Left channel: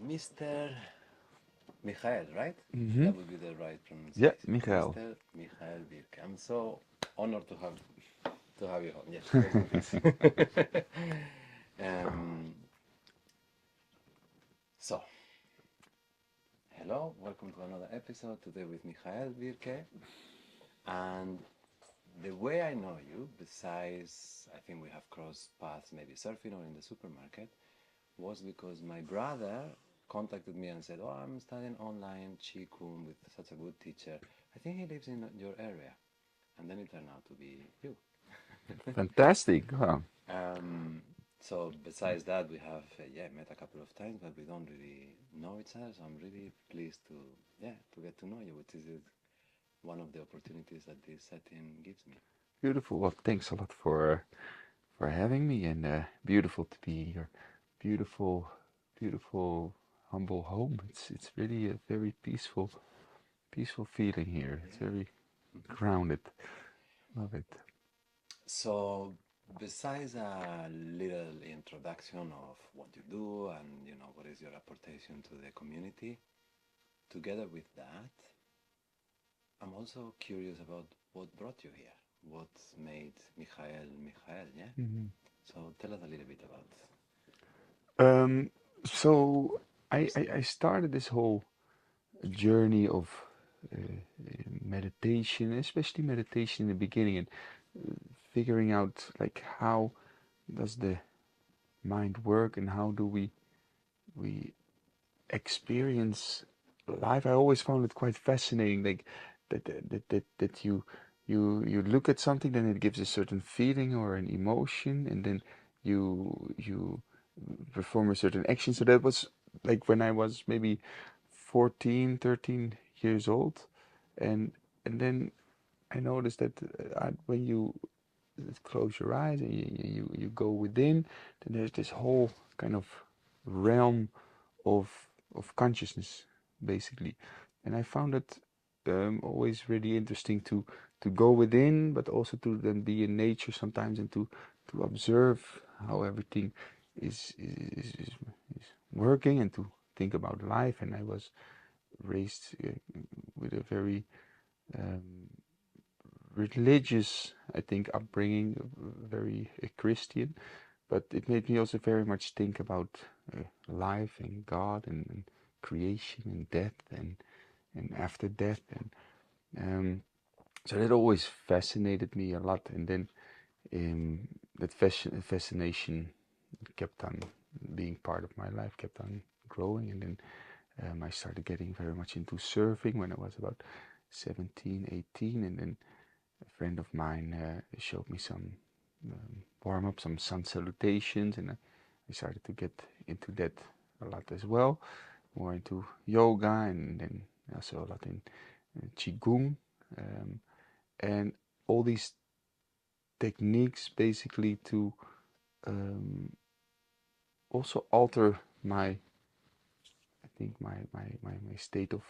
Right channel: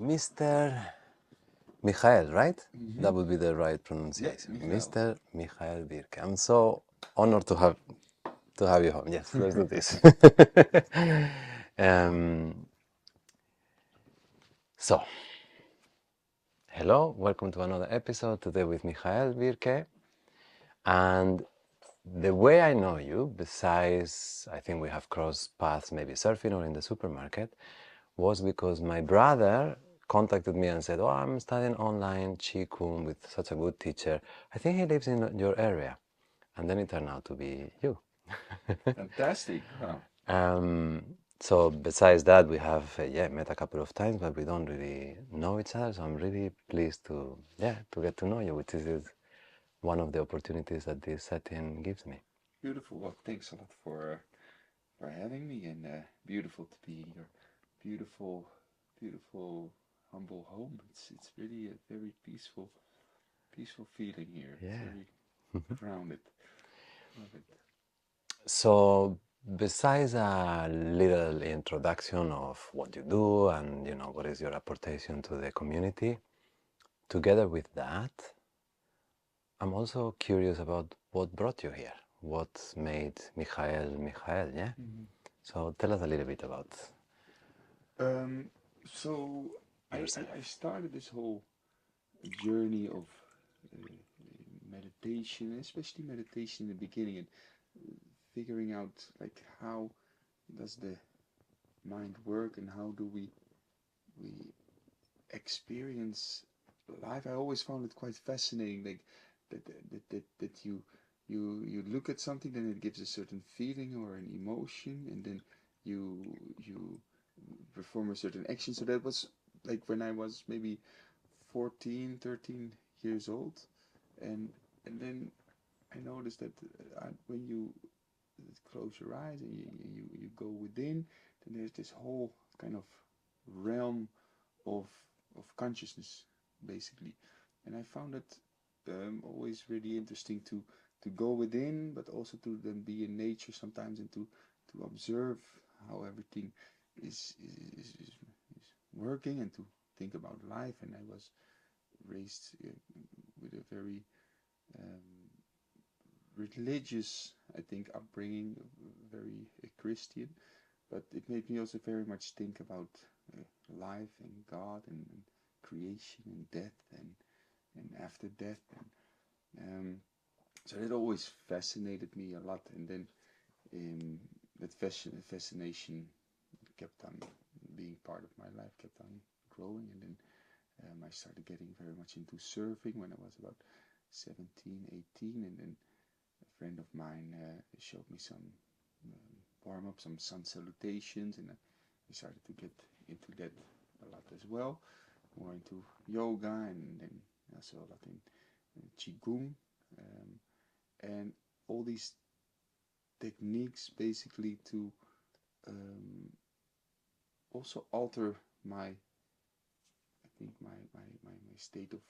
Mr. Michael, right? Mm-hmm. That would be the right Yeah, pronunciation. Michael. Mr. Michael Bijker. I'm so honored to have you home. Yes, let's do this. um, so, hello, welcome to another episode today with Michael Bijker. And the way I know you, besides I think we have crossed paths maybe surfing or in the supermarket, was because my brother contacted me and said, "Oh, I'm studying online QiGong with such a good teacher. I think he lives in your area." And then it turned out to be you. Fantastic. Wow. um, so besides that, we have met a couple of times, but we don't really know each other. So I'm really pleased to get to know you, which is one of the opportunities that this setting gives me. Beautiful. Well, thanks a lot for having me, and beautiful to be in your beautiful, beautiful, humble home. It's really a very peaceful feeling here. It's Yeah. very grounded. Love it. So besides a little introduction of what you do and what is your apportation to the community, together with that, I'm also curious about what brought you here. What made Michael, yeah? Mhm. So tell us a little bit about Um, so yourself. I started this whole journey of meditation, especially meditation in the beginning, and figuring out like how does the mind work and how do we experience life. I always found it quite fascinating, like that you look at something, then it gives a certain feeling or an emotion, and then you perform a certain action. So that was like when I was maybe 14, 13 years old, and then I noticed that when you close your eyes and you go within, then there's this whole kind of realm of consciousness, basically. And I found it always really interesting to go within, but also to then be in nature sometimes, and to observe how everything is working, and to think about life. And I was raised with a very um, religious, I think, upbringing, very Christian, but it made me also very much think about life and God, and creation and death, and after death, and so that always fascinated me a lot. And then um, that fascination kept on being part of my life, kept on growing, and then I started getting very much into surfing when I was about 17, 18, and then a friend of mine showed me some warm up, some sun salutations, and I started to get into that a lot as well, more into yoga, and then also a lot in qigong, um, and all these techniques basically to um, also alter my, I think my state of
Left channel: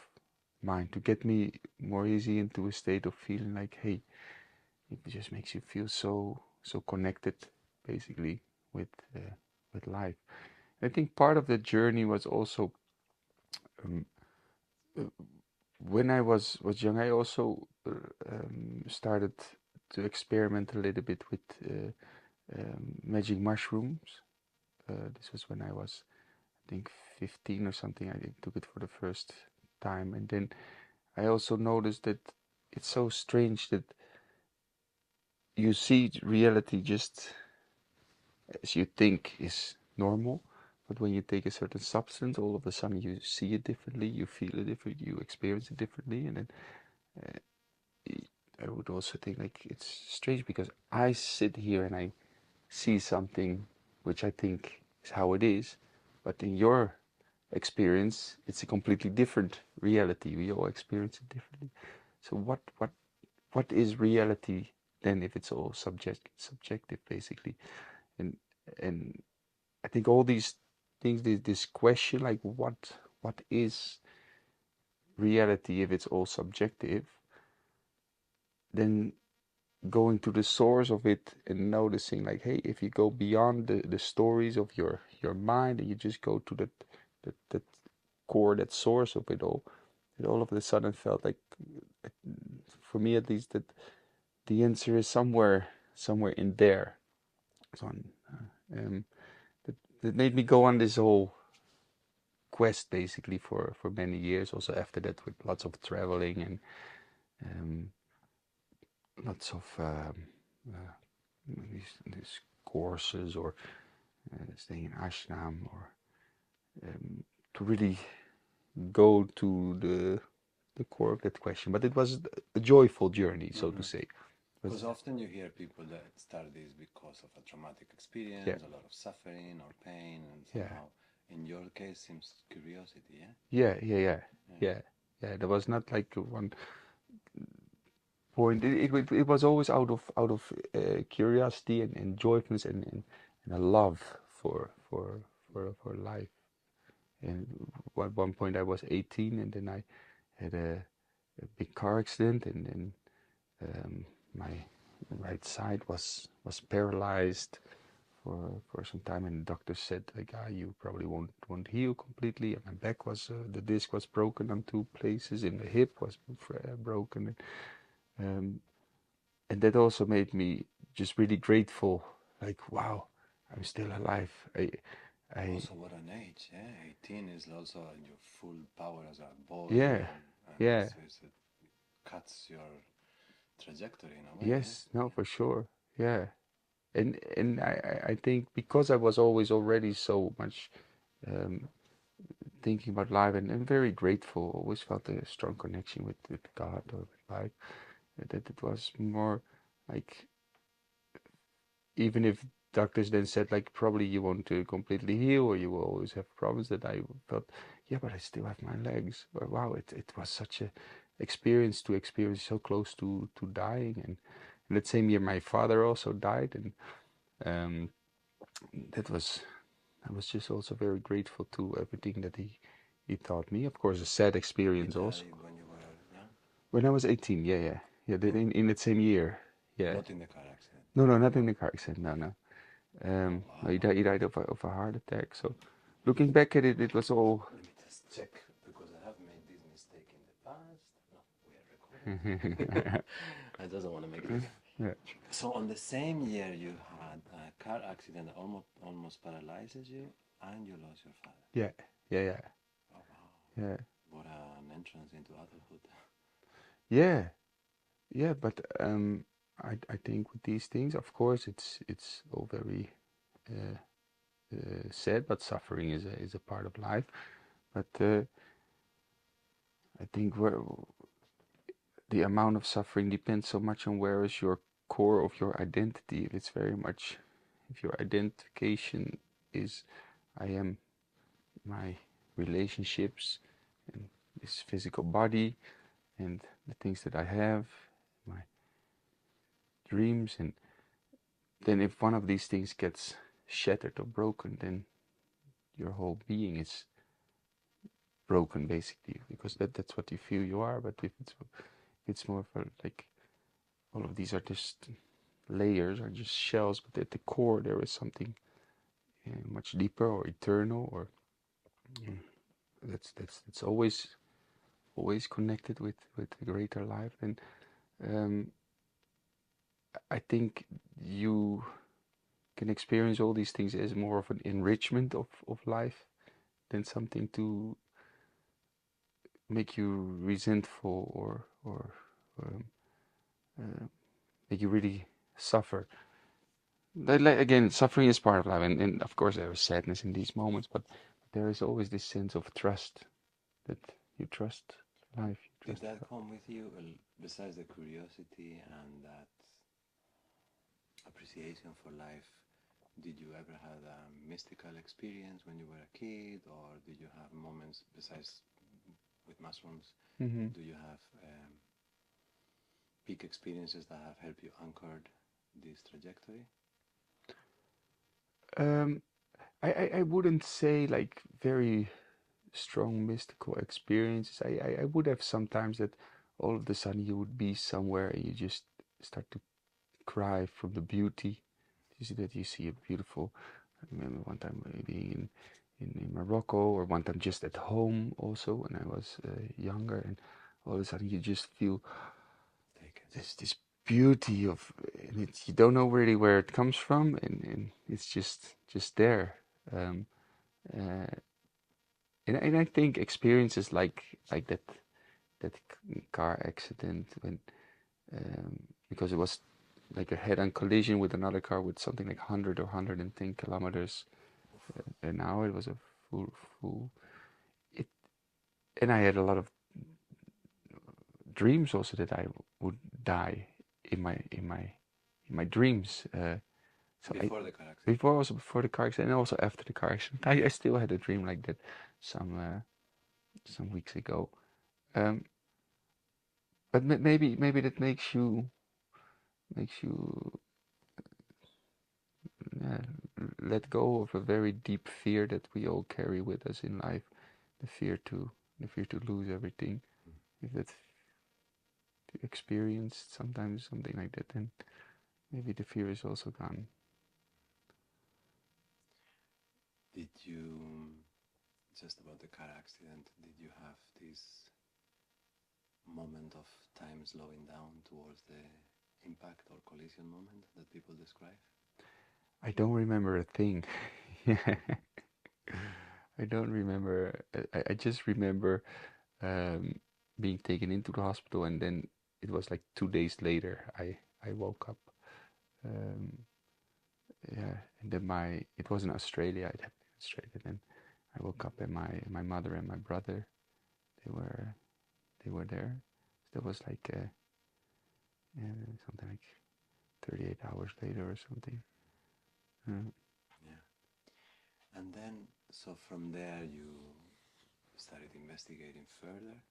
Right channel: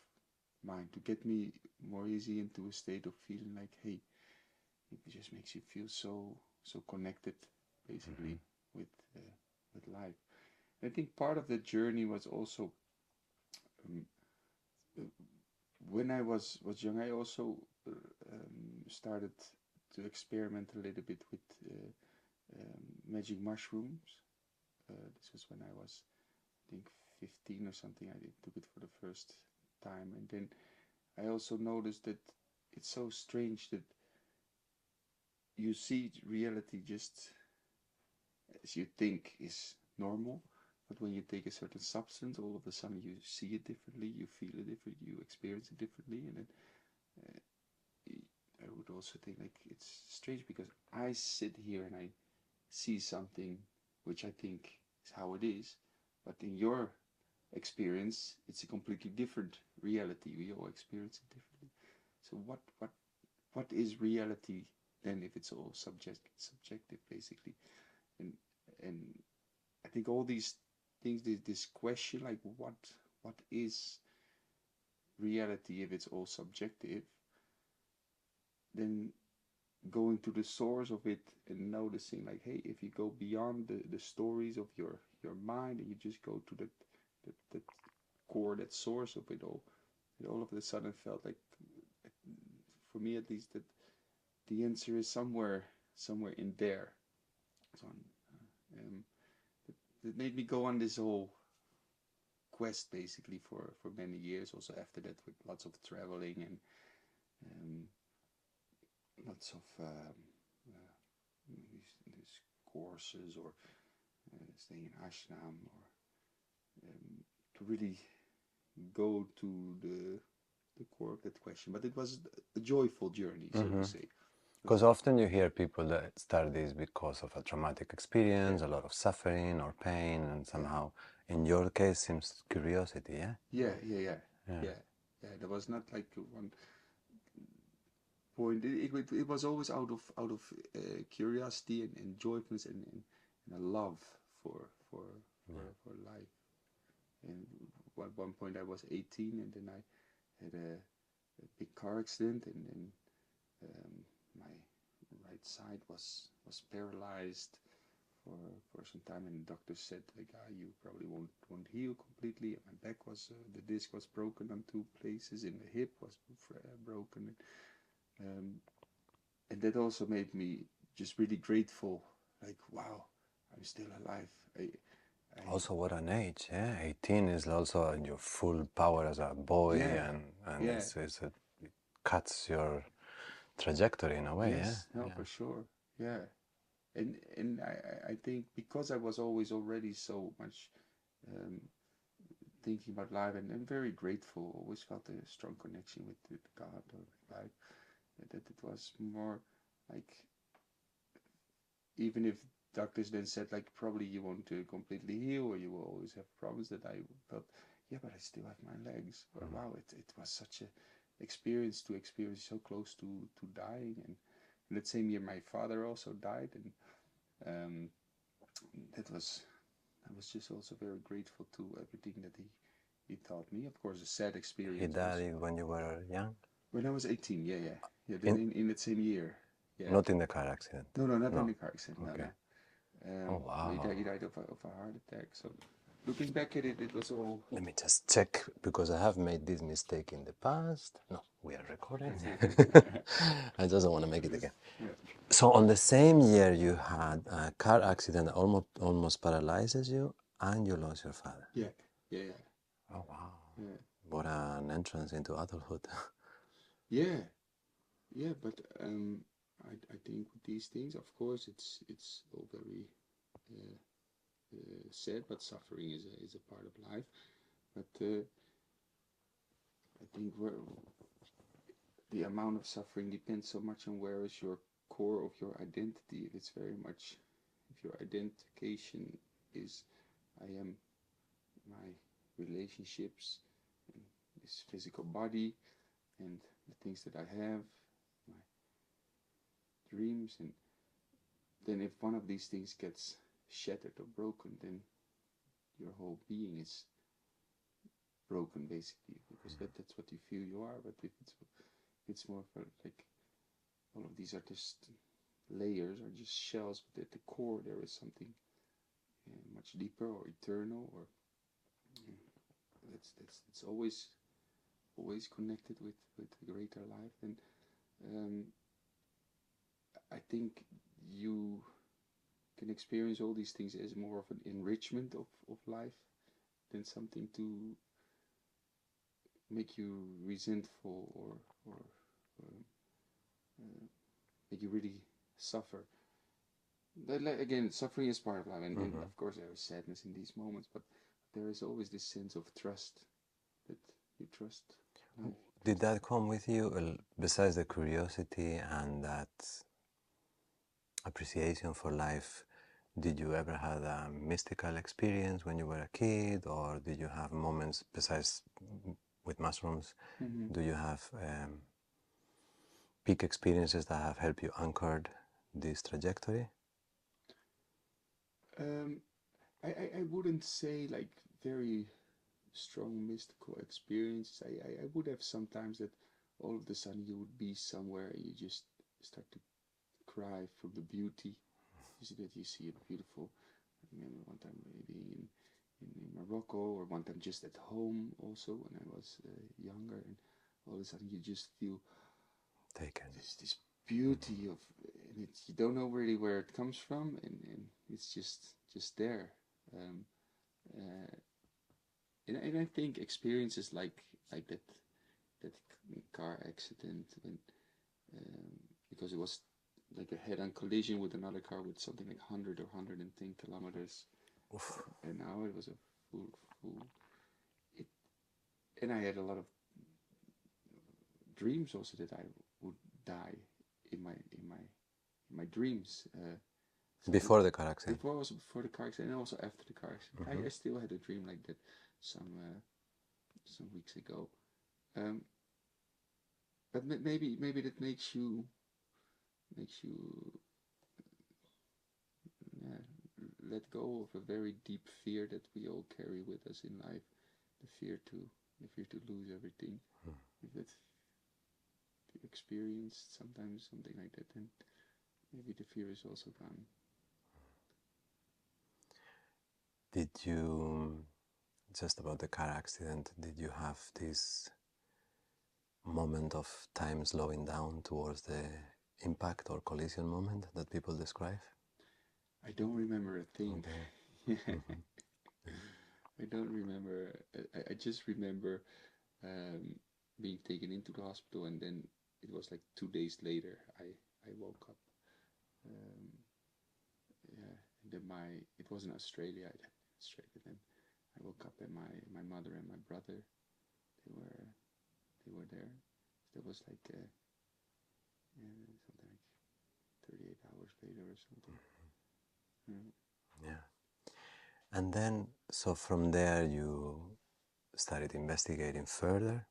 mind, to get me more easy into a state of feeling like, hey, it just makes you feel so connected, basically, with with life. I think part of the journey was also um, uh, when I was young. I also started to experiment a little bit with magic mushrooms. This was when I was, I think, 15 or something. I took it for the first time, and then I also noticed that it's so strange that you see reality just as you think is normal, but when you take a certain substance, all of a sudden you see it differently, you feel it differently, you experience it differently, and then uh, I would also think like it's strange because I sit here and I see something which I think is how it is, but in your experience, it's a completely different reality. We all experience it differently. So what is reality then if it's all subjective, basically? And and I think all these things, this question, like what is reality if it's all subjective, then going to the source of it and noticing like, hey, if you go beyond the stories of your mind and you just go to that core, that source of it all of a sudden felt like, for me at least, that the answer is somewhere in there. So that, that made me go on this whole quest basically for many years. Also after that, with lots of traveling and lots of these courses, or staying in ashram, or to really go to the core of that question. But it was a joyful journey, so to say. Because often you hear people that start this because of a traumatic experience, a lot of suffering or pain, and somehow, in your case, seems curiosity, yeah? Yeah. There was not like one point. It was always out of curiosity and joyfulness and a love for life. And at one point I was 18, and then I had a big car accident, and then my right side was paralyzed for some time, and the doctor said, like, you probably won't heal completely. And my back was the disc was broken on 2 places, and the hip was broken, and that also made me just really grateful. Like, wow, I'm still alive. Also, what an age, yeah? 18 is also in your full power as a boy, and it cuts your trajectory in a way, yes, no, for sure, yeah. And I think because I was always already so much thinking about life, and very grateful, always felt a strong connection with God or with life, that it was more like, even if doctors then said, like, probably you won't completely heal, or you will always have problems, that I felt, yeah, but I still have my legs. Or, wow, it was such a experience to experience so close to dying. And that same year my father also died, and that was, I was just also very grateful to everything that he taught me. Of course, a sad experience also. When you were young? When I was 18, yeah. Then in that same year, yeah. Not in the car accident? No, not in the car accident, no. Oh, wow. He died of a heart attack. So looking back at it, it was all... Let me just check, because I have made this mistake in the past. No, we are recording. I just don't want to make it again. Yeah. So on the same year you had a car accident that almost paralyzes you, and you lost your father. Yeah. Oh, wow. Yeah. What an entrance into adulthood. Yeah. But I think with these things, of course, it's all very sad, but suffering is a part of life. But I think the amount of suffering depends so much on where is your core of your identity. If it's very much, if your identification is, I am my relationships and this physical body and the things that I have, my dreams, and then if one of these things gets shattered or broken, then your whole being is broken basically, because that's what you feel you are. But if it's more of a, like, all of these are just layers, are just shells, but at the core there is something much deeper or eternal, or that's always connected with the greater life. And I think you can experience all these things as more of an enrichment of life than something to make you resentful or make you really suffer. Again, suffering is part of life, and of course there is sadness in these moments, but there is always this sense of trust, that you trust life. Did that come with you, besides the curiosity and that appreciation for life? Did you ever have a mystical experience when you were a kid, or did you have moments besides with mushrooms? Do you have peak experiences that have helped you anchored this trajectory? I wouldn't say like very strong mystical experiences. I would have sometimes that all of a sudden you would be somewhere and you just start to cry from the beauty. You see a beautiful... I remember one time being in Morocco, or one time just at home also when I was younger, and all of a sudden you just feel this beauty of, and you don't know really where it comes from, and it's just there. Um, uh, and I think experiences like that car accident, when because it was like a head-on collision with another car with something like 100 or 110 kilometers an hour. It was a full it, and I had a lot of dreams also that I would die in my dreams. So before the car accident. Before the car accident, and also after the car accident. I still had a dream like that some weeks ago. But maybe that makes you uh, let go of a very deep fear that we all carry with us in life, the fear to lose everything. If that's experienced sometimes something like that, then maybe the fear is also gone. Did you, just about the car accident, did you have this moment of time slowing down towards the impact or collision moment that people describe? I don't remember a thing. I don't remember. I just remember being taken into the hospital, and then it was like 2 days later I woke up. Um, yeah, and then it was in Australia. It happened in Australia. Then I woke up, and my mother and my brother, they were there. That was like something like 38 hours later or something. Yeah. And then, so from there you started investigating further.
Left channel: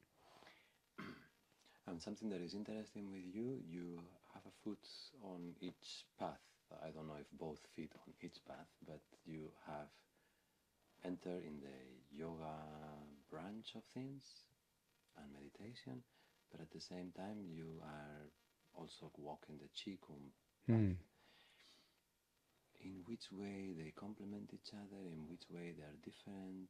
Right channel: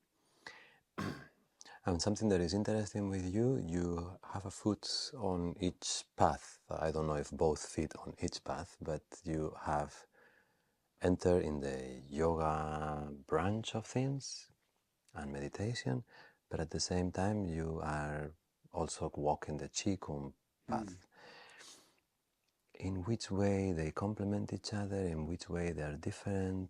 And something that is interesting with you, you have a foot on each path. I don't know if both feet on each path, but you have entered in the yoga branch of things and meditation, but at the same time you are also walking the QiGong path. In which way they complement each other, in which way they are different,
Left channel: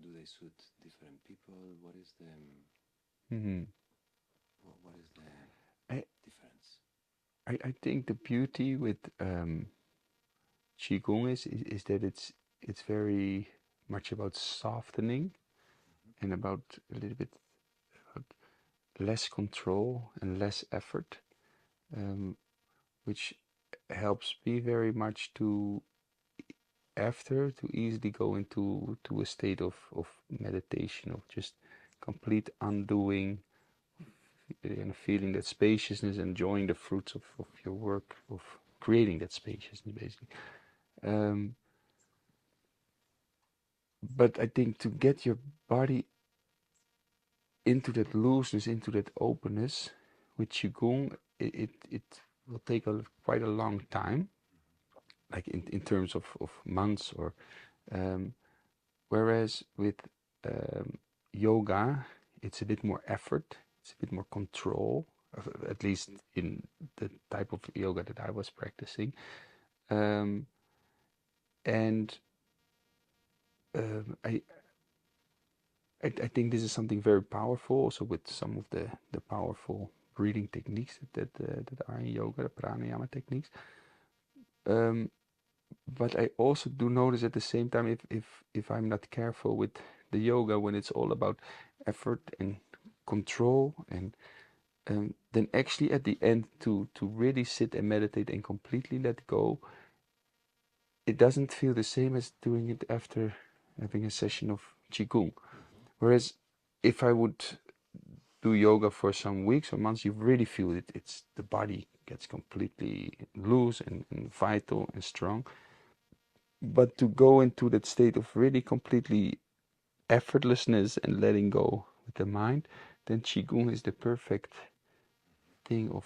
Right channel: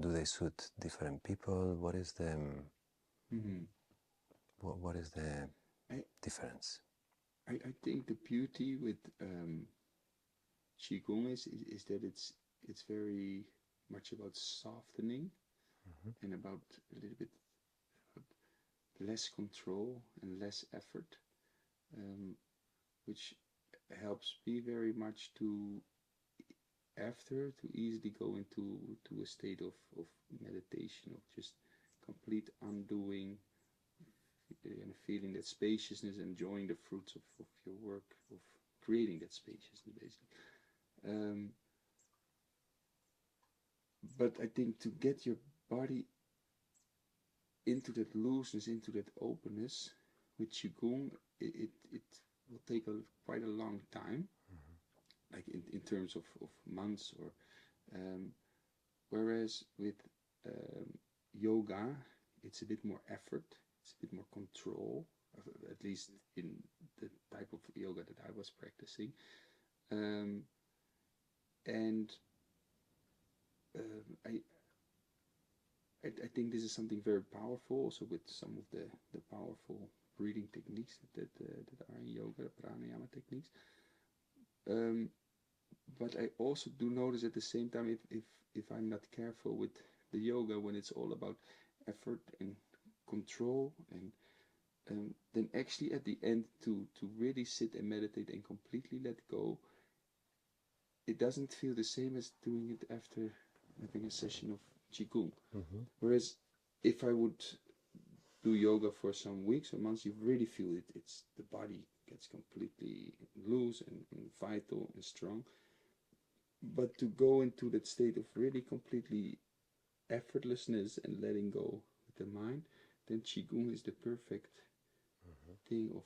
do they suit different people, what is the what is the difference? I think the beauty with Qigong is that it's very much about softening and about a little bit about less control and less effort, which helps me very much to easily go into a state of meditation, of just complete undoing and feeling that spaciousness, enjoying the fruits of your work, of creating that spaciousness basically. But I think to get your body into that looseness, into that openness with Qigong, it will take quite a long time, like in terms of months, or whereas with yoga, it's a bit more effort, it's a bit more control, at least in the type of yoga that I was practicing. And I think this is something very powerful, also with some of the powerful breathing techniques that are in yoga, the pranayama techniques. But I also do notice at the same time, if I'm not careful with the yoga, when it's all about effort and control, and then actually at the end to really sit and meditate and completely let go, it doesn't feel the same as doing it after having a session of Qigong. Whereas if I would do yoga for some weeks or months, you really feel it. It's the body gets completely loose and vital and strong. But to go into that state of really completely effortlessness and letting go with the mind, then Qigong is the perfect thing of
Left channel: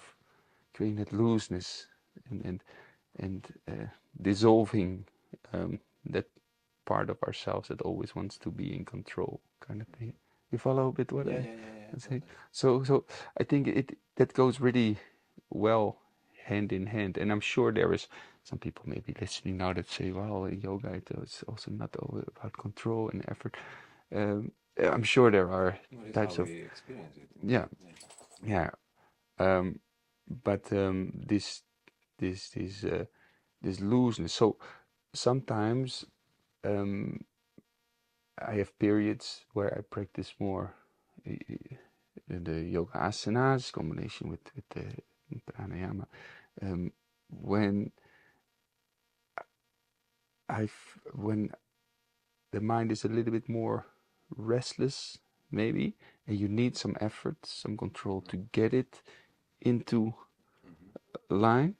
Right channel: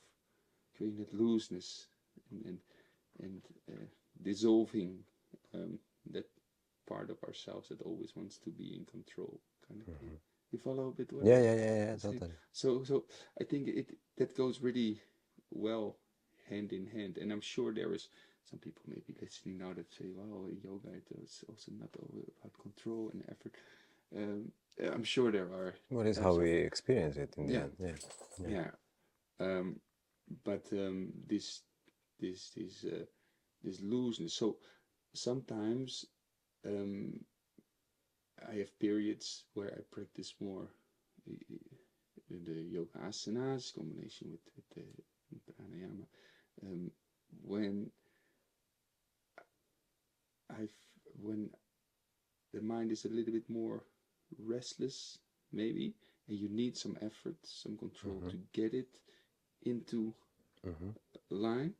creating that looseness and dissolving that part of ourselves that always wants to be in control, kind of thing. You follow a bit what Yeah, I yeah, yeah, yeah, say? totally. So I think that goes really well hand in hand, and I'm sure there is some people may be listening now that say, well, yoga it's also not all about control and effort. I'm sure there are What is types how of we experience it in the yeah end. Yeah. yeah. But this this this this looseness. So sometimes I have periods where I practice more the yoga asanas combination with the pranayama. When when the mind is a little bit more restless, maybe, and you need some effort, some control to get it into line.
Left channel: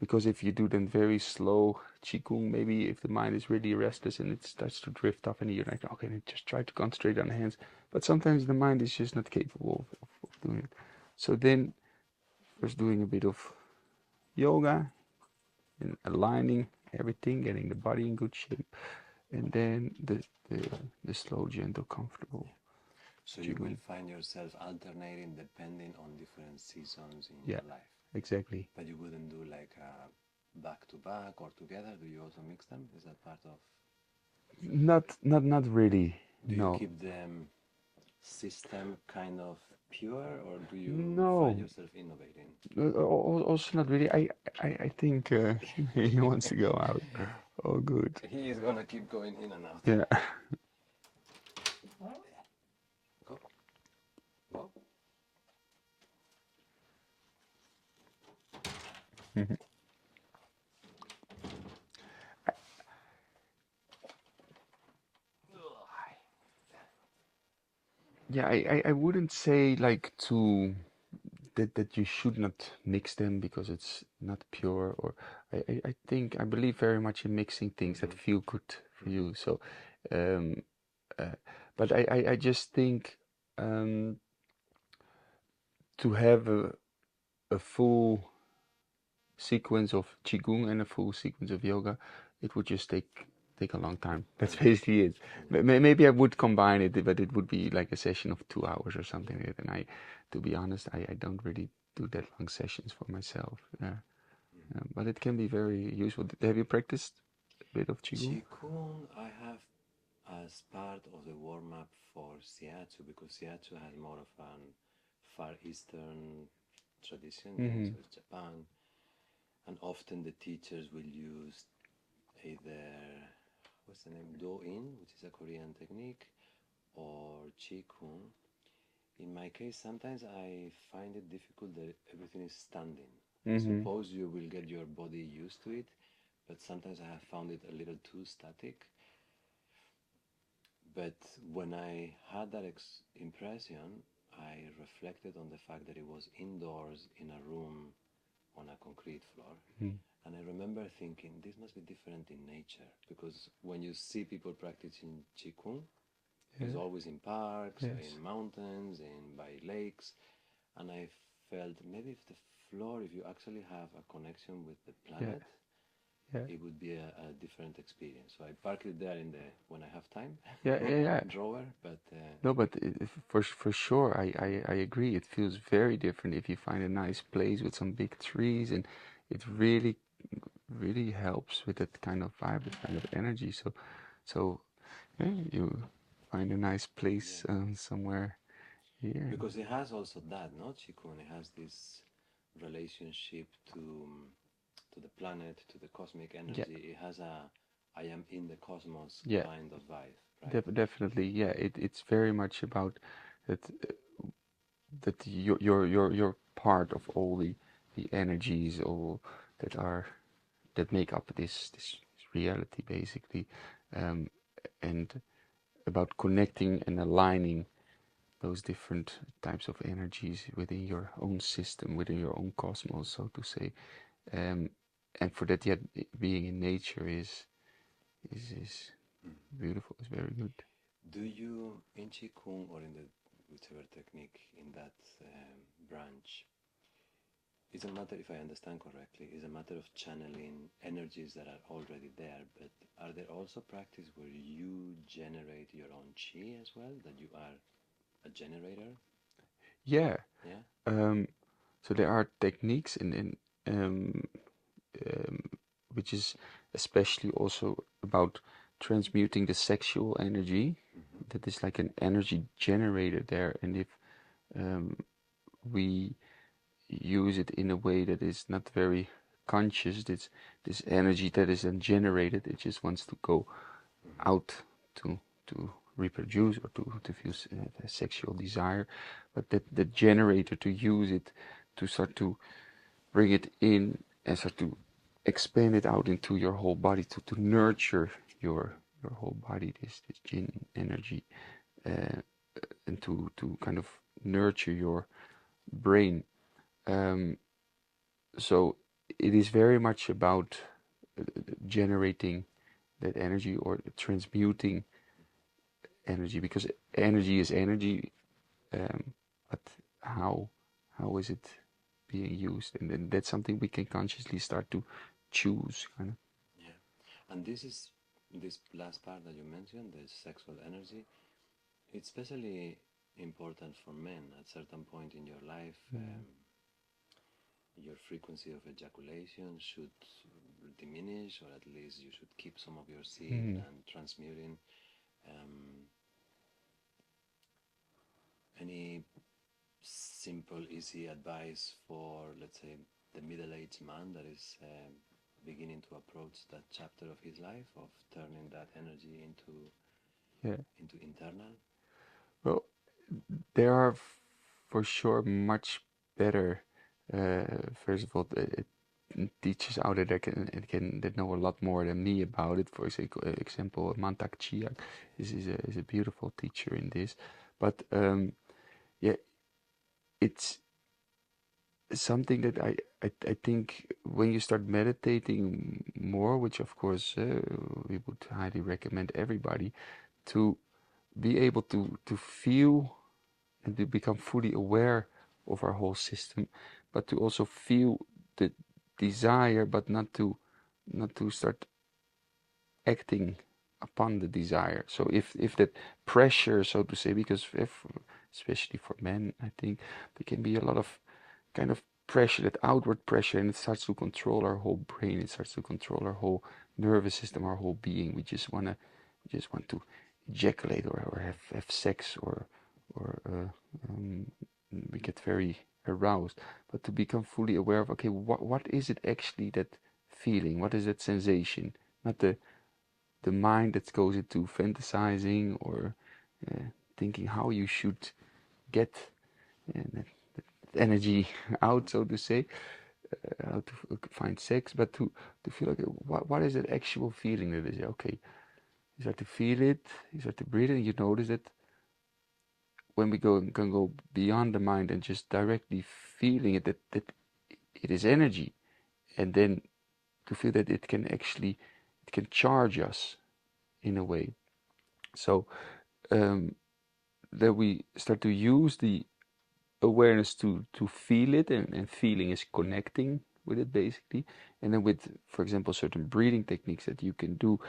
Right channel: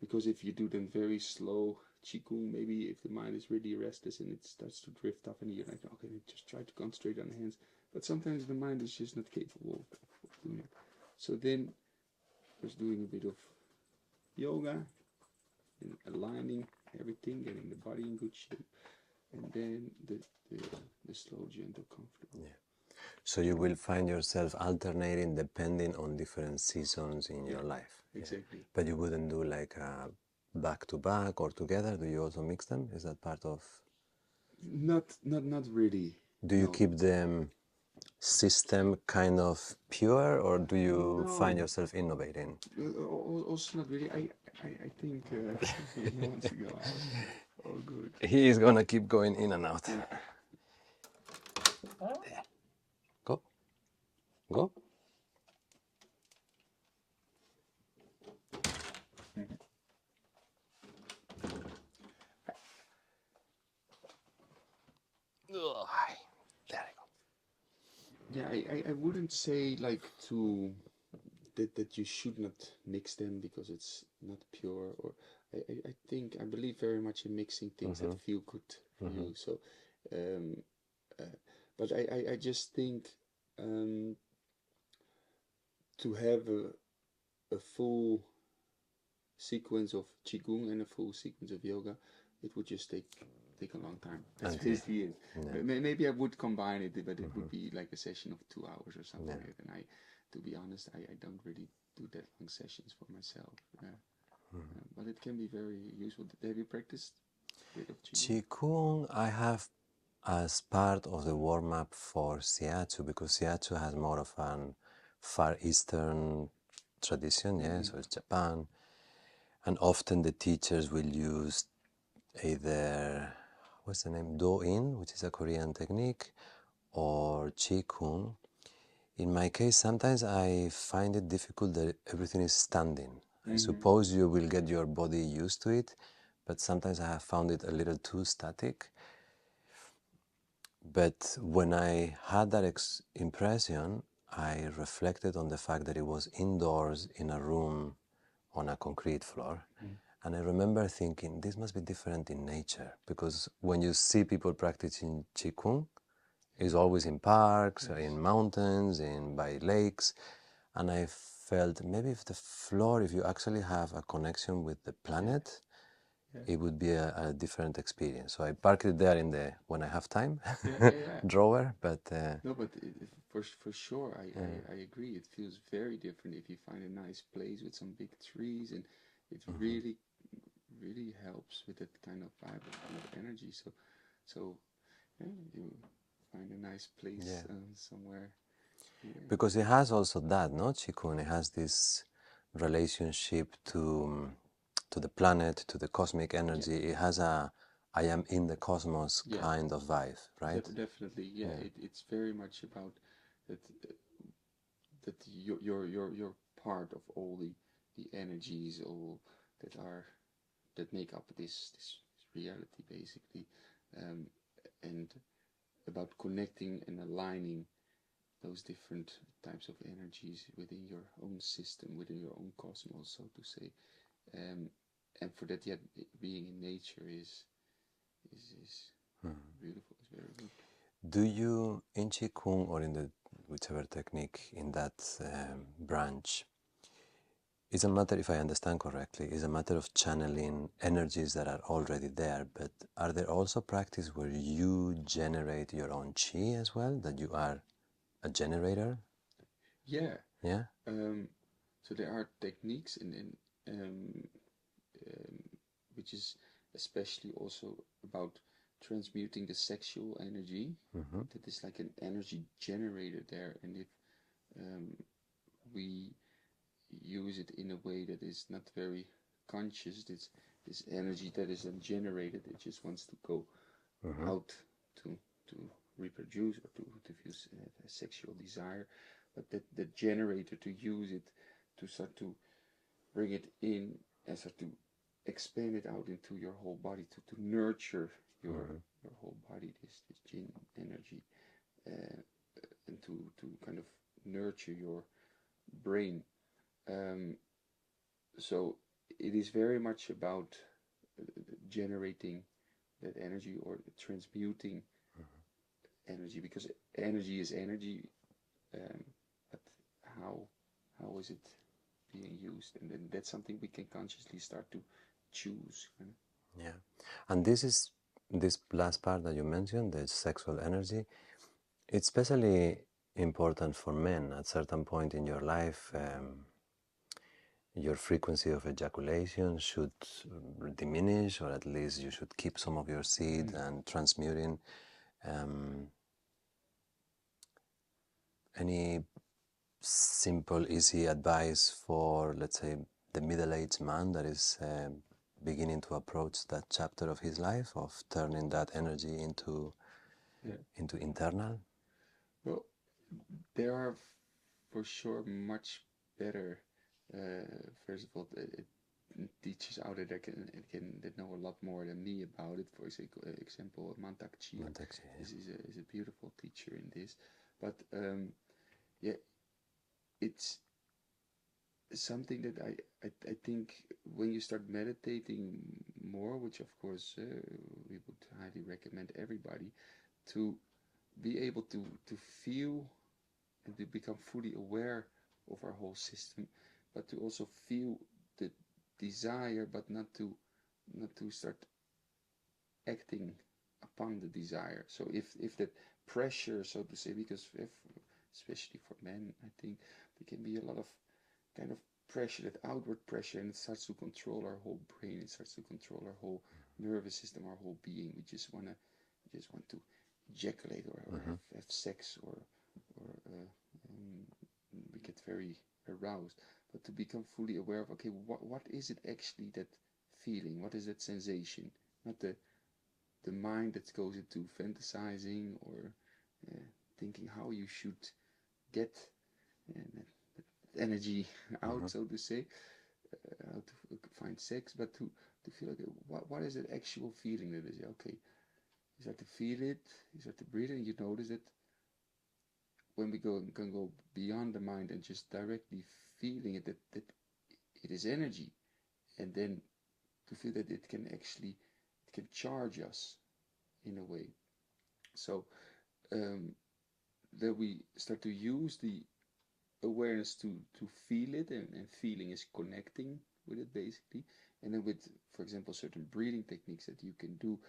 Because if you do then very slow qigong, maybe if the mind is really restless and it starts to drift off, and you're like, okay, then just try to concentrate on the hands. But sometimes the mind is just not capable of doing it. So then, first doing a bit of yoga and aligning everything, getting the body in good shape, and then the slow, gentle, comfortable. Yeah. So you will find yourself alternating depending on different seasons in your life. Exactly. But you wouldn't do like a back to back or together. Do you also mix them? Is that part of? Not really. Do you No. keep the system kind of pure, or do you find No. yourself innovating? Also not really. I think he wants to go out. Oh, good. He is gonna keep going in and out. Yeah. Go, go. There you Yeah, I wouldn't say like to that you should not mix them because it's not pure, or I believe very much in mixing things that feel good for you. So um but I just think to have a full sequence of qigong and a full sequence of yoga, it would just take a long time. That's basically it. Maybe I would combine it, but it would be like a session of 2 hours or something like that. And to be honest, I don't really do that long sessions for myself. But it can be very useful. Have you practiced a bit of qigong? Qigong I have as part of the warm-up for Shiatsu, because Shiatsu has more of an Far Eastern tradition, yeah, so it's Japan, and often the teachers will use either, what's the name, Do-in, which is a Korean technique, or Qigong. In my case, sometimes I find it difficult that everything is standing. I suppose you will get your body used to it, but sometimes I have found it a little too static. But when I had that impression, I reflected on the fact that it was indoors in a room on a concrete floor. And I remember thinking, this must be different in nature, because when you see people practicing Qigong, it's always in parks, in mountains, by lakes. And I felt maybe if the floor, if you actually have a connection with the planet, it would be a different experience. So I park it there in the, when I have time, drawer, but... No, but for sure, I agree. It feels very different if you find a nice place with some big trees, and it really helps with that kind of vibe, that kind of energy. So you find a nice place somewhere here. Because it has also that, no, Qigong, it has this relationship to the planet, to the cosmic energy. It has a I am in the cosmos kind of vibe, right? Definitely, yeah. It's very much about that that you're part of all the energies, all that make up this reality, basically, and about connecting and aligning those different types of energies within your own system, within your own cosmos, so to say. And for that, yet being in nature is beautiful. It's very good. Do you, in Qigong or in the whichever technique in that branch, it's a matter, if I understand correctly, it's a matter of channeling energies that are already there, but are there also practices where you generate your own qi as well, that you are a generator? Yeah. Yeah. So there are techniques in which is especially also about transmuting the sexual energy. That is like an energy generator there, and if we use it in a way that is not very conscious, this energy that is then generated, it just wants to go out to reproduce or to feel sexual desire, but that the generator, to use it to start to bring it in and start to expand it out into your whole body, to nurture your whole body, this Jin energy, and to kind of nurture your brain. So it is very much about generating that energy or transmuting energy, because energy is energy, but how is it being used? And then that's something we can consciously start to choose, kind of. Yeah, and this last part that you mentioned, the sexual energy, it's especially important for men. At certain point in your life, your frequency of ejaculation should diminish, or at least you should keep some of your seed and transmuting. Any simple, easy advice for, let's say, the middle-aged man that is beginning to approach that chapter of his life, of turning that energy into internal? Well, there are for sure much better. First of all, it teachers out there that know a lot more than me about it. For example, Mantak Chia is a beautiful teacher in this, but yeah, it's something that I think when you start meditating more, which of course we would highly recommend everybody, to be able to feel and to become fully aware of our whole system, but to also feel the desire, but not to start acting upon the desire. So if that pressure, so to say, because especially for men, I think there can be a lot of kind of pressure, that outward pressure, and it starts to control our whole brain, it starts to control our whole nervous system, our whole being. We just want to ejaculate or have sex, or we get very aroused. But to become fully aware of, okay, what is it actually, that feeling, what is that sensation, not the mind that goes into fantasizing or thinking how you should get that energy out, so to say, how to find sex, but to feel like, what is that actual feeling that is, okay, you start to feel it, you start to breathe it, and you notice that when we can go beyond the mind and just directly feeling it, that it is energy, and then to feel that it can charge us in a way. So that we start to use the awareness to feel it, and feeling is connecting with it, basically. And then with, for example, certain breathing techniques that you can do,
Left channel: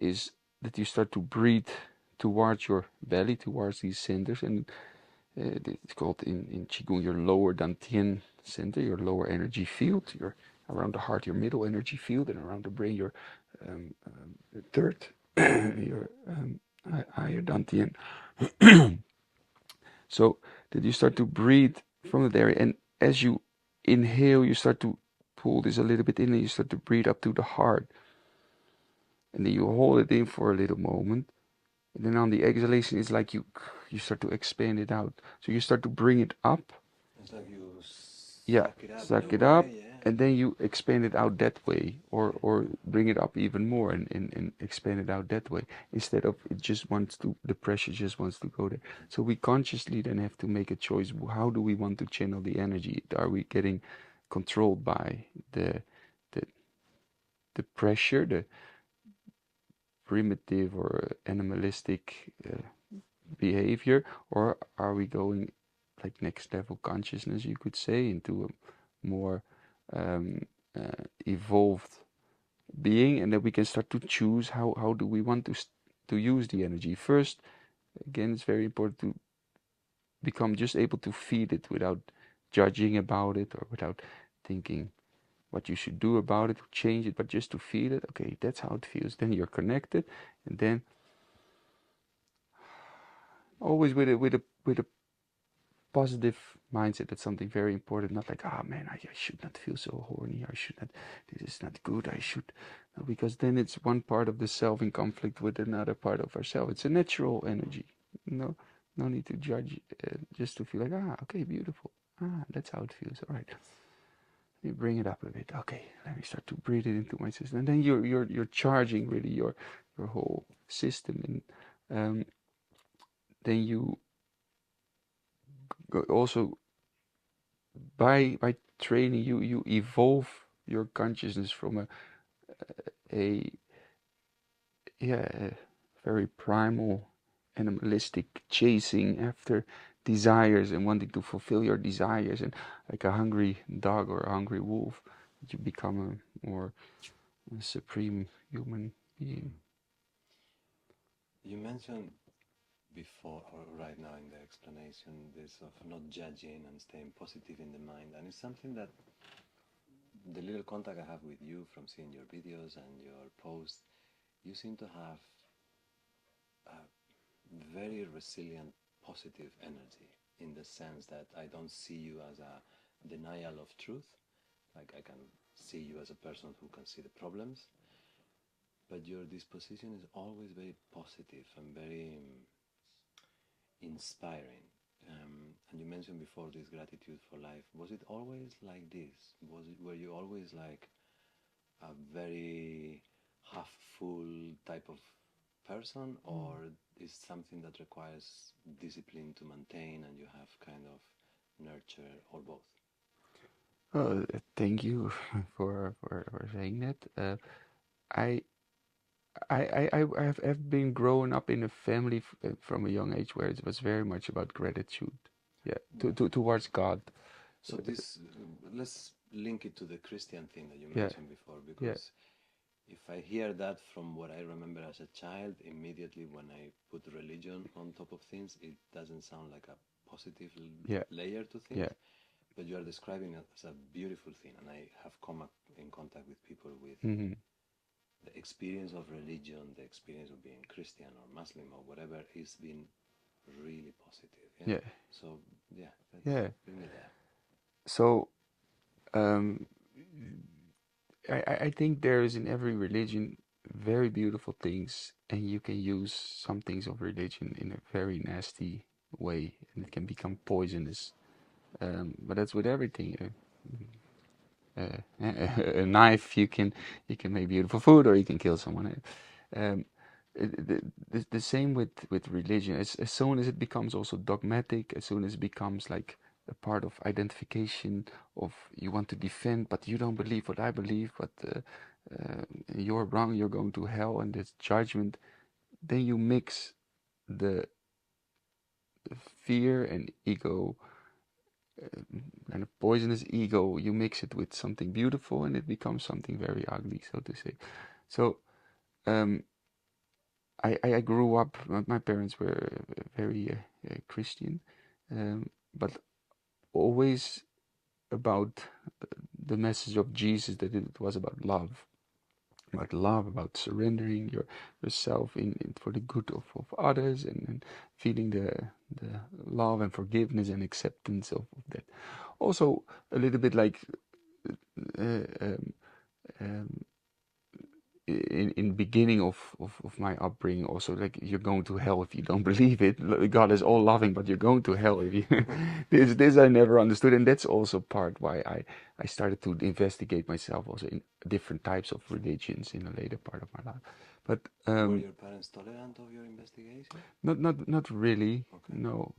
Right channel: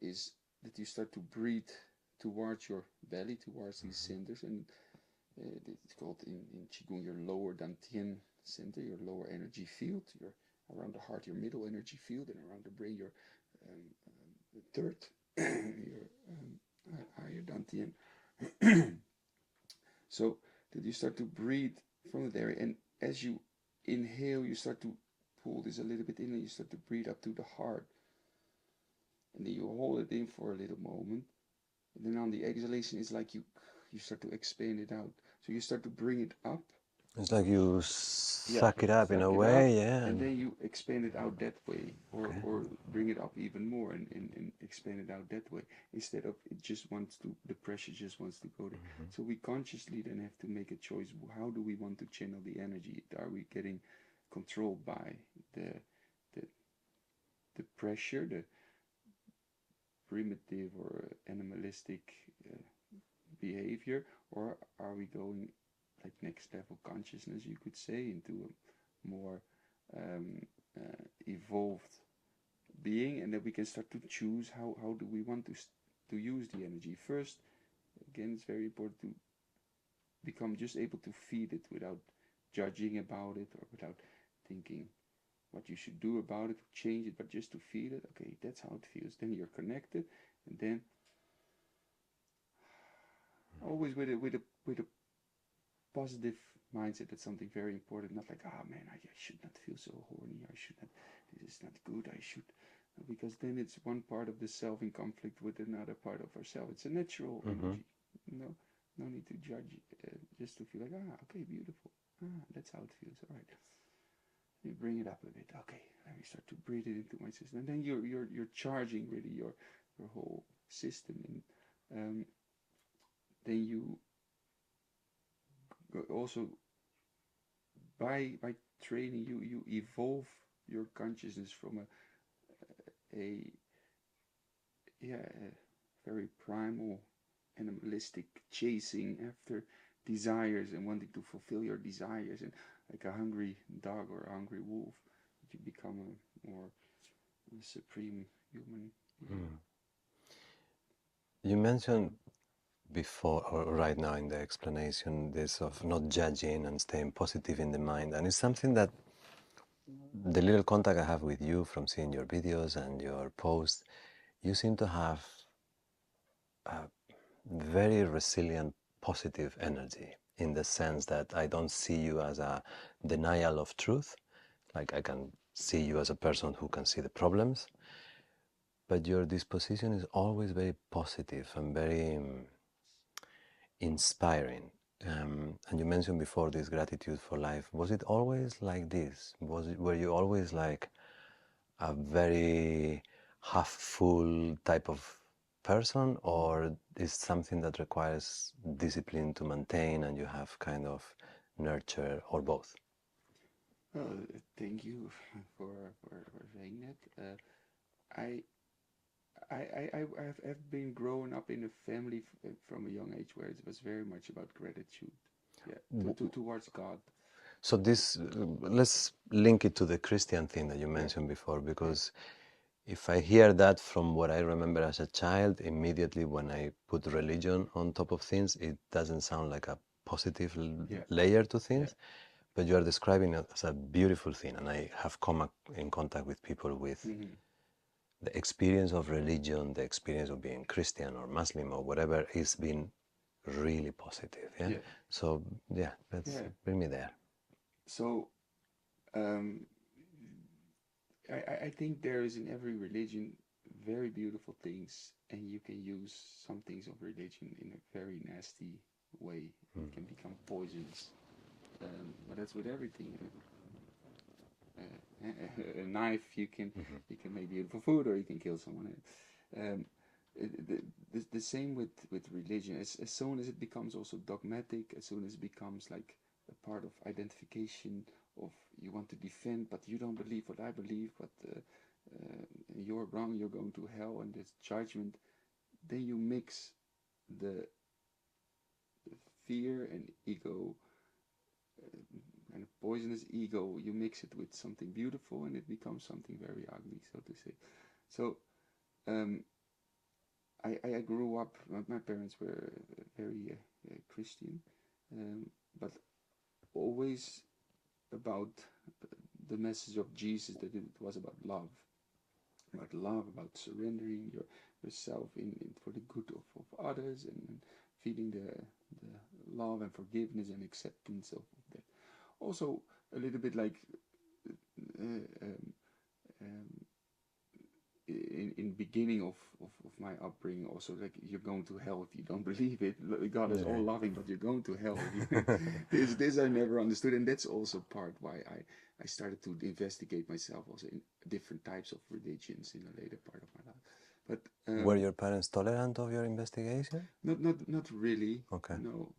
is that you start to breathe towards your belly, towards these centers, and it's called in QiGong your lower dantian center, your lower energy field. Your around the heart, your middle energy field, and around the brain, your third, your higher dantian. So that you start to breathe from that area, and as you inhale, you start to pull this a little bit in, and you start to breathe up to the heart, and then you hold it in for a little moment, and then on the exhalation, it's like you start to expand it out. So you start to bring it up. It's like you suck it up in a it up, way, yeah. and then you expand it out that way, or bring it up even more, and expand it out that way, instead of it just wants to, the pressure just wants to go there. So we consciously then have to make a choice. How do we want to channel the energy? Are we getting controlled by the pressure, the primitive or animalistic behavior, or are we going like next level consciousness, you could say, into a more evolved being, and then we can start to choose how do we want to use the energy. First, again, it's very important to become just able to feel it without judging about it, or without thinking what you should do about it, to change it, but just to feel it. Okay, that's how it feels. Then you're connected, and then always with a positive mindset. That's something very important. Not like, ah, man, I should not feel so horny. I should not. This is not good. I should, no, because then it's one part of the self in conflict with another part of ourselves. It's a natural energy. No, no need to judge. Just to feel like, ah, okay, beautiful. Ah, that's how it feels. All right. You bring it up a bit. Okay, let me start to breathe it into my system, and then you're charging really your whole system, and then you also by training you evolve your consciousness from a yeah a very primal animalistic chasing after desires and wanting to fulfill your desires, and like a hungry dog or a hungry wolf, you become a more supreme human being. You mentioned before or right now in the explanation this of not judging and staying positive in the mind, and it's something that the little contact I have with you from seeing your videos and your posts, you seem to have a very resilient positive energy, in the sense that I don't see you as a denial of truth. Like, I can see you as a person who can see the problems, but your disposition is always very positive and very inspiring. And you mentioned before this gratitude for life. Was it always like this? Were you always like a very half full type of person, or is something that requires discipline to maintain and you have kind of nurture, or both? Thank you for saying that. I have been growing up in a family from a young age where it was very much about gratitude, yeah, towards God. So this, let's link it to the Christian thing that you Yeah, mentioned before, yeah, because if I hear that from what I remember as a child, immediately when I put religion on top of things, it doesn't sound like a positive yeah, layer to things. yeah. But you are describing it as a beautiful thing, and I have come in contact with people with Mm-hmm. the experience of religion, the experience of being Christian or Muslim or whatever, is been really positive. Yeah. Yeah, So yeah, let's yeah. bring me there. So um, I think there is in every religion very beautiful things, and you can use some things of religion in a very nasty way, and it can become poisonous. But that's with everything. A knife, you can make beautiful food, or you can kill someone. Um, the same with religion. As soon as it becomes also dogmatic, as soon as it becomes like a part of identification of you want to defend, but you don't believe what I believe, but you're wrong, you're going to hell, and it's judgment. Then you mix the fear and ego, kind of poisonous ego, you mix it with something beautiful, and it becomes something very ugly, so to say. So um, I grew up, my parents were very Christian, but always about the message of Jesus, that it was about love, about surrendering yourself in for the good of others, and feeling the love and forgiveness and acceptance of that. Also, a little bit like uh, um, um, in beginning of my upbringing, also like you're going to hell if you don't believe it. God is all loving, but you're going to hell if you this I never understood, and that's also part why I started to investigate myself also in different types of religions in a later part of my life. But Were your parents tolerant of your investigation? not really. Okay. No,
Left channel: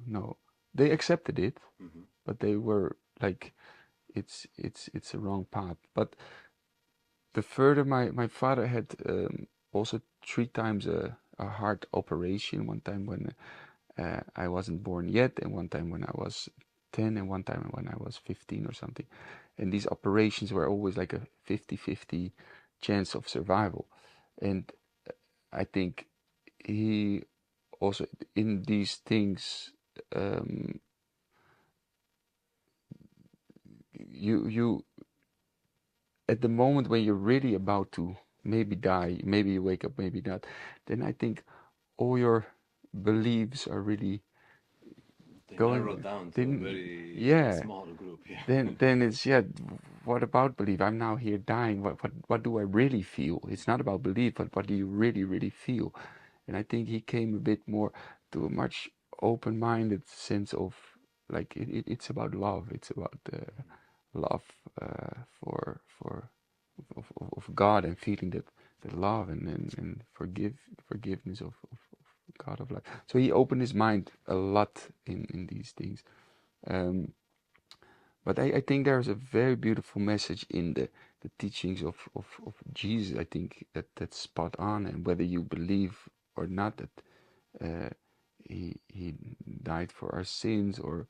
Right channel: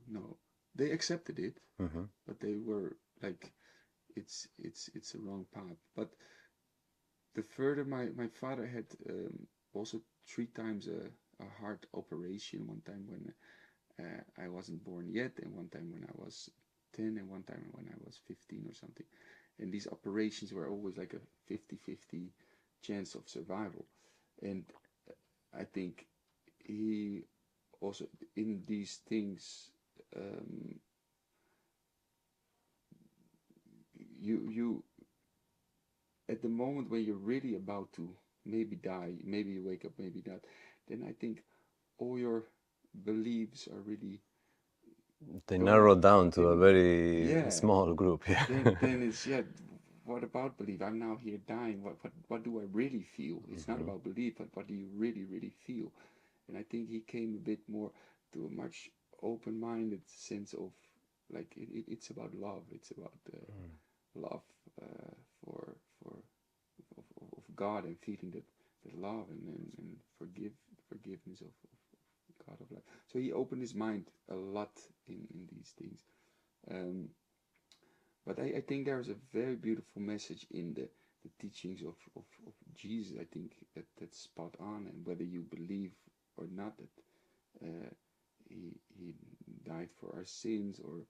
they accepted it, Mm-hmm. but they were like, it's a wrong path. But the further, my father had also 3 times a heart operation. One time when I wasn't born yet, and one time when I was 10, and one time when I was 15 or something. And these operations were always like a 50-50 chance of survival. And I think he also, in these things, um, you at the moment when you're really about to maybe die, maybe you wake up, maybe not, then I think all your beliefs are really They going. narrow down to a Then, very yeah. small group. Yeah. Then it's, yeah. What about belief? I'm now here dying. What do I really feel? It's not about belief, but what do you really feel? And I think he came a bit more to a much open-minded sense of, like, it's about love. It's about love for of God, and feeling that love and forgiveness of God of life. So he opened his mind a lot in these things. But I think there's a very beautiful message in the teachings of Jesus. I think that's spot on, and whether you believe or not that he died for our sins, or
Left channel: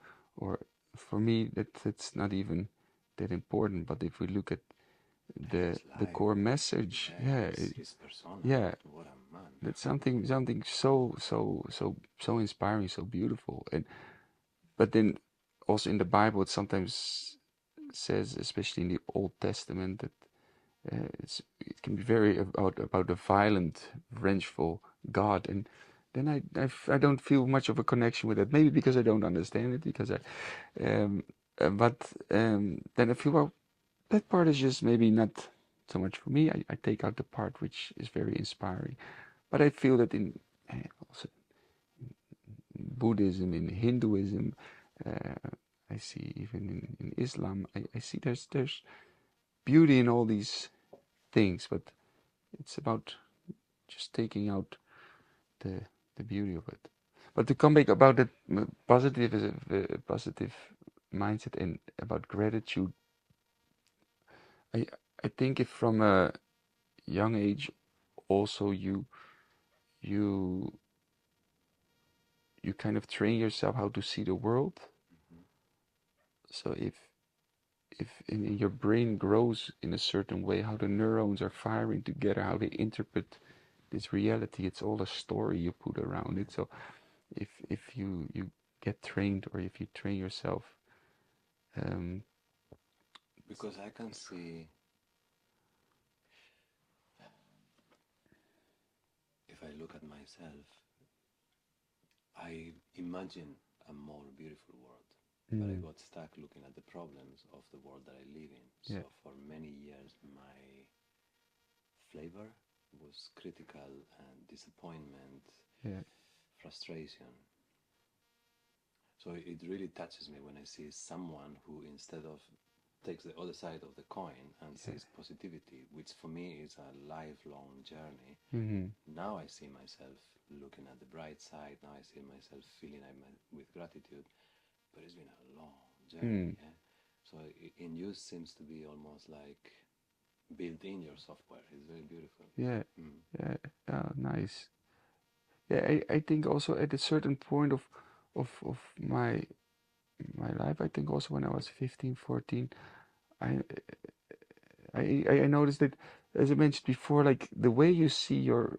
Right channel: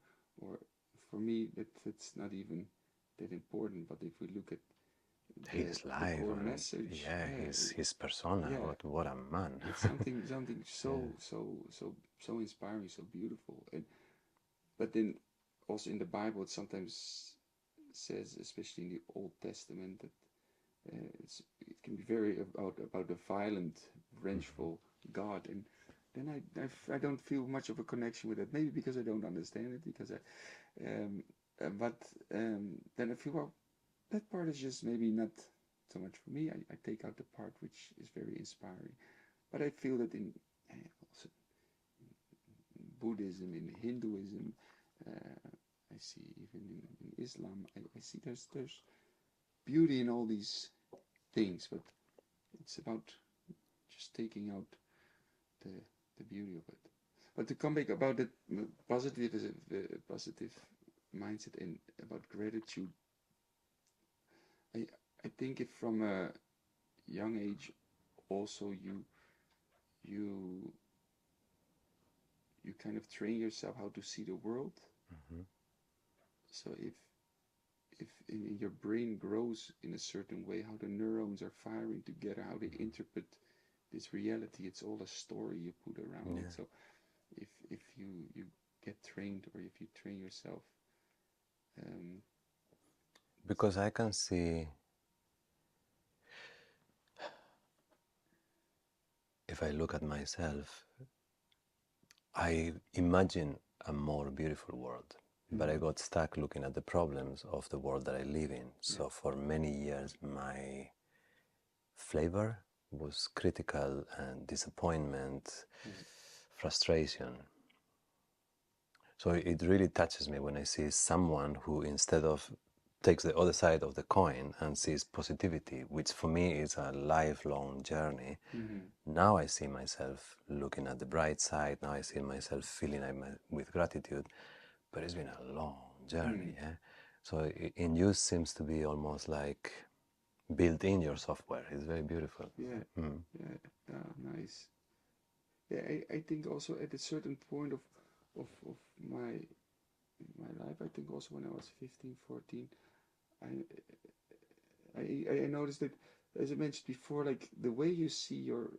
for me that's not even that important. But if we look at His the life, core message, yeah, yeah, his persona. yeah, What a man. it's something so inspiring, so beautiful. And but then also in the Bible, it sometimes says, especially in the Old Testament, that it can be very about a violent, vengeful God. And then I don't feel much of a connection with that. Maybe because I don't understand it. Because but then I feel, well, that part is just maybe not so much for me. I take out the part which is very inspiring. But I feel that in also Buddhism, in Hinduism, I see even in Islam, I see there's beauty in all these things, but it's about just taking out the the beauty of it. But to come back about that positive is a positive mindset and about gratitude, I I think if from a young age also you you kind of train yourself how to see the world. Mhm. So if in your brain grows in a certain way, how the neurons are firing together, how they interpret this reality, it's all a story you put around Yeah. it. So if you get trained, or if you train yourself, um, Because I can see, if I look at myself, I imagine a more beautiful world, but I got stuck looking at the problems of the world that I live in. yeah, So for many years, my flavor was critical and disappointment, yeah, frustration. So it really touches me when I see someone who, instead of takes the other side of the coin and sees positivity, which for me is a lifelong journey. mm-hmm. Now I see myself looking at the bright side. Now I see myself feeling with gratitude, but it's been a long journey. Yeah? So in you seems to be almost like built in your software. It's very beautiful. Yeah, Mm. yeah, nice. Yeah, I think also at a certain point of my life, I think also when I was 15, 14, I I noticed that, as I mentioned before, like the way you see your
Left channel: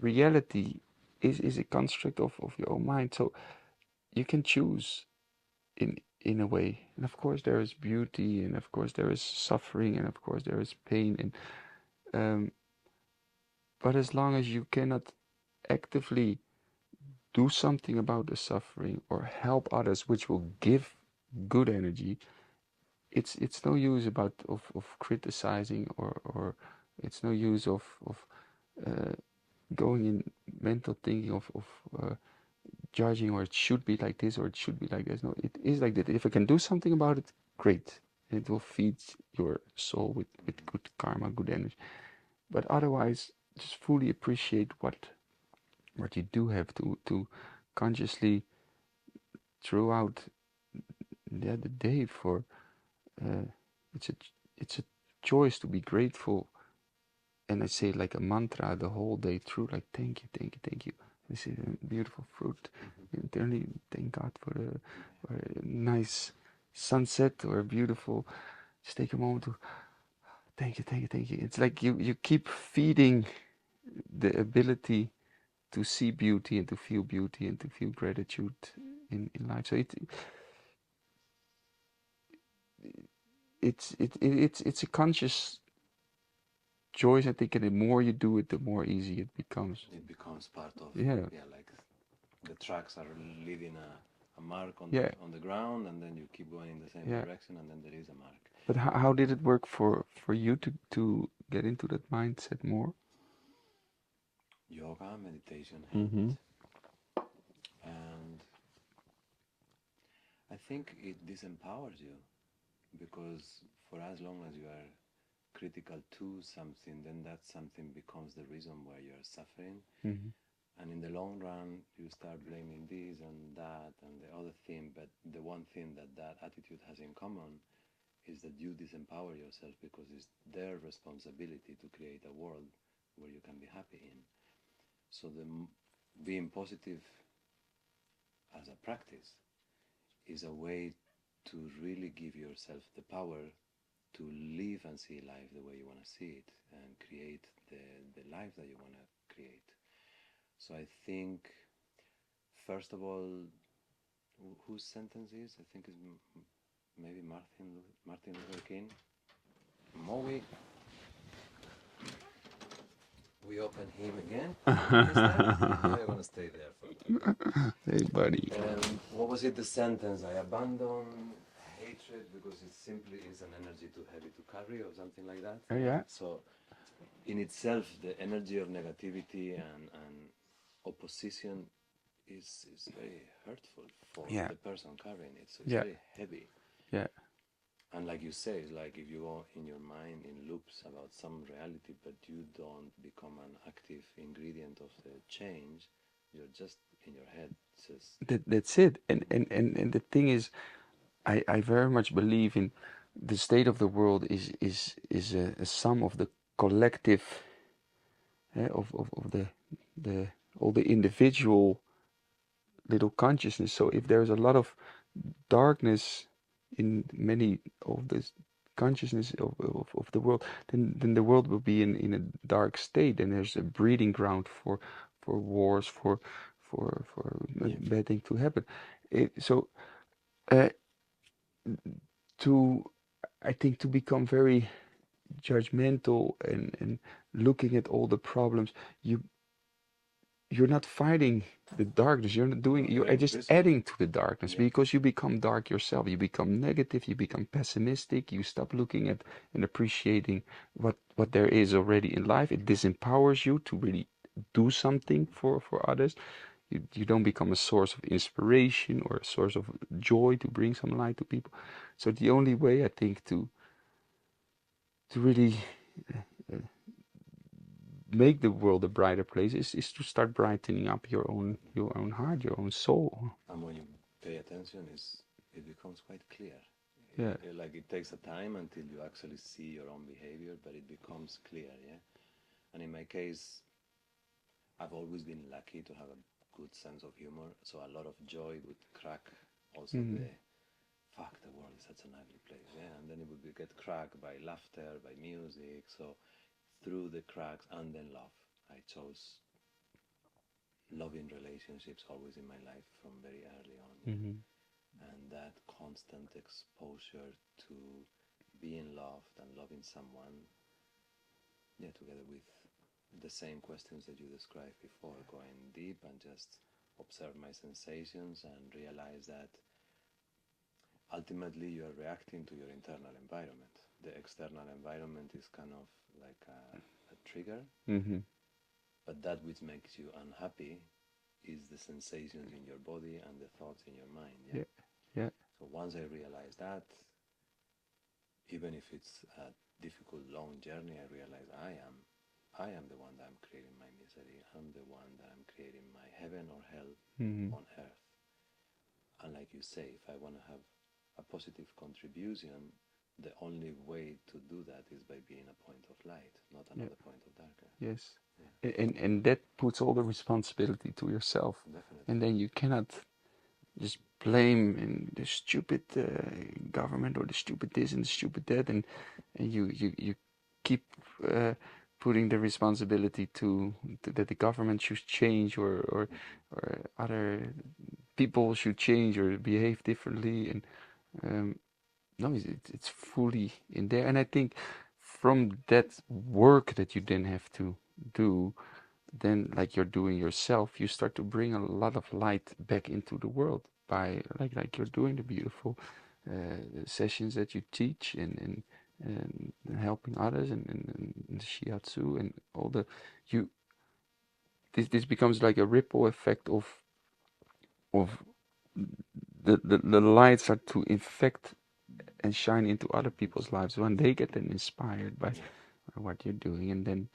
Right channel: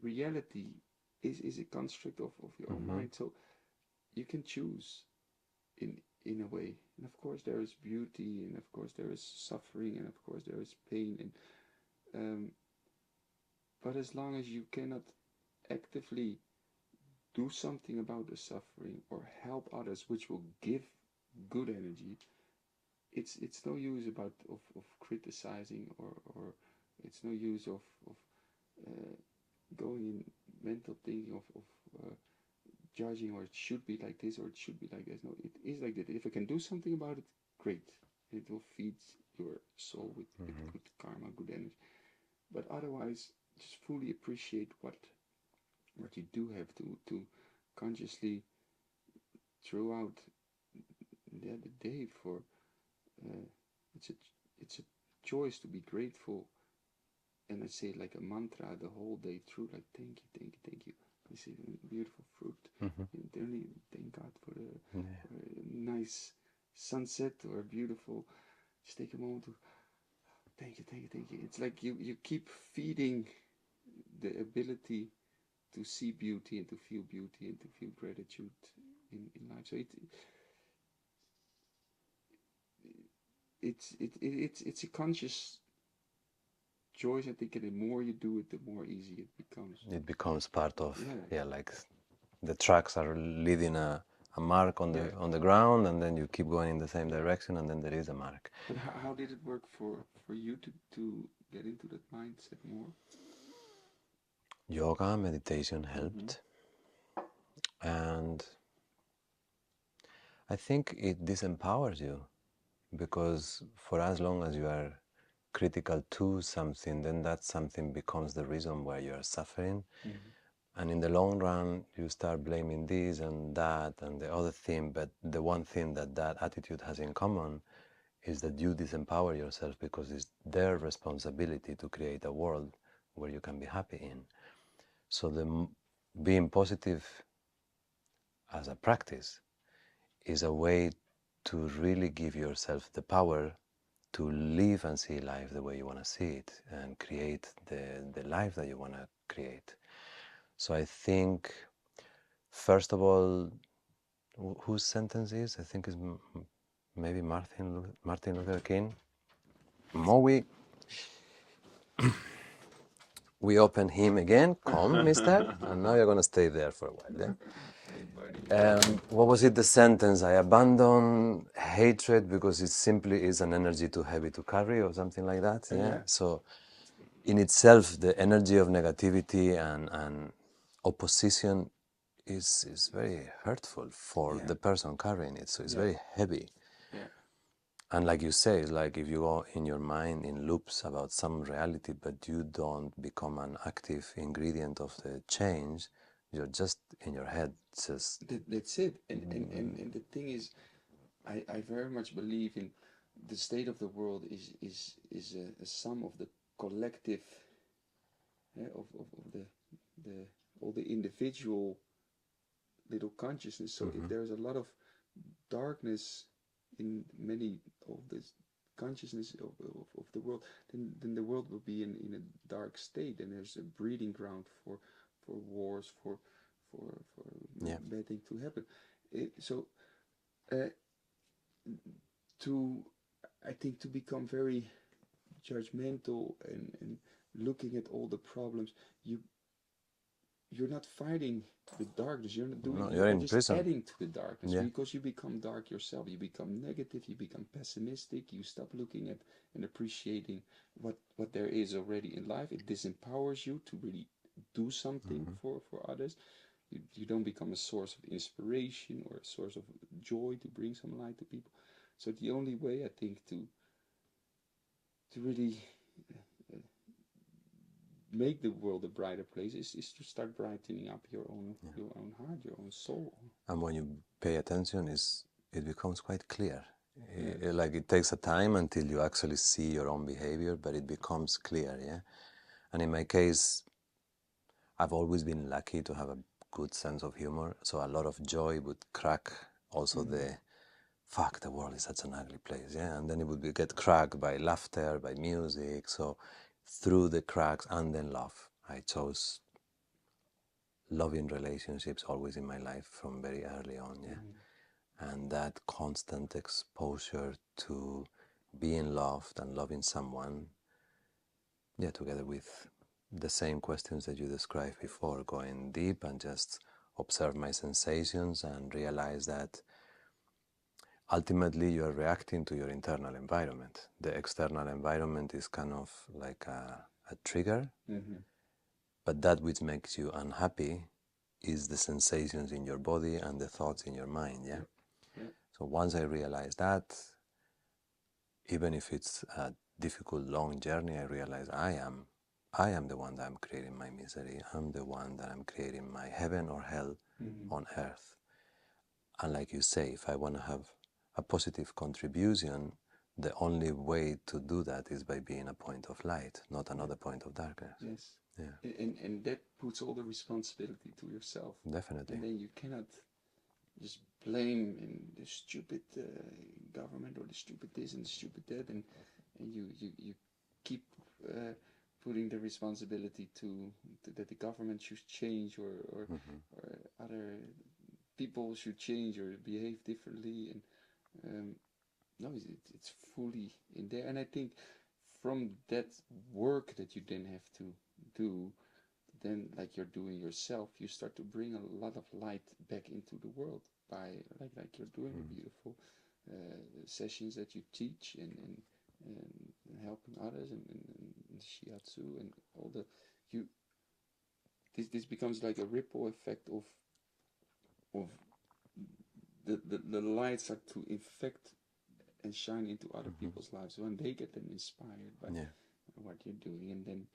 reality is a construct of your own Mm-hmm. mind. So you can choose in a way. And of course there is beauty, and of course there is suffering, and of course there is pain, and um, but as long as you cannot actively do something about the suffering or help others, which will give good energy, it's no use of criticizing, or it's no use of uh, going in mental thinking of judging, or it should be like this or it should be like this. No, it is like that. If I can do something about it, great. And it will feed your soul with Mm-hmm. good karma, good energy. But otherwise, just fully appreciate what you do have to consciously throughout the day for uh, it's a it's a choice to be grateful. And I say it like a mantra the whole day through, like thank you, thank you, thank you. This is a beautiful fruit. Mm-hmm. Internally, thank God for Yeah. a nice sunset or a beautiful. Just take a moment to thank you, thank you, thank you. It's like you keep feeding the ability to see beauty and to feel gratitude in life. So it's a conscious choice, I think, and the more you do it, the more easy it becomes. It becomes part of, Yeah. like the tracks are leaving a mark on Yeah. the ground, and then you keep going in the same Yeah. direction, and then there is a mark. But how did it work for you to get into that mindset more? Yoga, meditation Mm-hmm. helped, and I think it disempowers you, because for as long as you are critical to something, then that something becomes the reason why you are suffering. Mm-hmm. And in the long run, you start blaming this and that and the other thing. But the one thing that that attitude has in common is that you disempower yourself, because it's their responsibility to create a world where you can be happy in. So being positive as a practice is a way to really give yourself the power to live and see life the way you want to see it, and create the life that you want to create. So I think, first of all, whose sentence is? I think is maybe Martin Luther King. More we open him again. Come, mister. No, you're going to stay there for a while, yeah? Hey, buddy. What was it, the sentence? I abandon hatred because it simply is an energy too heavy to carry, or something like that, yeah? Yeah. So in itself, the energy of negativity and opposition is very hurtful for Yeah. the person carrying it. So it's Yeah. very heavy. Yeah. And like you say, it's like if you go in your mind in loops about some reality, but you don't become an active ingredient of the change, you're just in your head, just... That's it. And the thing is, I very much believe in the state of the world is a sum of the collective, of the all the individual little consciousness. So if there's a lot of darkness in many of the consciousness of the world, then the world will be in a dark state, and there's a breeding ground for wars, for Yeah. bad things to happen. So uh, to I think to become very judgmental and looking at all the problems, you're not fighting the darkness. You're not doing. No, you're You're in just prison. adding to the darkness, Yeah. because you become dark yourself. You become negative. You become pessimistic. You stop looking at and appreciating what there is already in life. It disempowers you to really do something for others. You don't become a source of inspiration or a source of joy to bring some light to people. So the only way, I think, to really uh, make the world a brighter place is to start brightening up your own heart, your own soul. And when you pay attention, it becomes quite clear. Yeah. Like it takes a time until you actually see your own behavior, but it becomes clear, yeah? And in my case, I've always been lucky to have a good sense of humor, so a lot of joy would crack also the fuck, the world is such an ugly place, yeah? And then it would get cracked by laughter, by music, so through the cracks, and then love. I chose loving relationships always in my life from very early on, yeah? And that constant exposure to being loved and loving someone, yeah, together with the same questions that you described before, going deep and just observe my sensations and realize that ultimately you are reacting to your internal environment. The external environment is kind of like a trigger, but that which makes you unhappy is the sensations in your body and the thoughts in your mind, yeah? Yeah. So once I realized that, even if it's a difficult, long journey, I realize I am the one that I'm creating my misery. I'm the one that I'm creating my heaven or hell on earth. And like you say, if I want to have a positive contribution, the only way to do that is by being a point of light, not another point of darkness. Yes. Yeah. And that puts all the responsibility to yourself. Definitely. And then you cannot just blame the stupid government or the stupid this and the stupid that, and you keep putting the responsibility to that the government should change, or other people should change or behave differently, and no, it's fully in there. And I think from that work that you then have to do, then like you're doing yourself, you start to bring a lot of light back into the world by like you're doing the beautiful sessions that you teach and helping others and shiatsu and all the you this becomes like a ripple effect of the lights start to infect and shine into other people's lives when they get then inspired by Yeah. what you're doing, and then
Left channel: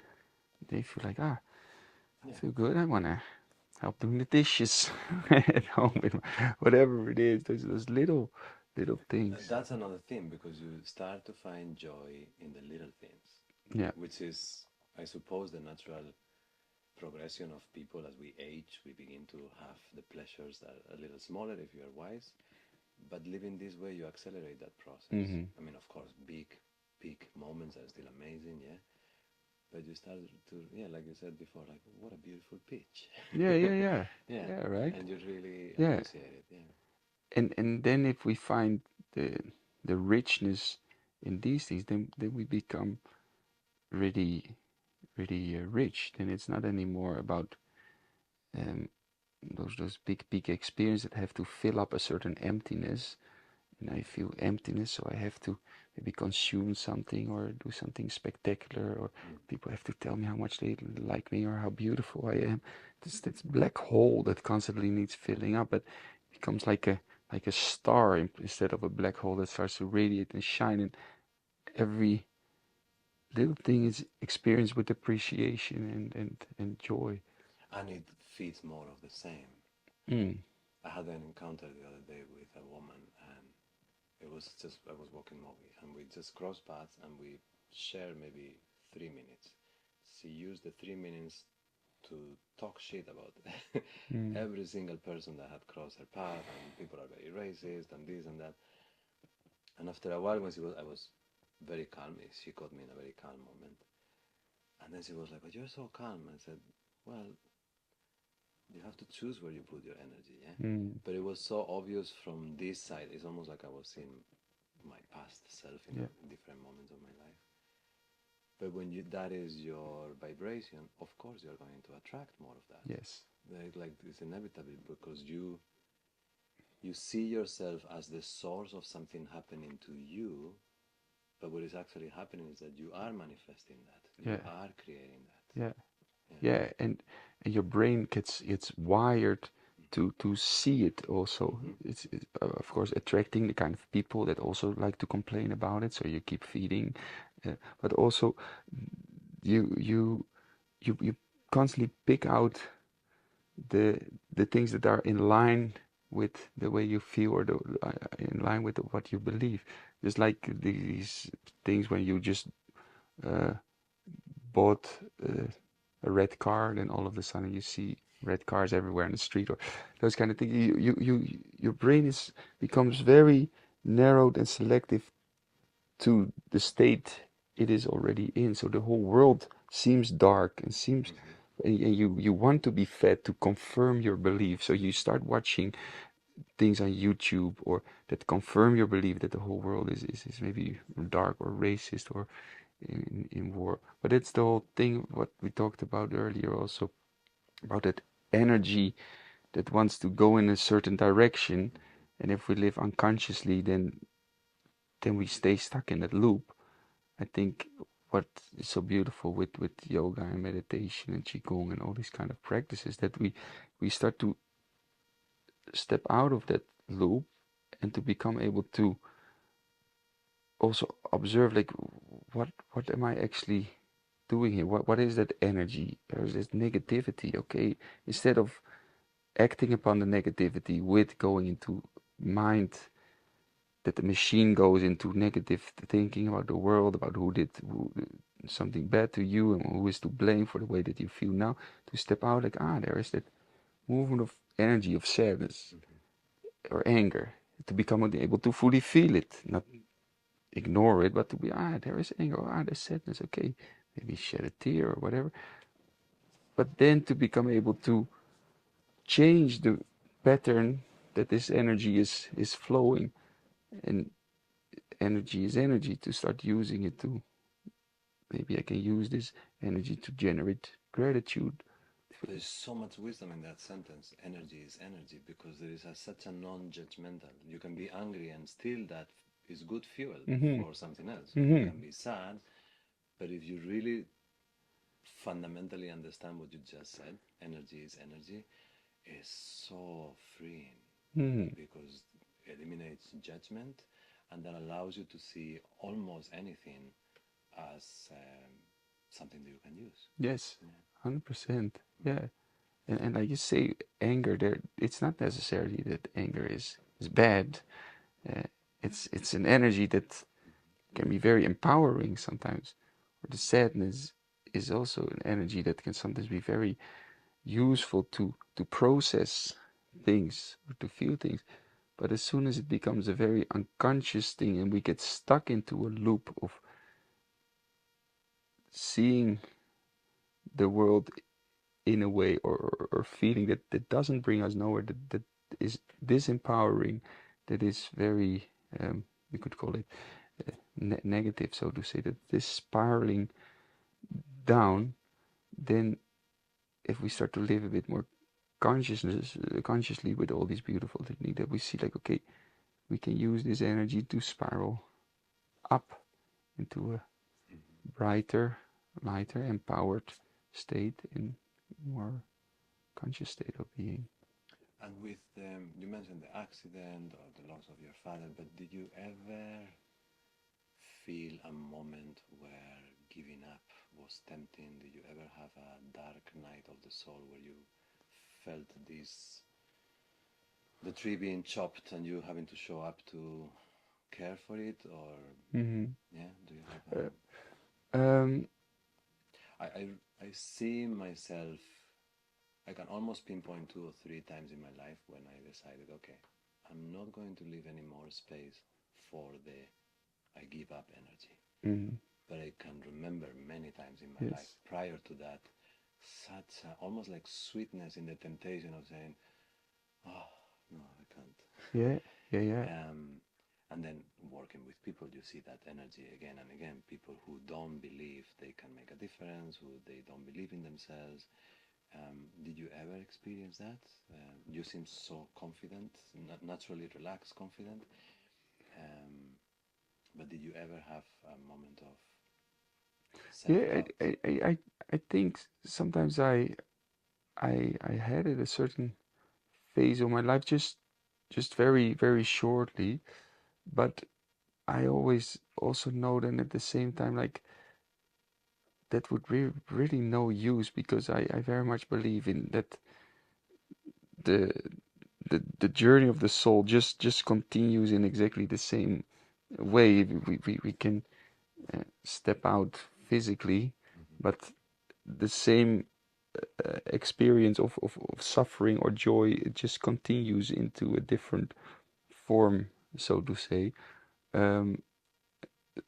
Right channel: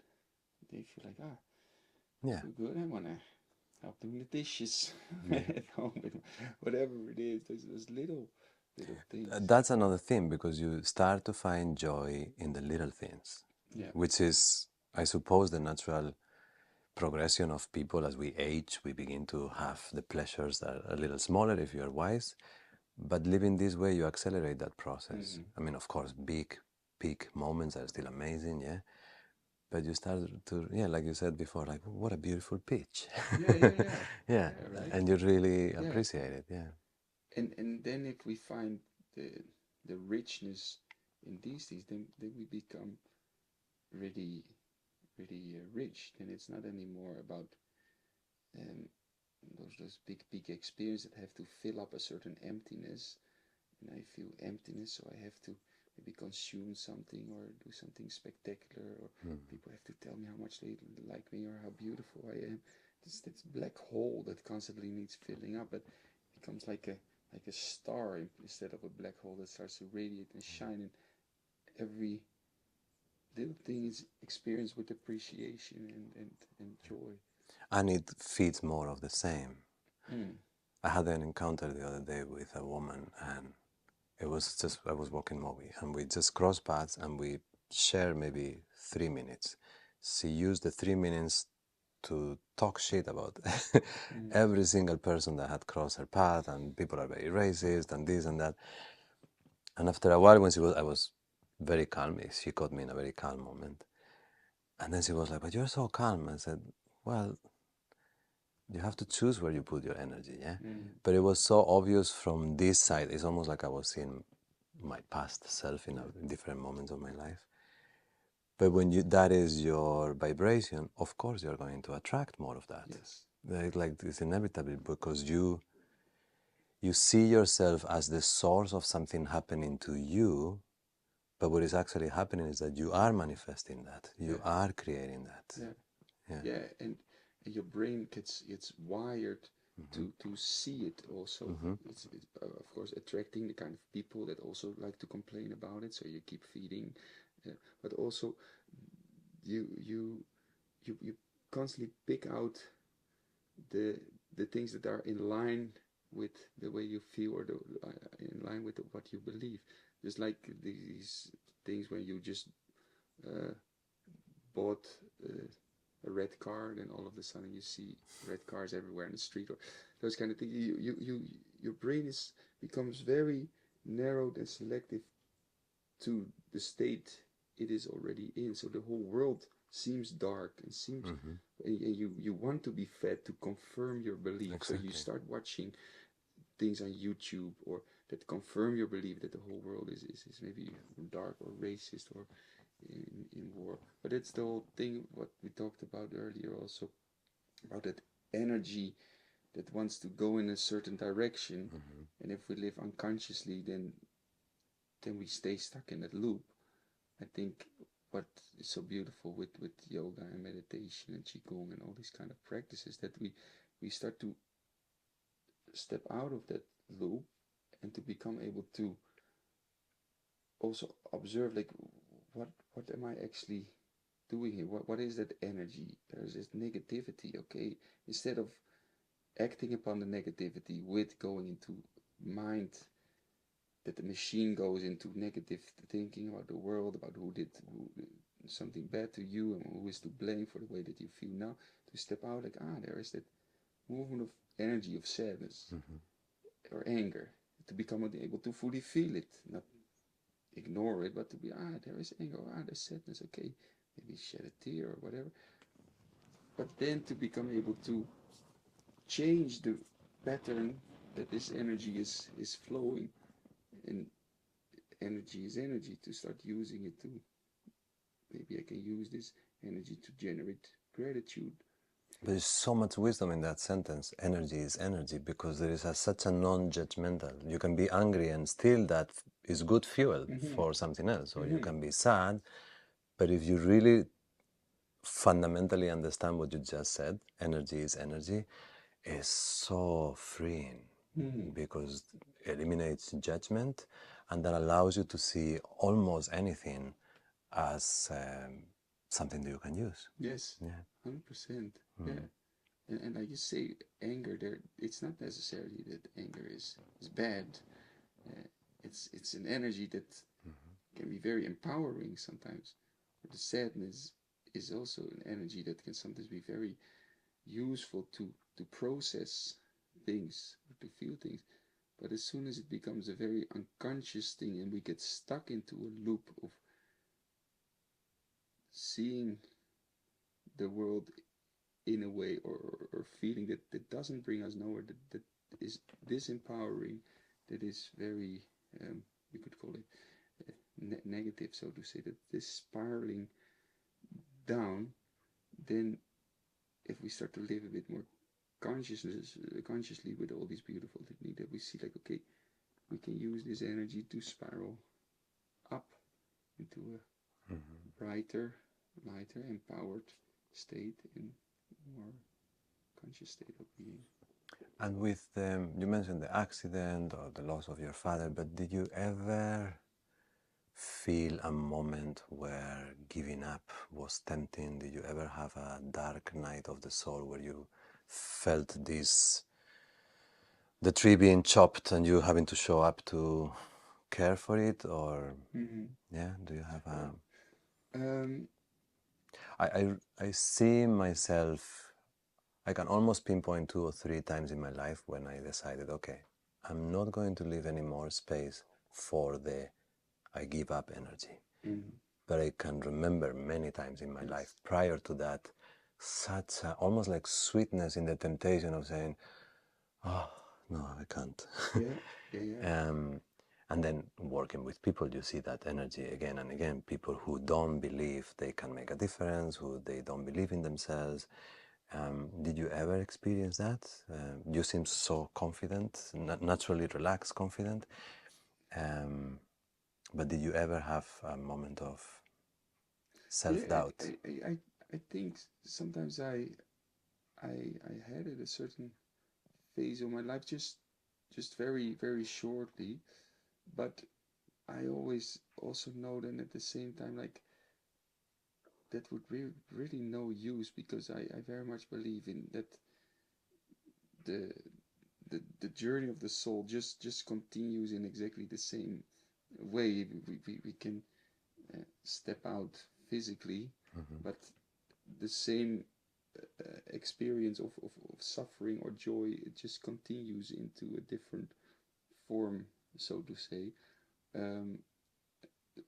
they feel like, I Yeah. feel good, I want to help doing the dishes at home with whatever it is, those little things. That's another thing, because you start to find joy in the little things, Yeah. which is, I suppose, the natural progression of people. As we age, we begin to have the pleasures that are a little smaller if you are wise. But living this way, you accelerate that process. I mean, of course, big peak moments are still amazing, yeah. But you start to, yeah, like you said before, like, what a beautiful pitch. Yeah, yeah, yeah. Yeah, Yeah, right. and you really Yeah. appreciate it, yeah. And then if we find the the richness in these things, then we become really really rich. Then it's not anymore about um, those big experiences that have to fill up a certain emptiness, and I feel emptiness, so I have to maybe consume something or do something spectacular, or people have to tell me how much they like me or how beautiful I am. This black hole that constantly needs filling up, but it becomes like a star instead of a black hole that starts to radiate and shine, and every little thing is experienced with appreciation and joy. And it feeds more of the same. Mm. I had an encounter the other day with a woman, and it was just, I was walking Moby, and we just crossed paths, and we shared maybe 3 minutes. She used the 3 minutes to talk shit about Mm. every single person that had crossed her path, and people are very racist and this and that. And after a while, when I was very calm. She caught me in a very calm moment, and then she was like, "But you're so calm." I said, "Well, you have to choose where you put your energy, yeah." Mm. But it was so obvious from this side. It's almost like I was seeing my past self in, Yeah. in different moments of my life. But when that is your vibration, of course you're going to attract more of that. Yes. Like it's inevitable, because you see yourself as the source of something happening to you, but what is actually happening is that you are manifesting that. You Yeah. are creating that. Yeah. Yeah. Yeah. And your brain gets wired to see it also. It's of course attracting the kind of people that also like to complain about it, so you keep feeding, but also you you you constantly pick out the the things that are in line with the way you feel, or in line with what you believe. Just like these things when you just uh, bought uh, a red car, then all of a sudden you see red cars everywhere in the street, or those kind of things. Your brain becomes very narrowed and selective to the state it is already in. So the whole world seems dark and seems, and you want to be fed to confirm your belief. So you Exactly. start watching things on YouTube or that confirm your belief that the whole world is maybe dark or racist or in war. But it's the whole thing what we talked about earlier also, about that energy that wants to go in a certain direction, and if we live unconsciously, then we stay stuck in that loop. I think what is so beautiful with yoga and meditation and qigong and all these kind of practices, that we start to step out of that loop and to become able to also observe, like, what am I actually doing here? What is that energy? There is this negativity. Okay, instead of acting upon the negativity with going into mind, that the machine goes into negative thinking about the world, about who something bad to you and who is to blame for the way that you feel now, to step out, like, there is that movement of energy of sadness or anger, to become able to fully feel it, not ignore it, but to be, there is anger, there's sadness, okay, maybe shed a tear or whatever, but then to become able to change the pattern that this energy is flowing, and energy is energy, to start using it to, maybe I can use this energy to generate gratitude. There's so much wisdom in that sentence. Energy is energy, because there is such a non-judgmental. You can be angry and still that is good fuel for something else. Or you can be sad, but if you really fundamentally understand what you just said, energy is energy, is so freeing, because it eliminates judgment, and that allows you to see almost anything as something that you can use. Yes, Yeah. 100%. Yeah. And like you say, anger, there, it's not necessarily that anger is bad. It's an energy that can be very empowering sometimes. Or the sadness is also an energy that can sometimes be very useful to process things or to feel things. But as soon as it becomes a very unconscious thing and we get stuck into a loop of seeing the world in a way, or feeling that doesn't bring us nowhere, that is disempowering, that is very, we could call it negative, so to say, that is spiraling down, then if we start to live a bit more consciously with all these beautiful techniques, that we see like, okay, we can use this energy to spiral up into a brighter, lighter, empowered state, in more conscious state of being. And with you mentioned the accident or the loss of your father, but did you ever feel a moment where giving up was tempting? Did you ever have a dark night of the soul where you felt this, the tree being chopped and you having to show up to care for it? Or yeah, do you have a I see myself, I can almost pinpoint 2 or 3 times in my life when I decided, okay, I'm not going to leave any more space for the I give up energy. But I can remember many times in my life prior to that, such a, almost like sweetness in the temptation of saying, oh, no, I can't. Yeah. And then working with people, you see that energy again and again. People who don't believe they can make a difference, who they don't believe in themselves. Did you ever experience that? You seem so confident, naturally relaxed, confident. But did you ever have a moment of self-doubt? I think sometimes I had it a certain phase of my life, just very, very shortly, but I always also know that at the same time, like, that would really no use, because I very much believe in that the the journey of the soul just continues in exactly the same way. We can step out physically, but the same experience of suffering or joy, it just continues into a different form, so to say. Um,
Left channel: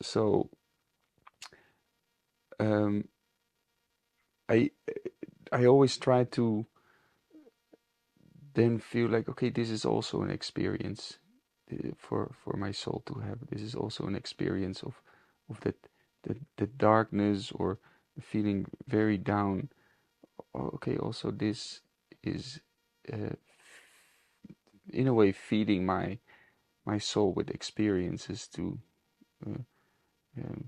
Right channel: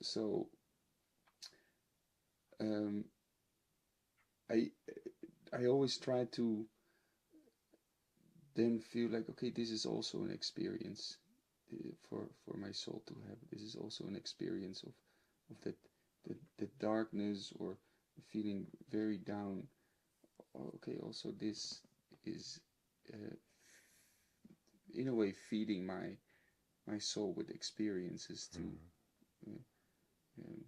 so um, I I always try to then feel like, okay, this is also an experience for my soul to have. This is also an experience of that darkness, or feeling very down. Okay, also this is in a way feeding my soul with experiences to uh, um,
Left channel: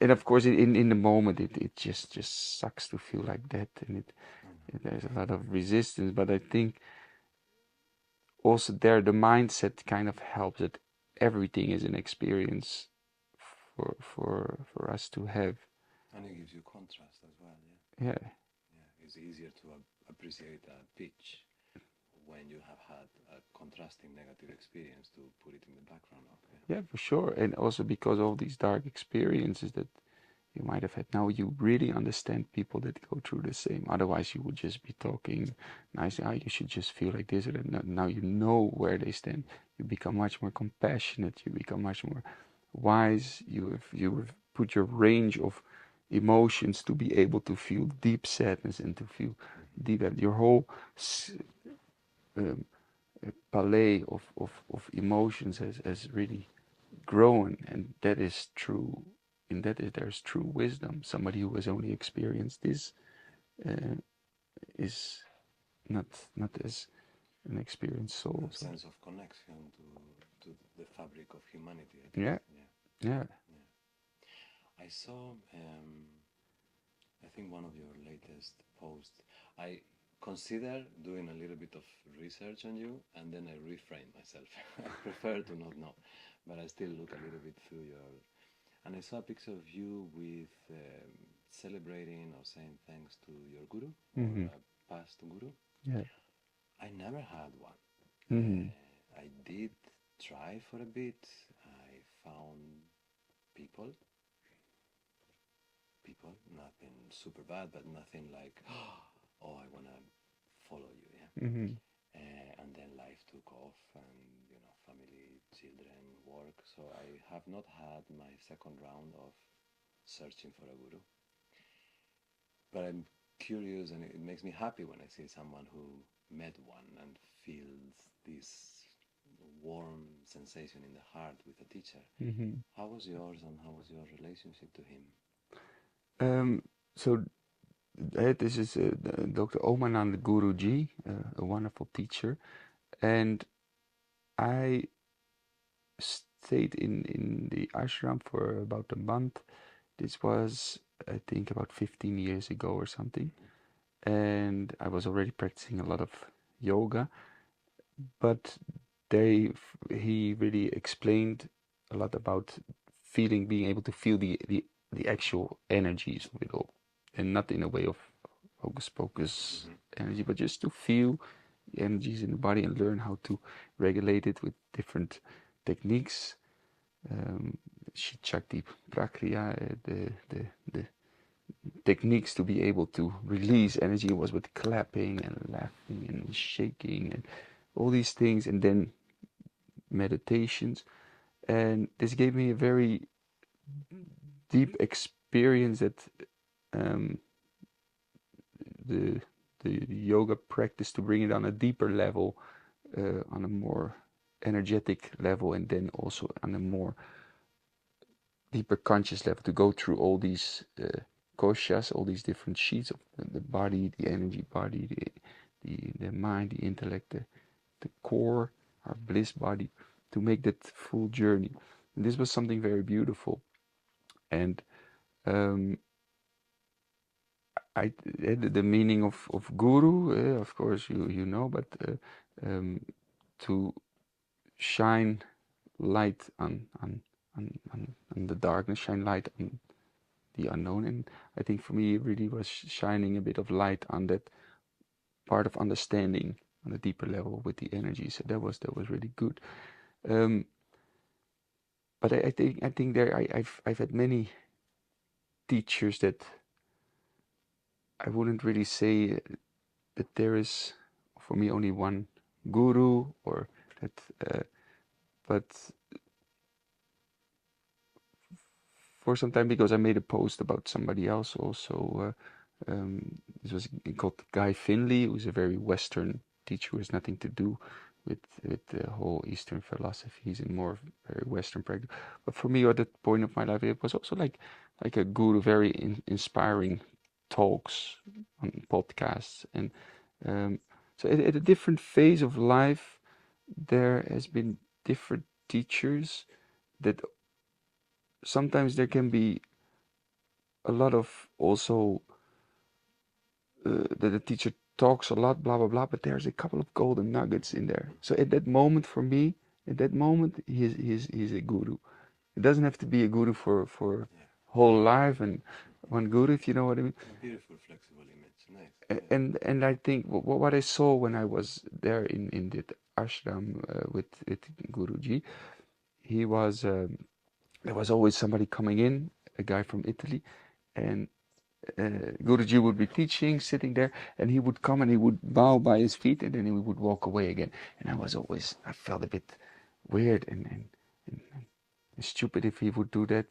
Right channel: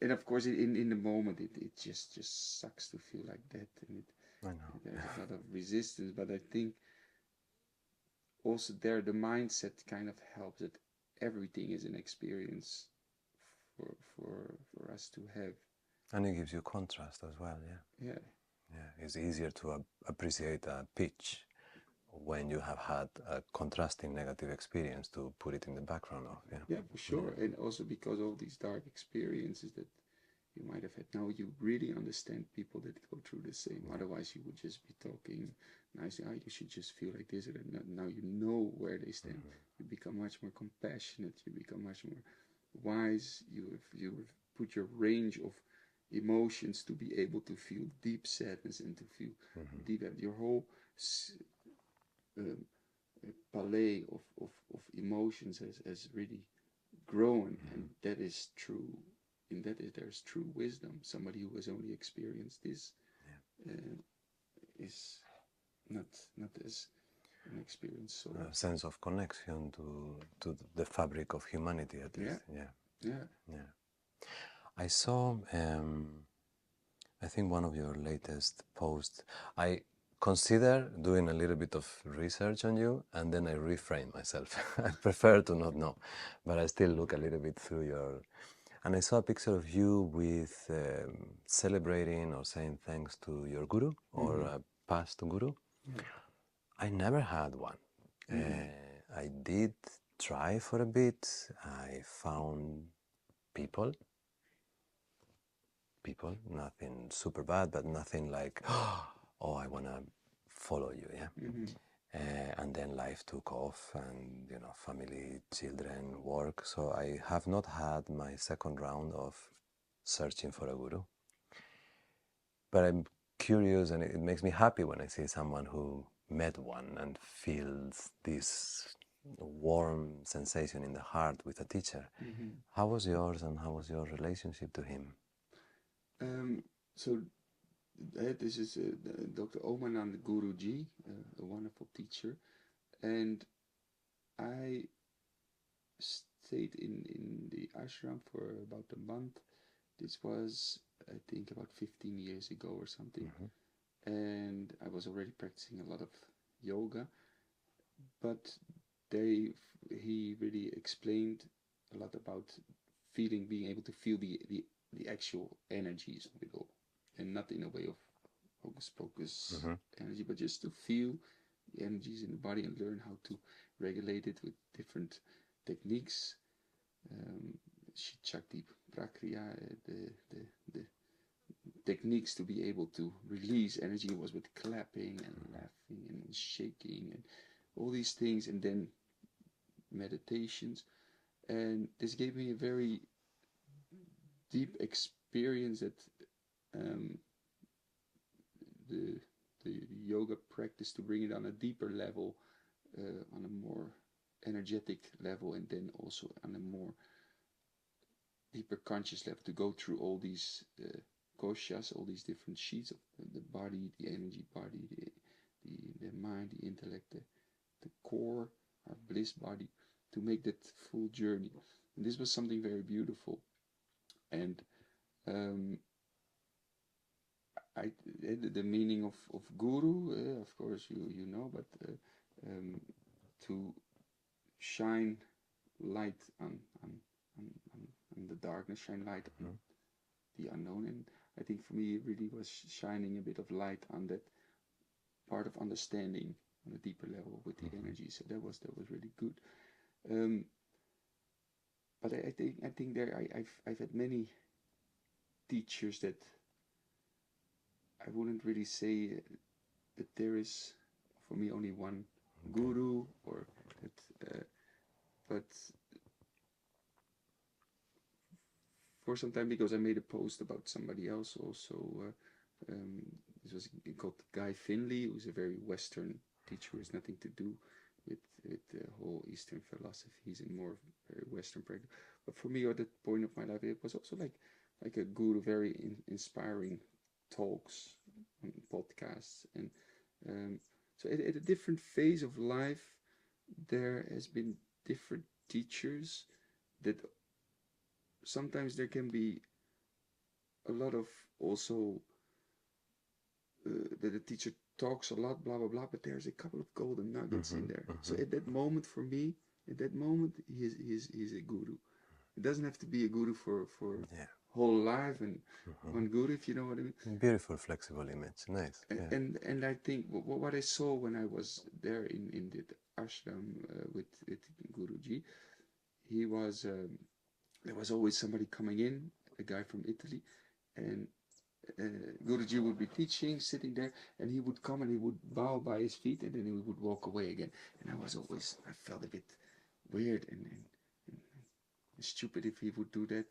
and of course in the moment it just sucks to feel like that, and there's a lot of resistance, but I think also there the mindset kind of helps, that everything is an experience for us to have. And it gives you contrast as well, Yeah. Yeah, it's easier to appreciate a pitch when you have had a contrasting negative experience to put it in the background of. Yeah, for sure. And also because of these dark experiences that you might have had, now you really understand people that go through the same. Otherwise, you would just be talking nicely. Ah, you should just feel like this or that. Now you know where they stand. You become much more compassionate. You become much more wise. You have put your range of emotions to be able to feel deep sadness and to feel deep. Your whole um, palette of emotions has really grown, and that is true. In that there's true wisdom. Somebody who has only experienced this is not as an experienced soul. A sense of connection to the fabric of humanity, at Yeah, least. Yeah, yeah. yeah. I saw, I think one of your latest posts. I consider doing a little bit of research on you, and then I reframe myself. I prefer to not know, but I still look a little bit through your. And I saw a picture of you with celebrating or saying thanks to your guru or a past guru. Yeah. I never had one. Mm. I did try for a bit. I found people, nothing super bad, but nothing like, oh, I want to follow you, yeah? And then life took off, and, you know, family, children, work. So I have not had my second round of searching for a guru. But I'm curious, and it makes me happy when I see someone who met one and feels this warm sensation in the heart with a teacher. How was yours, and how was your relationship to him? So this is Dr. Omanand Guruji, a wonderful teacher, and I stayed in the ashram for about a month. This was, I think, about 15 years ago or something, and I was already practicing a lot of yoga, but he really explained a lot about being able to feel the actual energies of it all, and not in a way of hocus pocus energy, but just to feel the energies in the body and learn how to regulate it with different techniques. Shakti Prakriya, the techniques to be able to release energy was with clapping and laughing and shaking and all these things, and then meditations. And this gave me a very deep experience that um, the yoga practice, to bring it on a deeper level, on a more energetic level, and then also on a more deeper conscious level, to go through all these koshas, all these different sheets of the body, the energy body, the mind, the intellect, the core, our bliss body, to make that full journey. And this was something very beautiful. And the meaning of guru, of course you know, but to shine light on the darkness, shine light on the unknown. And I think for me it really was shining a bit of light on that part of understanding on a deeper level with the energy. So that was really good. But I think there I've had many teachers that I wouldn't really say that there is for me only one guru, or that but for some time, because I made a post about somebody else also, this was called Guy Finley, who's a very Western teacher who has nothing to do with the whole Eastern philosophy. He's in more very Western practice. But for me, at that point of my life, it was also like a guru, very inspiring talks on podcasts. And so at a different phase of life, there has been different teachers that sometimes there can be a lot of also that the teacher talks a lot, blah blah blah, but there's a couple of golden nuggets in there. So at that moment, for me, at that moment, he's a guru. It doesn't have to be a guru for whole life and one guru, if you know what I mean. Beautiful, flexible image, nice. And I think what I saw when I was there in the ashram with Guruji, he was there was always somebody coming in, a guy from Italy, and Guruji would be teaching, sitting there, and he would come and he would bow by his feet, and then he would walk away again. And I felt a bit weird and stupid if he would do that.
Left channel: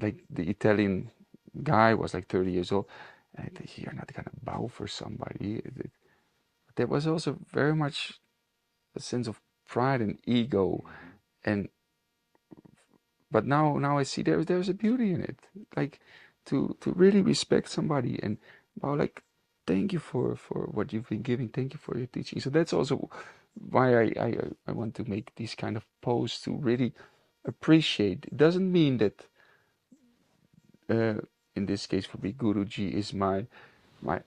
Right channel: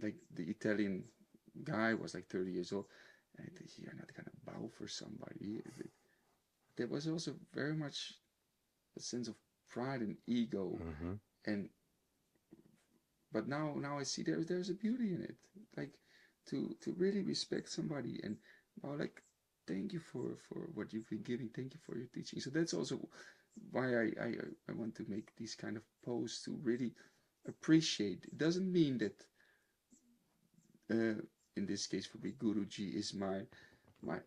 Like the Italian guy was like 30 years old. And I think, you're not gonna bow for somebody. There was also very much a sense of pride and ego, and but now I see there's a beauty in it, like to really respect somebody and well, like thank you for what you've been giving, thank you for your teaching. So that's also why I want to make these kind of posts to really appreciate. It doesn't mean that in this case for me Guruji is my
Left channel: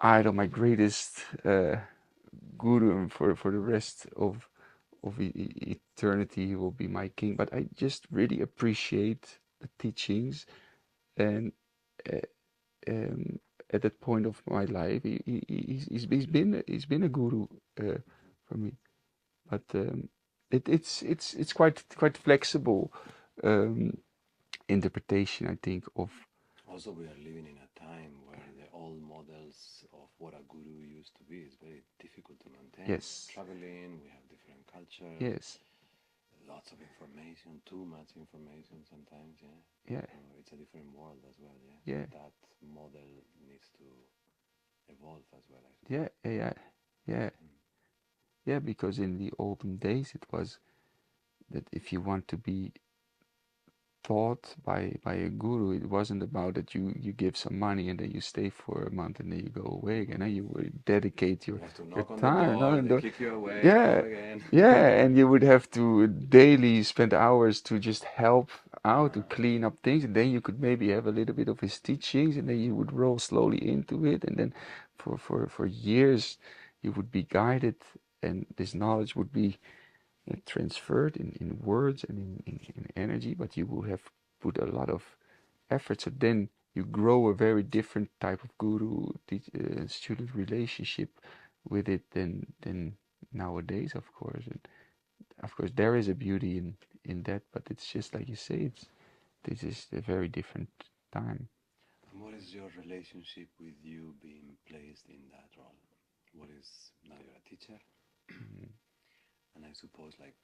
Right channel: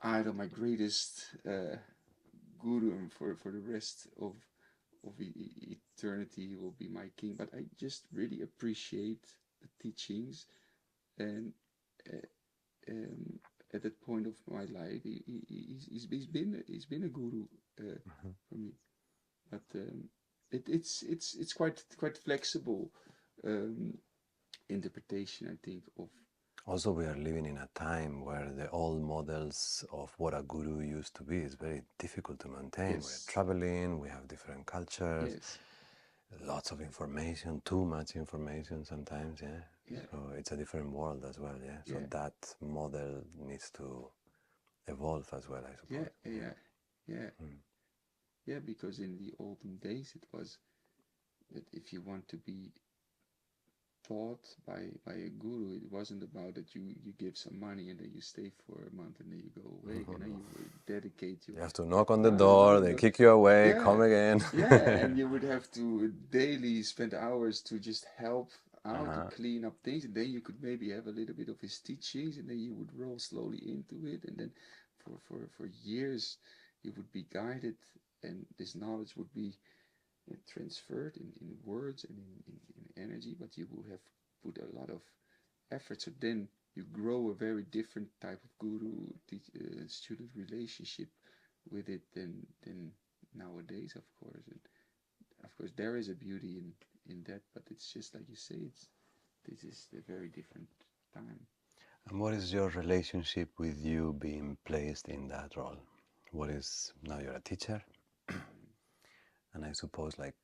idol, my greatest guru, and for the rest of eternity he will be my king. But I just really appreciate the teachings, and uh, um, at that point of my life, he's been a guru for me. But it's quite flexible um, interpretation, I think, of Also, we are living in a time where the old models of what a guru used to be is very difficult to maintain. We're yes, traveling, we have different cultures, yes, lots of information, too much information sometimes, yeah. yeah, So it's a different world as well, yeah. So yeah, that model needs to evolve as well, I yeah, suppose. yeah, yeah, Mm. yeah. Because in the olden days, it was that if you want to be taught by a guru, it wasn't about that you give some money and then you stay for a month and then you go away again. And you would dedicate You have to your knock on the time. door, they kick you away, come Yeah, again. yeah, and you would have to daily spend hours to just help out to Uh-huh. clean up things, and then you could maybe have a little bit of his teachings, and then you would roll slowly into it, and then for years you would be guided, and this knowledge would be transferred in words and in energy, but you will have put a lot of effort. So then you grow a very different type of guru student relationship with it than nowadays, of course. And of course, there is a beauty in that, but it's just like you say, this is a very different time. And what is your relationship with you being placed in that role? What is, now you're a teacher, Mm. and I suppose like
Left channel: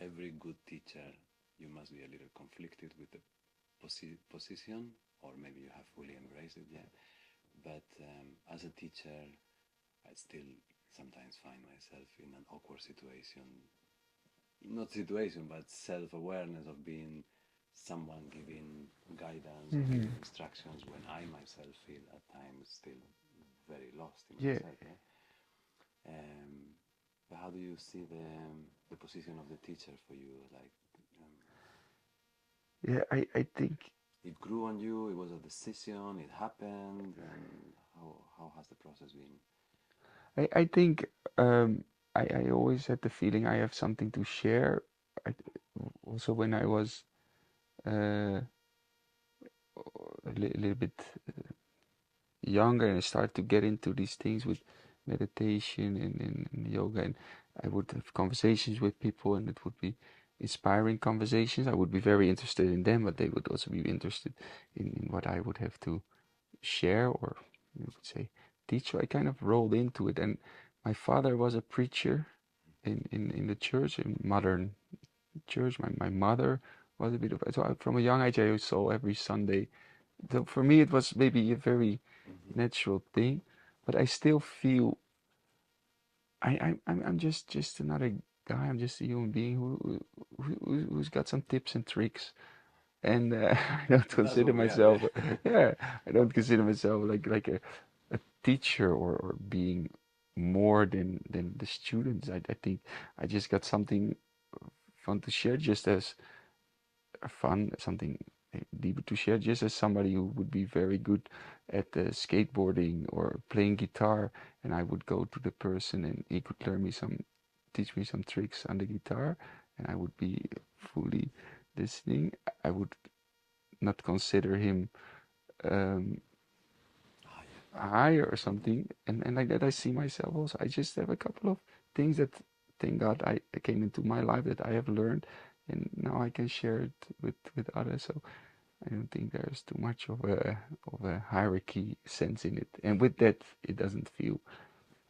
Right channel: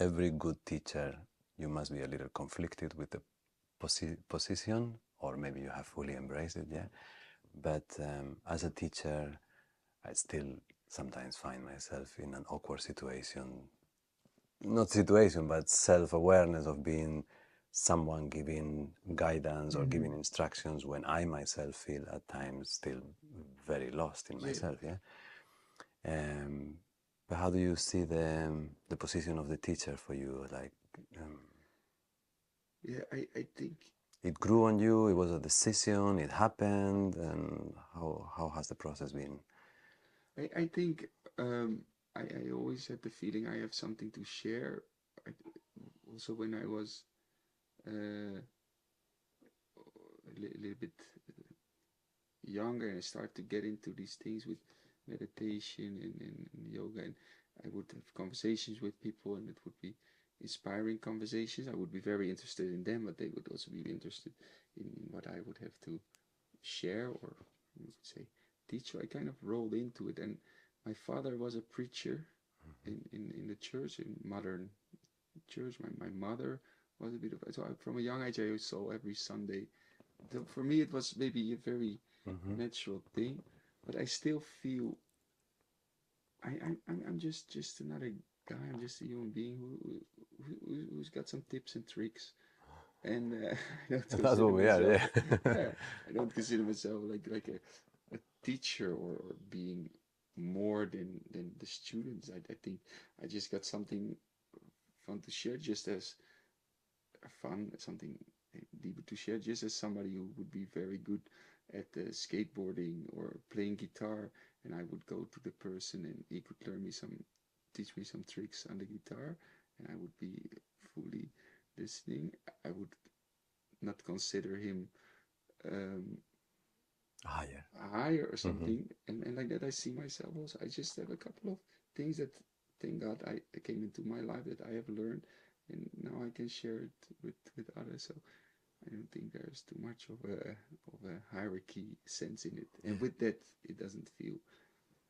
every good teacher, you must be a little conflicted with the position, or maybe you have fully embraced it, yeah. But as a teacher, I still sometimes find myself in an awkward situation, not situation, but self-awareness of being someone giving guidance or Mm-hmm. giving instructions when I myself feel at times still very lost in Yeah, myself, yeah. But how do you see the position of the teacher for you? Like, um, yeah. I think it grew on you. It was a decision. It happened, and how has the process been? I think um, I always had the feeling I have something to share. I, also when I was uh, little bit younger and I started to get into these things with meditation and yoga, and I would have conversations with people, and it would be inspiring conversations. I would be very interested in them, but they would also be interested in what I would have to share, or you could say teach. So I kind of rolled into it, and my father was a preacher in the church, in modern church. My mother was a bit of, so from a young age I saw every Sunday. So for me it was maybe a very Mm-hmm. natural thing, but I still feel I'm just another guy. I'm just a human being who's got some tips and tricks, and I don't That's consider what we are, myself, yeah. yeah, I don't consider myself like a teacher, or being more than the students. I think I just got something fun to share, just as fun, something deeper to share, just as somebody who would be very good at skateboarding or playing guitar, and I would go to the person and he could teach me some tricks on the guitar, and I would be fully listening. I would not consider him um, Ah, yeah. higher or Mm-hmm. something, and like that I see myself also. I just have a couple of things that, thank God, I came into my life that I have learned, and now I can share it with others. So I don't think there's too much of a hierarchy sense in it, and with that, it doesn't feel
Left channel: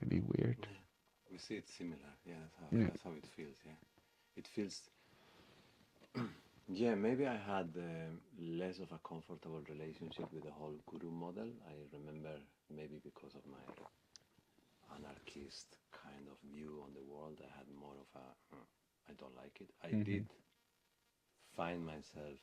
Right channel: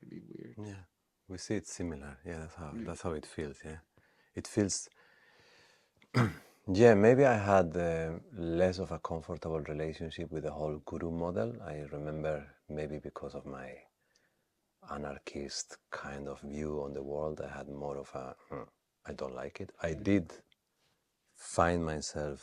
maybe weird. Yeah, we see it similar. Yeah, Yeah. that's how it feels. Yeah, it feels. Yeah, maybe I had less of a comfortable relationship with the whole guru model. I remember maybe because of my anarchist kind of view on the world, I had more of a I don't like it. I Mm-hmm. did find myself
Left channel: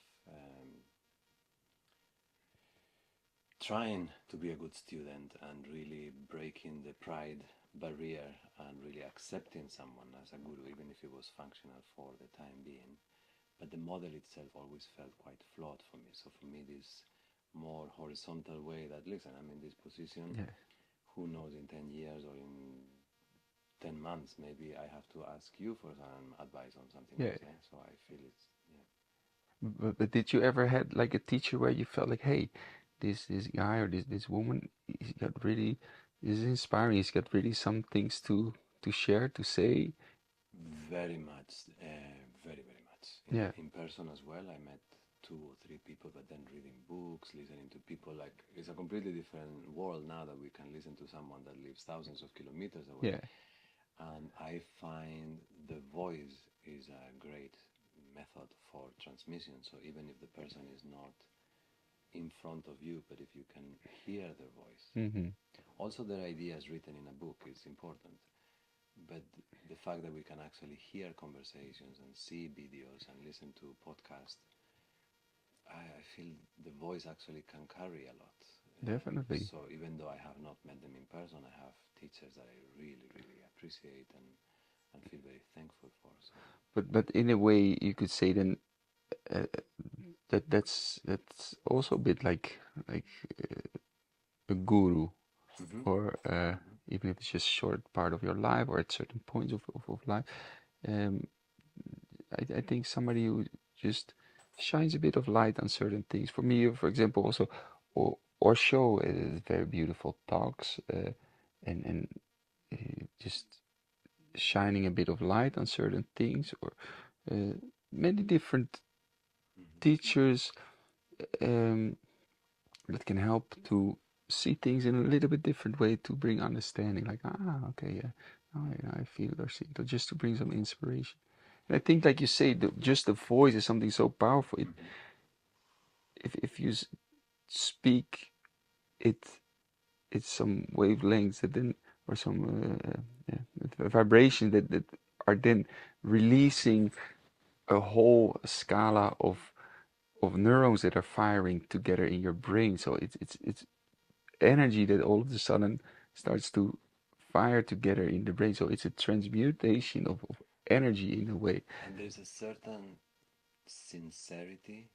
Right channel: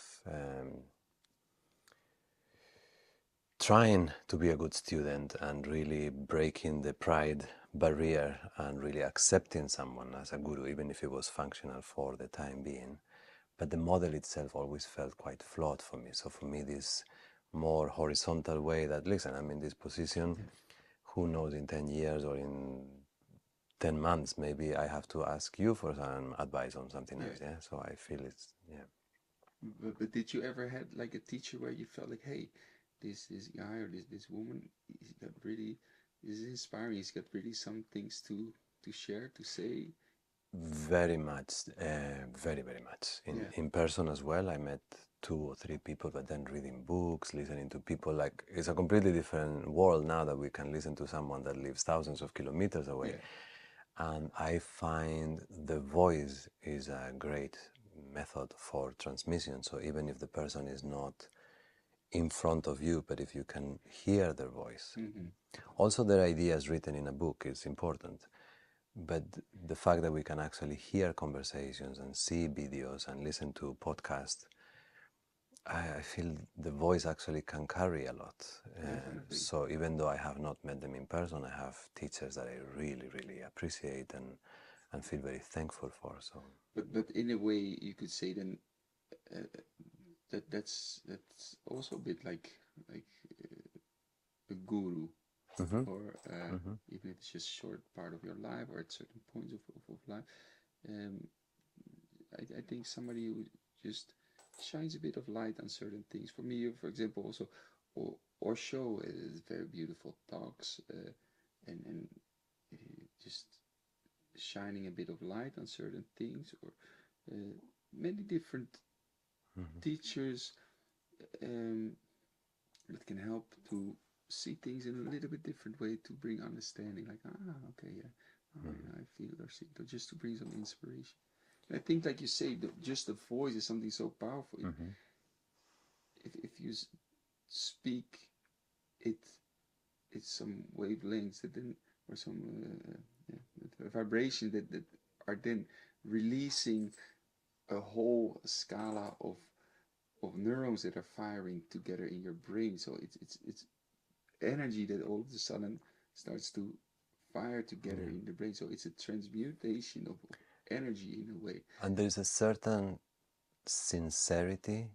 trying to be a good student and really breaking the pride barrier and really accepting someone as a guru, even if it was functional for the time being. But the model itself always felt quite flawed for me. So for me, this more horizontal way that, listen, I'm in this position, who knows, in 10 years or in 10 months, maybe I have to ask you for some advice on something else. Yeah. So I feel it's, But did you ever had like a teacher where you felt like, hey, this guy or this woman, he's got really, this is inspiring. He's got really some things to share, to say. very much, very much. In person as well, I met 2 or 3 people, but then reading books, listening to people, like it's a completely different world now that we can listen to someone that lives thousands of kilometers away. And I find the voice is a great method for transmission. So even if the person is not in front of you, but if you can hear their voice. Also, their ideas written in a book is important. But the fact that we can actually hear conversations and see videos and listen to podcasts, I feel the voice actually can carry a lot. Definitely. So even though I have not met them in person, I have teachers that I really, really appreciate and feel very thankful for. So, but in a way, you could say then that's also a bit like a guru, or even if it's just short part of your life or at certain points of life. I think somebody who just shines a bit of light on certain things. For me, for example, also Osho is very beautiful talks, and just shining a bit of light on certain things, or many different teachers that can help to see things in a little bit different way, to bring understanding, like, okay, yeah, oh, yeah, I feel it or see it, or just to bring some inspiration. And I think, like you say, just the voice is something so powerful. If you speak it, it's some wavelengths that then, or some vibrations that are then releasing a whole scala of neurons that are firing together in your brain. So it's energy that all of a sudden starts to fire together in the brain. So it's a transmutation of energy in a way. and there's a certain sincerity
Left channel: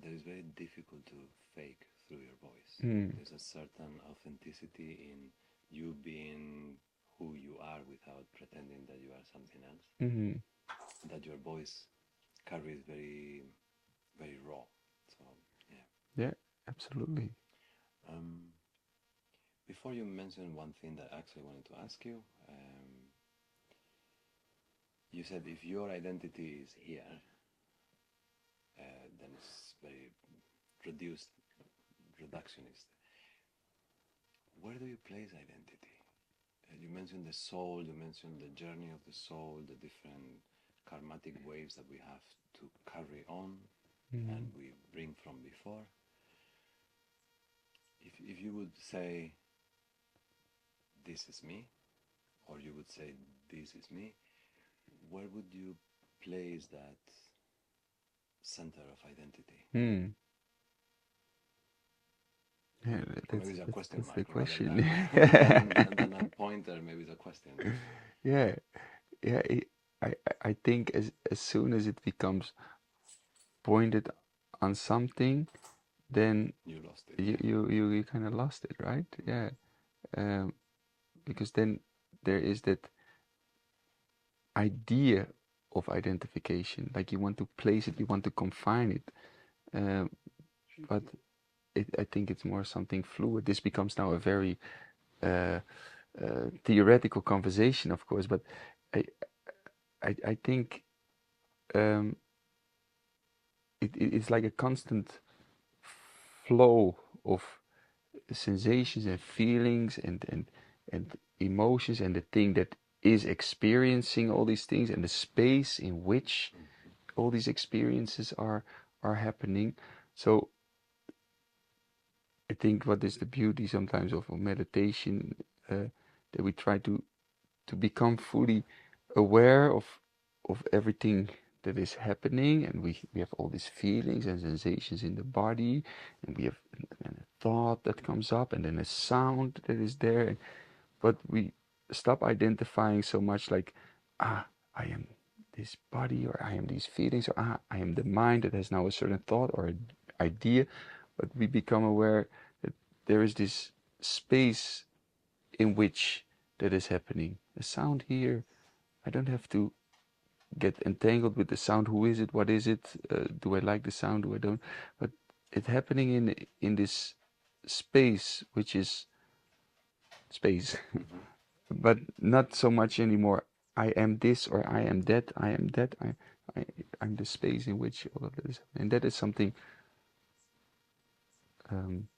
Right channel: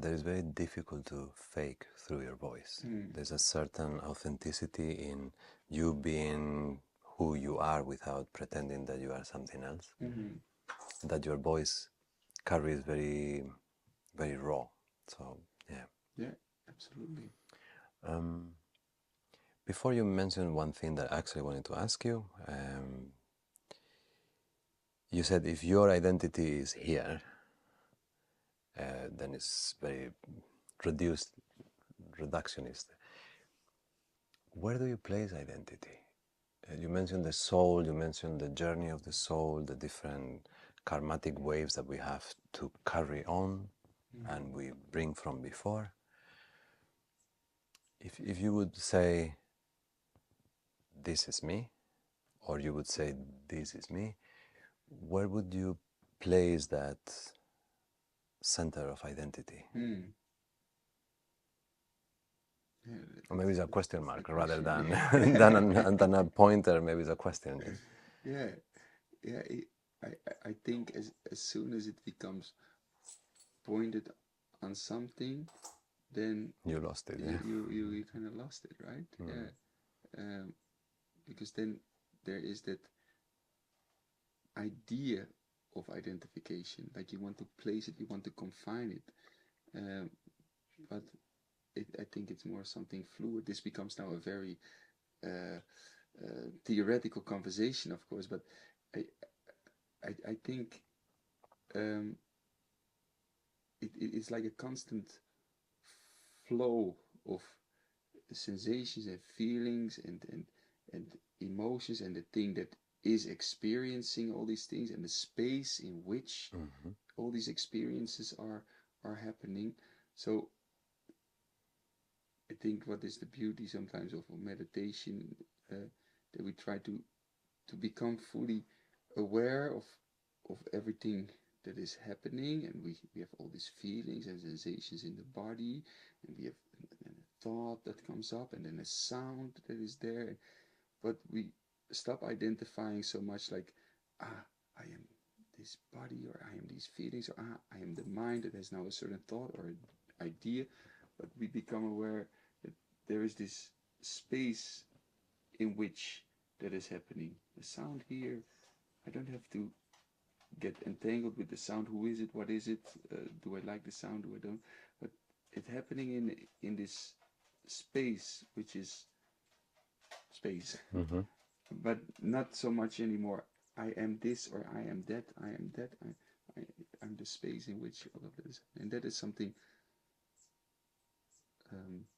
that is very difficult to fake through your voice. There's a certain authenticity in you being who you are without pretending that you are something else. That your voice carries very, very raw. So, yeah. Yeah, absolutely. Before you mentioned one thing that I actually wanted to ask you, you said if your identity is here, then it's very reductionist. Where do you place identity? You mentioned the soul, you mentioned the journey of the soul, the different karmatic waves that we have to carry on and we bring from before. If you would say, this is me, or you would say, this is me, where would you place that center of identity? Yeah, Or maybe it's a question mark rather question. than a pointer. Maybe it's a question. Yeah, yeah. I think as soon as it becomes pointed on something, then You lost it. you kind of lost it, right? Yeah, because then there is that idea of identification, like you want to place it, you want to confine it, but I think it's more something fluid. This becomes now a very theoretical conversation, of course, but I think it's like a constant flow of sensations and feelings and emotions, and the thing that is experiencing all these things, and the space in which all these experiences are happening. So I think what is the beauty sometimes of meditation, that we try to become fully aware of everything that is happening, and we have all these feelings and sensations in the body, and we have a thought that comes up, and then a sound that is there, but we stop identifying so much like, I am this body, or I am these feelings, or I am the mind that has now a certain thought or idea, but we become aware that there is this space in which that is happening. A sound here, I don't have to get entangled with the sound. Who is it? What is it? Do I like the sound? Do I don't? But it's happening in this space, which is space, Mm-hmm. but not so much anymore. I am this, or I am that. I am that. I I'm the space in which all of this, and that is something, um,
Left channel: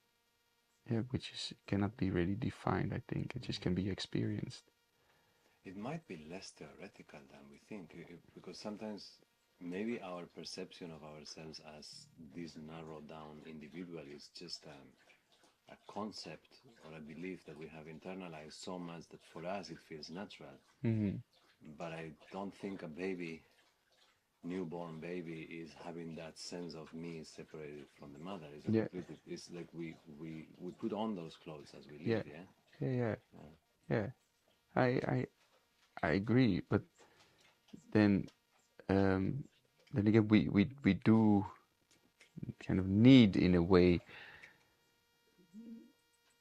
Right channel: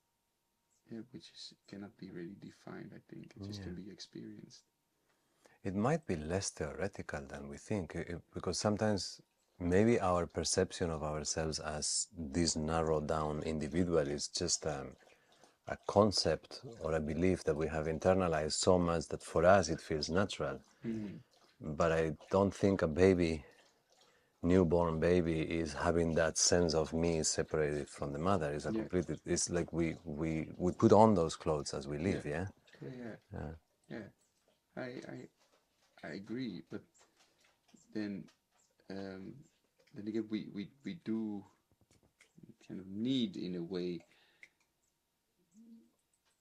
yeah, which is cannot be really defined. I think it just Yeah. can be experienced. It might be less theoretical than we think, because sometimes maybe our perception of ourselves as this narrowed down individual is just a concept or a belief that we have internalized so much that for us it feels natural. Mm-hmm. But I don't think a baby, newborn baby, is having that sense of me separated from the mother. It's a Yeah, completely, it's like we put on those clothes as we yeah, live, yeah? yeah, Yeah. yeah. I I I agree, but then um, then again, we do kind of need, in a way,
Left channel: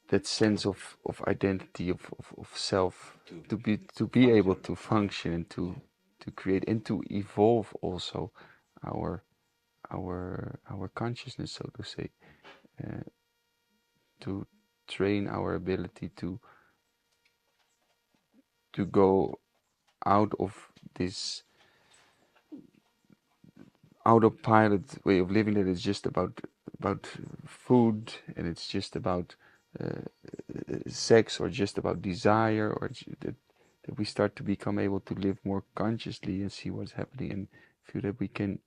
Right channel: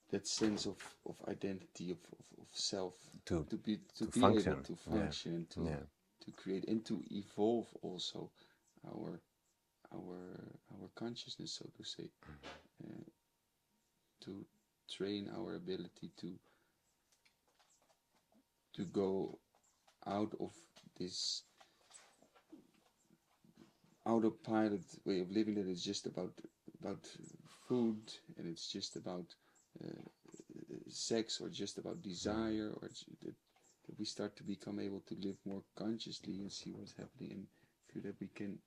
that sense of identity, of self, To, to to be able function, to yeah, function, and yeah. to create and to evolve also our our consciousness, so to say, uh, to train our ability to go out of this autopilot way of living, that is just about food, and it's just about sex, or just about desire, or that we start to become able to live more consciously and see what's happening, and feel that we can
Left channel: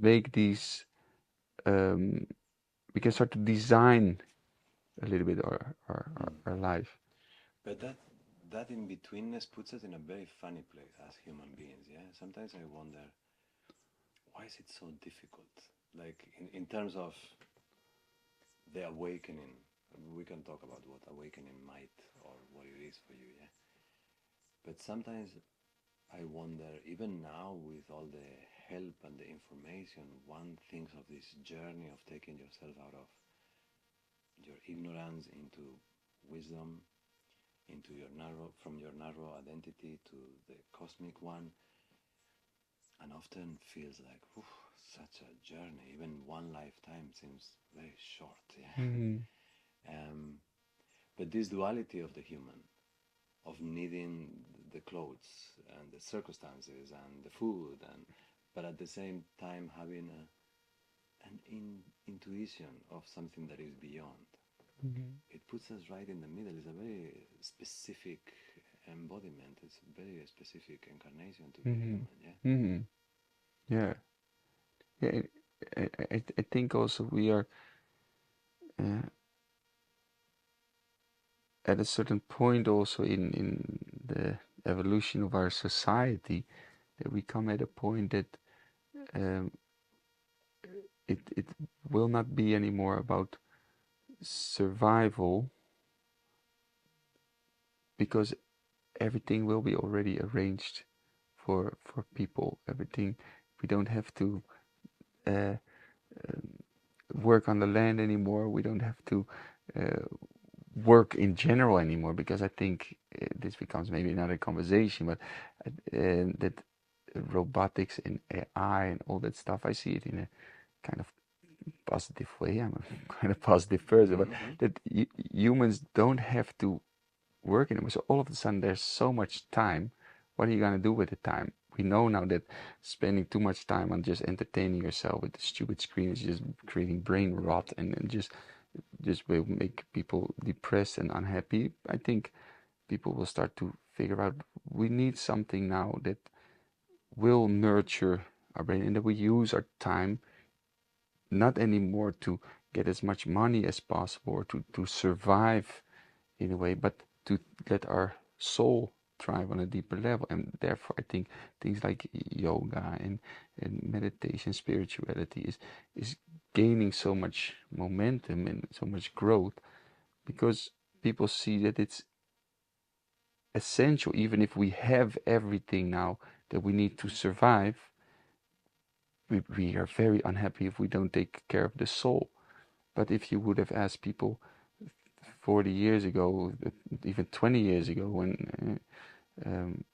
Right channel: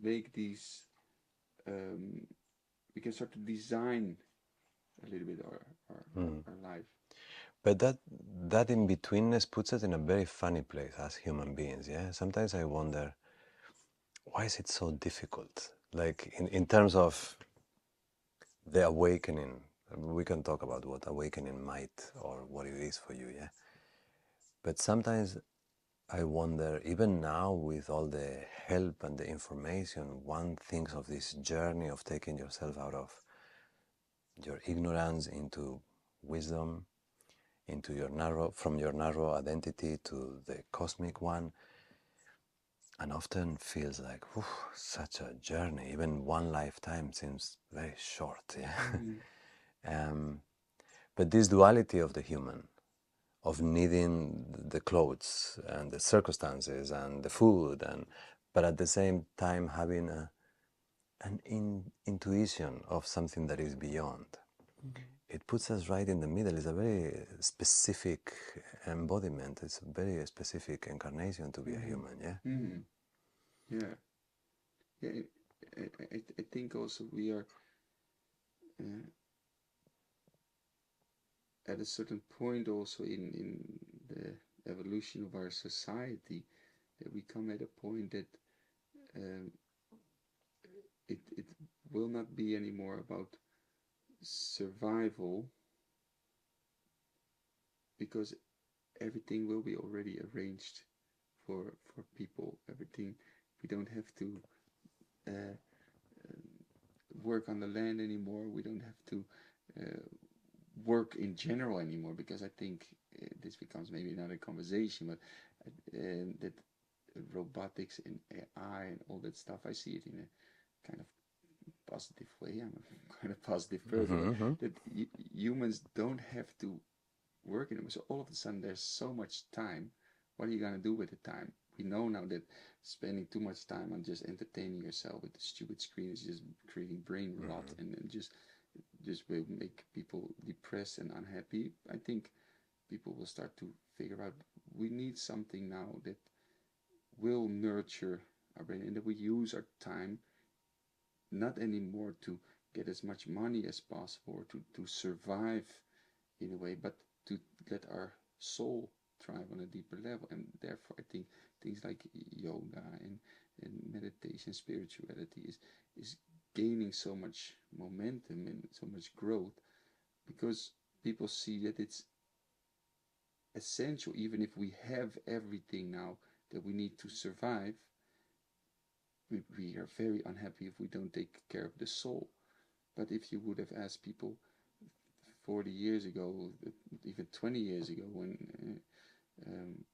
make these, um, we can start to design a little bit Mm. our life. But that in betweenness puts us in a very funny place as human beings, yeah? Sometimes I wonder, why is it so difficult? Like in terms of the awakening, we can talk about what awakening might or what it is for you, yeah? But sometimes I wonder, even now with all the help and the information, one thinks of this journey of taking yourself out of your ignorance into wisdom, into your narrow, from your narrow identity to the cosmic one, and often feels like such a journey. Even one lifetime seems very short. Yeah. Mm-hmm. But this duality of the human, of needing the clothes and the circumstances and the food, but at the same time having an intuition of something that is beyond. Mm-hmm. It puts us right in the middle. It's a very specific embodiment. It's a very specific incarnation to be a Mm-hmm. human, yeah? Mm-hmm. Yeah, yeah. I think also we are, uh, at a certain point also in the evolution of our society, that we come at a point that, um, it will not be anymore about survival, because everything will be already arranged for people. Everything, we don't have to uh, work on the land anymore. We don't have to uh, work in general anymore, because I think this becomes maybe another conversation, but that robotics and AI and all that stuff, I see it in a kind of positive way. I'm a kind of positive person, but Mm-hmm. that humans don't have to work anymore. So all of a sudden, there's so much time. What are you gonna do with the time? We know now that spending too much time on just entertaining yourself with the stupid screen is just creating brain rot, and just will make people depressed and unhappy. I think people will start to figure out we need something now that will nurture our brain, and that we use our time not anymore to get as much money as possible, or to survive in a way, but to let our soul thrive on a deeper level. And therefore, I think things like yoga and meditation, spirituality is gaining so much momentum and so much growth because people see that it's essential, even if we have everything now that we need to survive. We are very unhappy if we don't take care of the soul. But if you would have asked people 40 years ago, even 20 years ago, when um,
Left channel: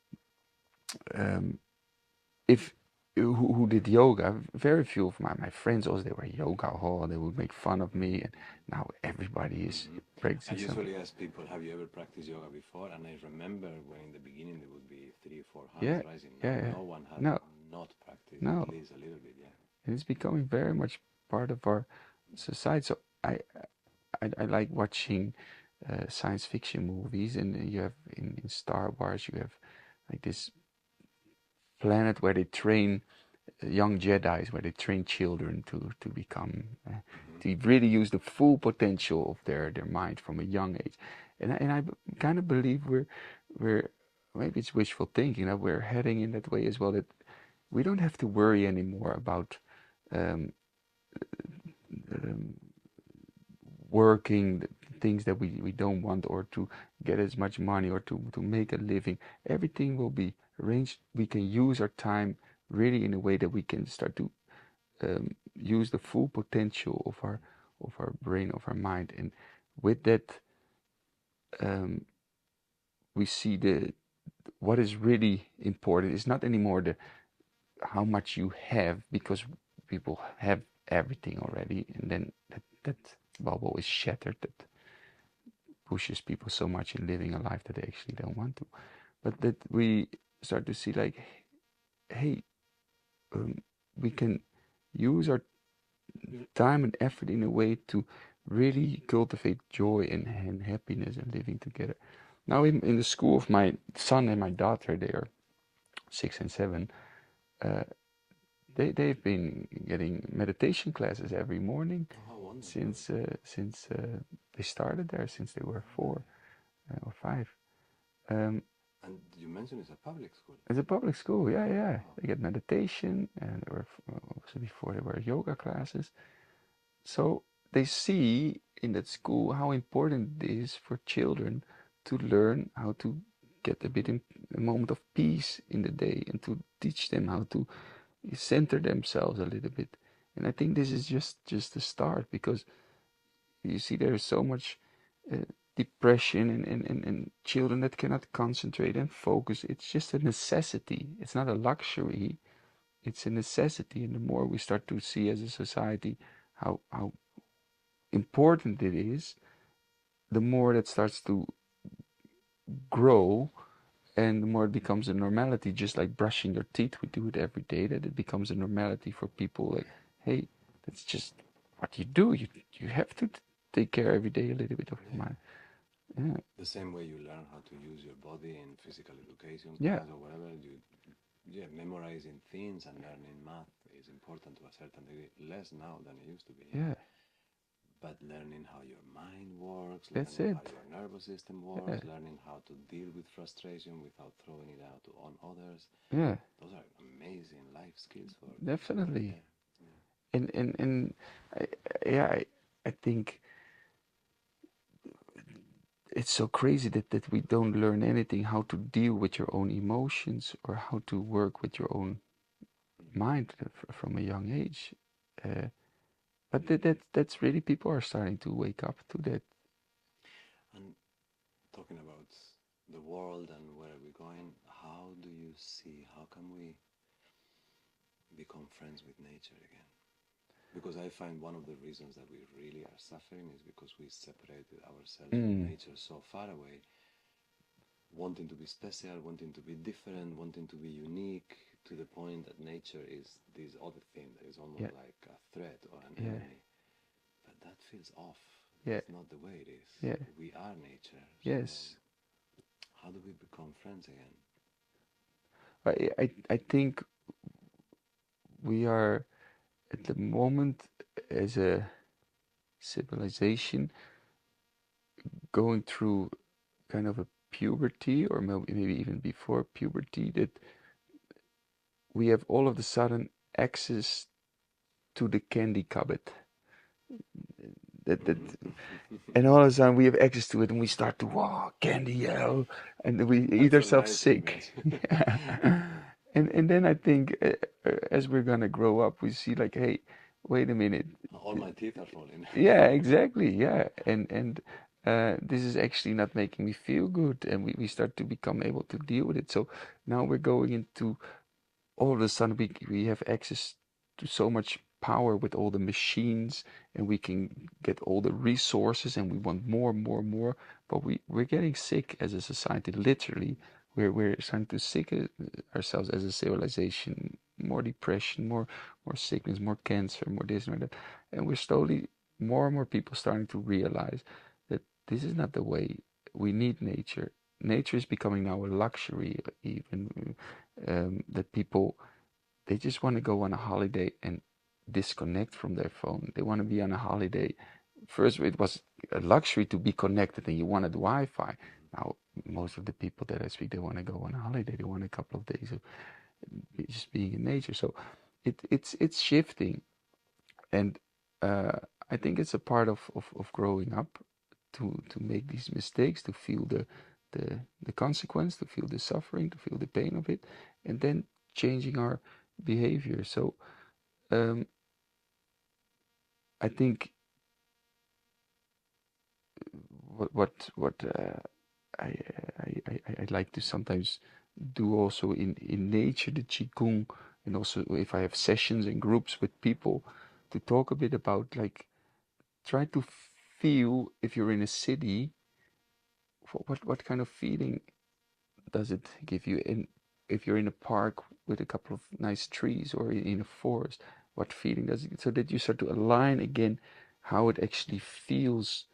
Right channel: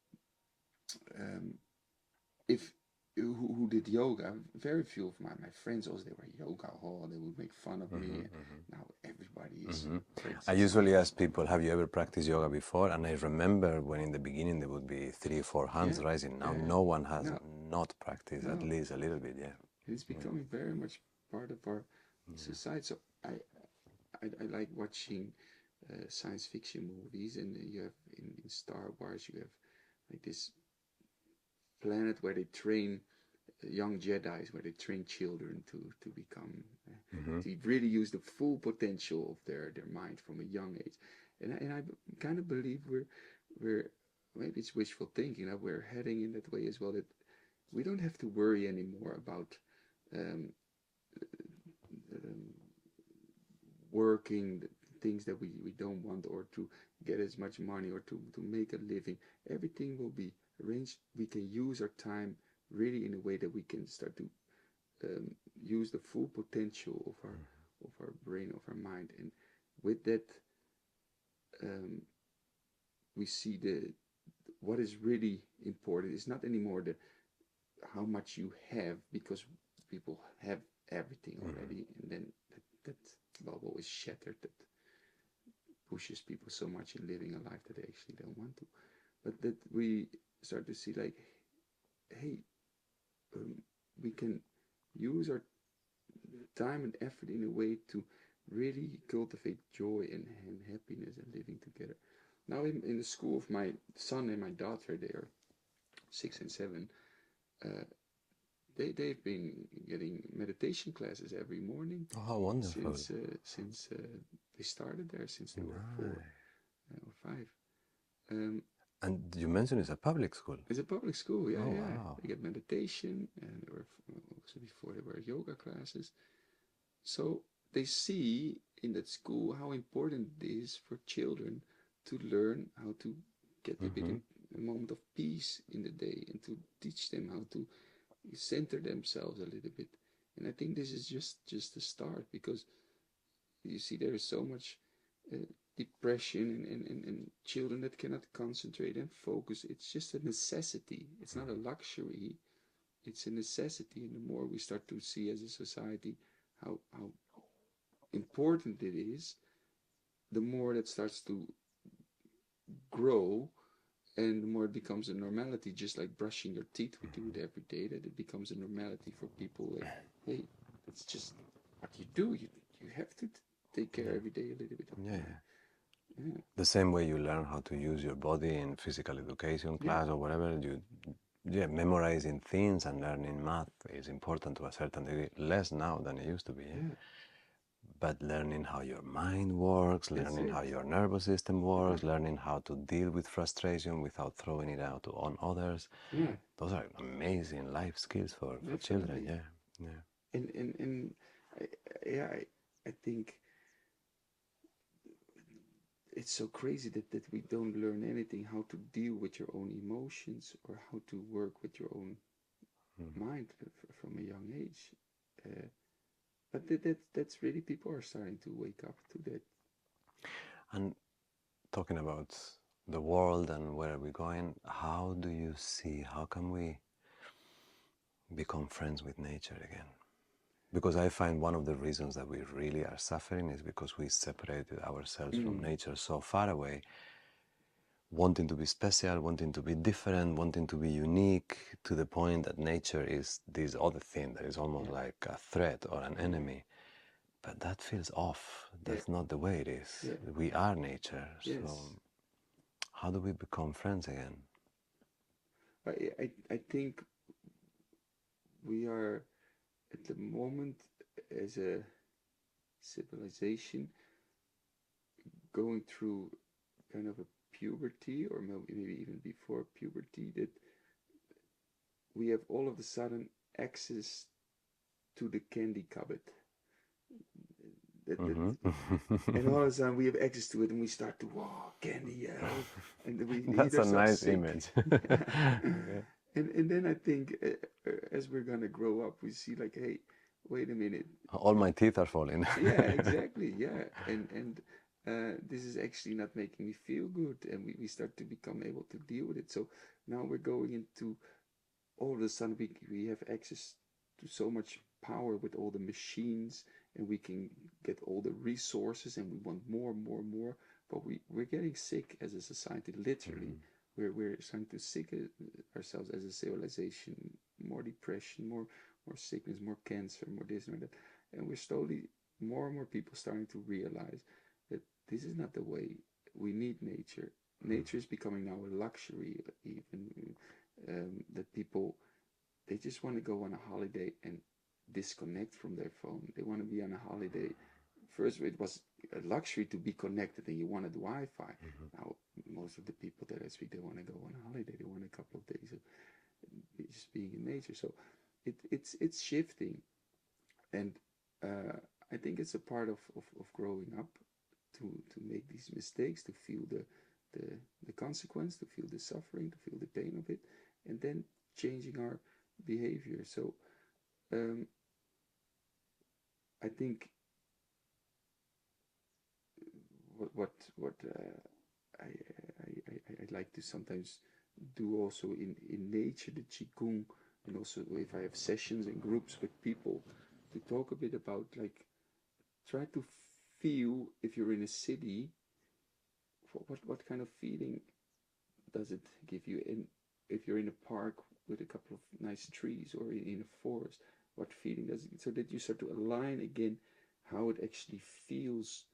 um, if who did yoga, very few of my friends, also they were yoga hall, they would make fun of me, and now everybody is I practicing usually ask people, have you ever practiced yoga before? And I remember when in the beginning there would be 3 or 4 hands yeah, rising. Now yeah. no one has No, not practiced at no, least a little bit, yeah. it's becoming very much part of our society. So I like watching science fiction movies, and you have in Star Wars you have like this planet where they train young Jedi's, where they train children to become to really use the full potential of their mind from a young age. And I kind of believe we're maybe it's wishful thinking that we're heading in that way as well, that we don't have to worry anymore about um, um, working the things that we don't want, or to get as much money, or to make a living. Everything will be arranged. We can use our time really in a way that we can start to use the full potential of our brain, of our mind. And with that, um, we see the what is really important is not anymore the how much you have, because people have everything already, and then that bubble is shattered, that pushes people so much in living a life that they actually don't want to. But that we start to see like, hey, we can use our time and effort in a way to really cultivate joy and happiness and living together. Now, in the school of my son and my daughter, they are 6 and 7. Uh, they've been getting meditation classes every morning Oh, wonderful. since they started there, since they were 4 or 5. Um, And you mentioned it's a public school. it's a public school, yeah, Oh, yeah. wow. They get meditation, and there were also before there were yoga classes. So they see in that school how important it is for children to learn how to get a moment of peace in the day, and to teach them how to center themselves a little bit. And I think this is just the start, because you see there is so much uh, depression and children that cannot concentrate and focus. It's just a necessity. It's not a luxury. It's a necessity. And the more we start to see as a society how important it is, the more that starts to grow, and the more it becomes a normality, just like brushing your teeth. We do it every day, that it becomes a normality for people. Like, hey, that's just what you do. You have to take care every day a little bit of your mind. Yeah. The same way you learn how to use your body in physical education class or whatever, memorizing things and learning math is important to a certain degree, less now than it used to be. Yeah. But learning how your mind works, learning how your nervous system works, learning how to deal with frustration without throwing it out on others. Yeah. Those are amazing life skills for Definitely. children. Yeah. And I think it's so crazy that we don't learn anything how to deal with your own emotions, or how to work with your own mind from a young age. But that's really, people are starting to wake up to that. And talking about the world and where we're going, how do you see, how can we become friends with nature again? Because I find one of the reasons that we really are suffering is because we separated ourselves from nature so far away, wanting to be special, wanting to be different, wanting to be unique, to the point that nature is this other thing that is almost like a threat or an enemy. But that feels off. That's not the way it is. We are nature. So how do we become friends again? I think we are at the moment, as a civilization, going through kind of a puberty, or maybe even before puberty, that we have all of a sudden access to the candy cupboard. And all of a sudden we have access to it, and we start to, wow, candy L, and we eat That's a ourselves nice sick. image. Yeah. And then I think as we're gonna grow up, we see like, hey, wait a minute. All my teeth are falling. Yeah, exactly. Yeah, and this is actually not making me feel good, and we start to become able to deal with it. So now we're going into, all of a sudden we have access to so much power with all the machines, and we can get all the resources, and we want more, more, more. But we're getting sick as a society, literally. We're starting to sick ourselves as a civilization. More depression, more sickness, more cancer, more this and that. And we're slowly, more and more people starting to realize that this is not the way. We need nature. Nature is becoming now a luxury, even that people, they just want to go on a holiday and disconnect from their phone. They want to be on a holiday. First, it was a luxury to be connected, and you wanted Wi-Fi. Now, most of the people that I speak, they want to go on a holiday. They want a couple of days of just being in nature. So it's shifting, and I think it's a part of growing up to make these mistakes, to feel the consequence, to feel the suffering, to feel the pain of it, and then changing our behavior. So um, I think what I like to sometimes do also in nature, the qigong, and also if I have sessions and groups with people, to talk a bit about, like, try to feel, if you're in a city, what kind of feeling does it give you? And if you're in a park with a couple of nice trees, or in a forest, what feeling does it? So that you start to align again how it actually feels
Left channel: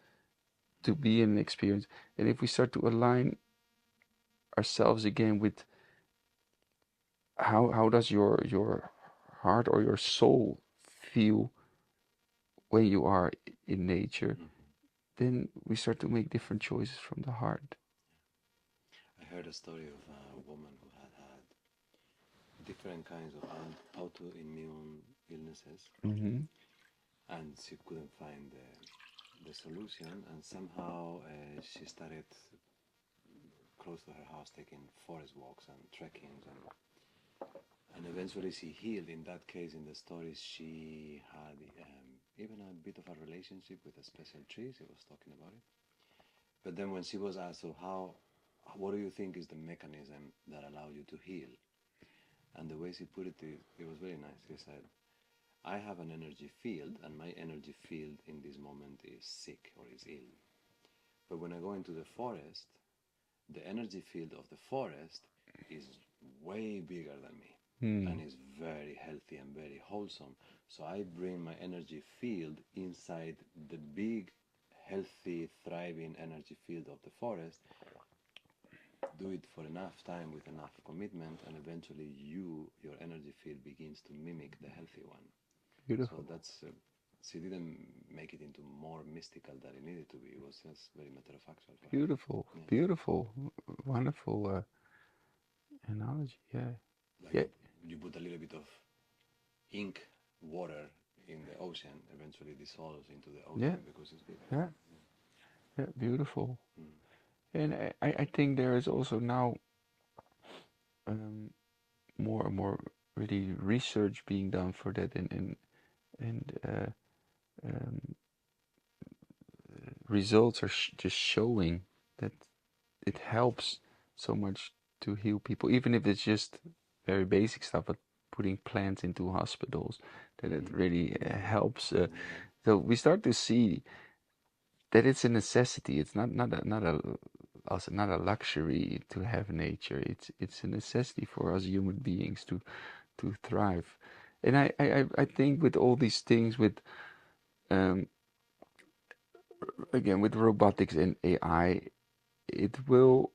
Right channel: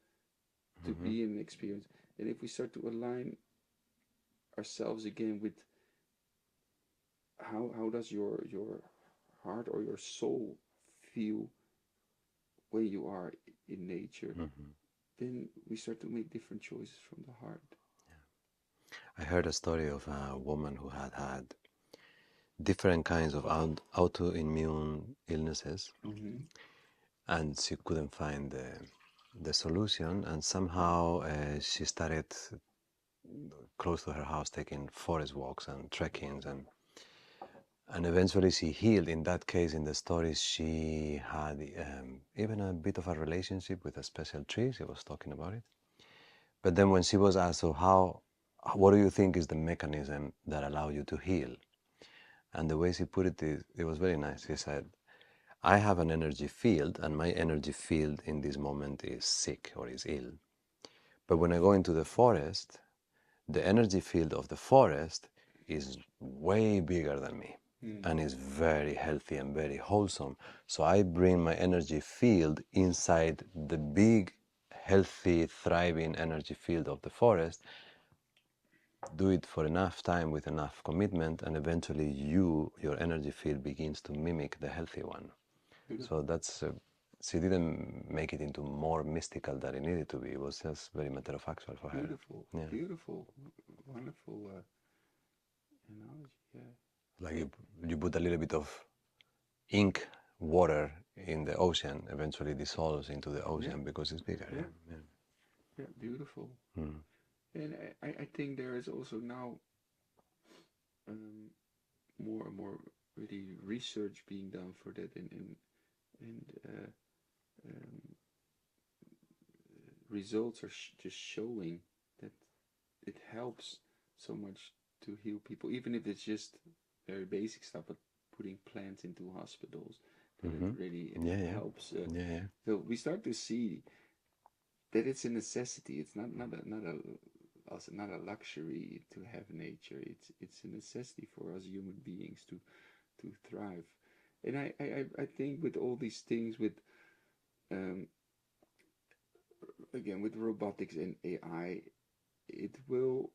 to be in an experience. And if we start to align ourselves again with how does your heart or your soul feel when you are in nature, then we start to make different choices from the heart. I heard a story of a woman who had different kinds of autoimmune illnesses, and she couldn't find the solution, and somehow she started close to her house taking forest walks and trekkings, and eventually she healed. In that case, in the story, she had even a bit of a relationship with a special tree. She was talking about it. But then when she was asked, so what do you think is the mechanism that allows you to heal? And the way she put it, it was very nice. She said, I have an energy field, and my energy field in this moment is sick or is ill. But when I go into the forest, the energy field of the forest is way bigger than me, and is very healthy and very wholesome. So I bring my energy field inside the big, healthy, thriving energy field of the forest, do it for enough time with enough commitment, and eventually your energy field begins to mimic the healthy one. Beautiful. So that's, she didn't make it into more mystical than it needed to be. It was just very matter of factual for her. Beautiful. Yeah. Beautiful. Wonderful analogy. Yeah. Like Yeah. you put a little bit of ink, water in the ocean, eventually dissolves into the ocean because it's bigger. Yeah. Yeah. Beautiful. Mm. And I think there is also now um, more and more really research being done for that, and um, results are just showing that it helps so much to heal people, even if it's just very basic stuff, but putting plants into hospitals, that it really helps. So we start to see that it's a necessity. It's not a luxury to have nature. It's a necessity for us human beings to thrive. And I think with all these things, with um, again, with robotics and AI, it will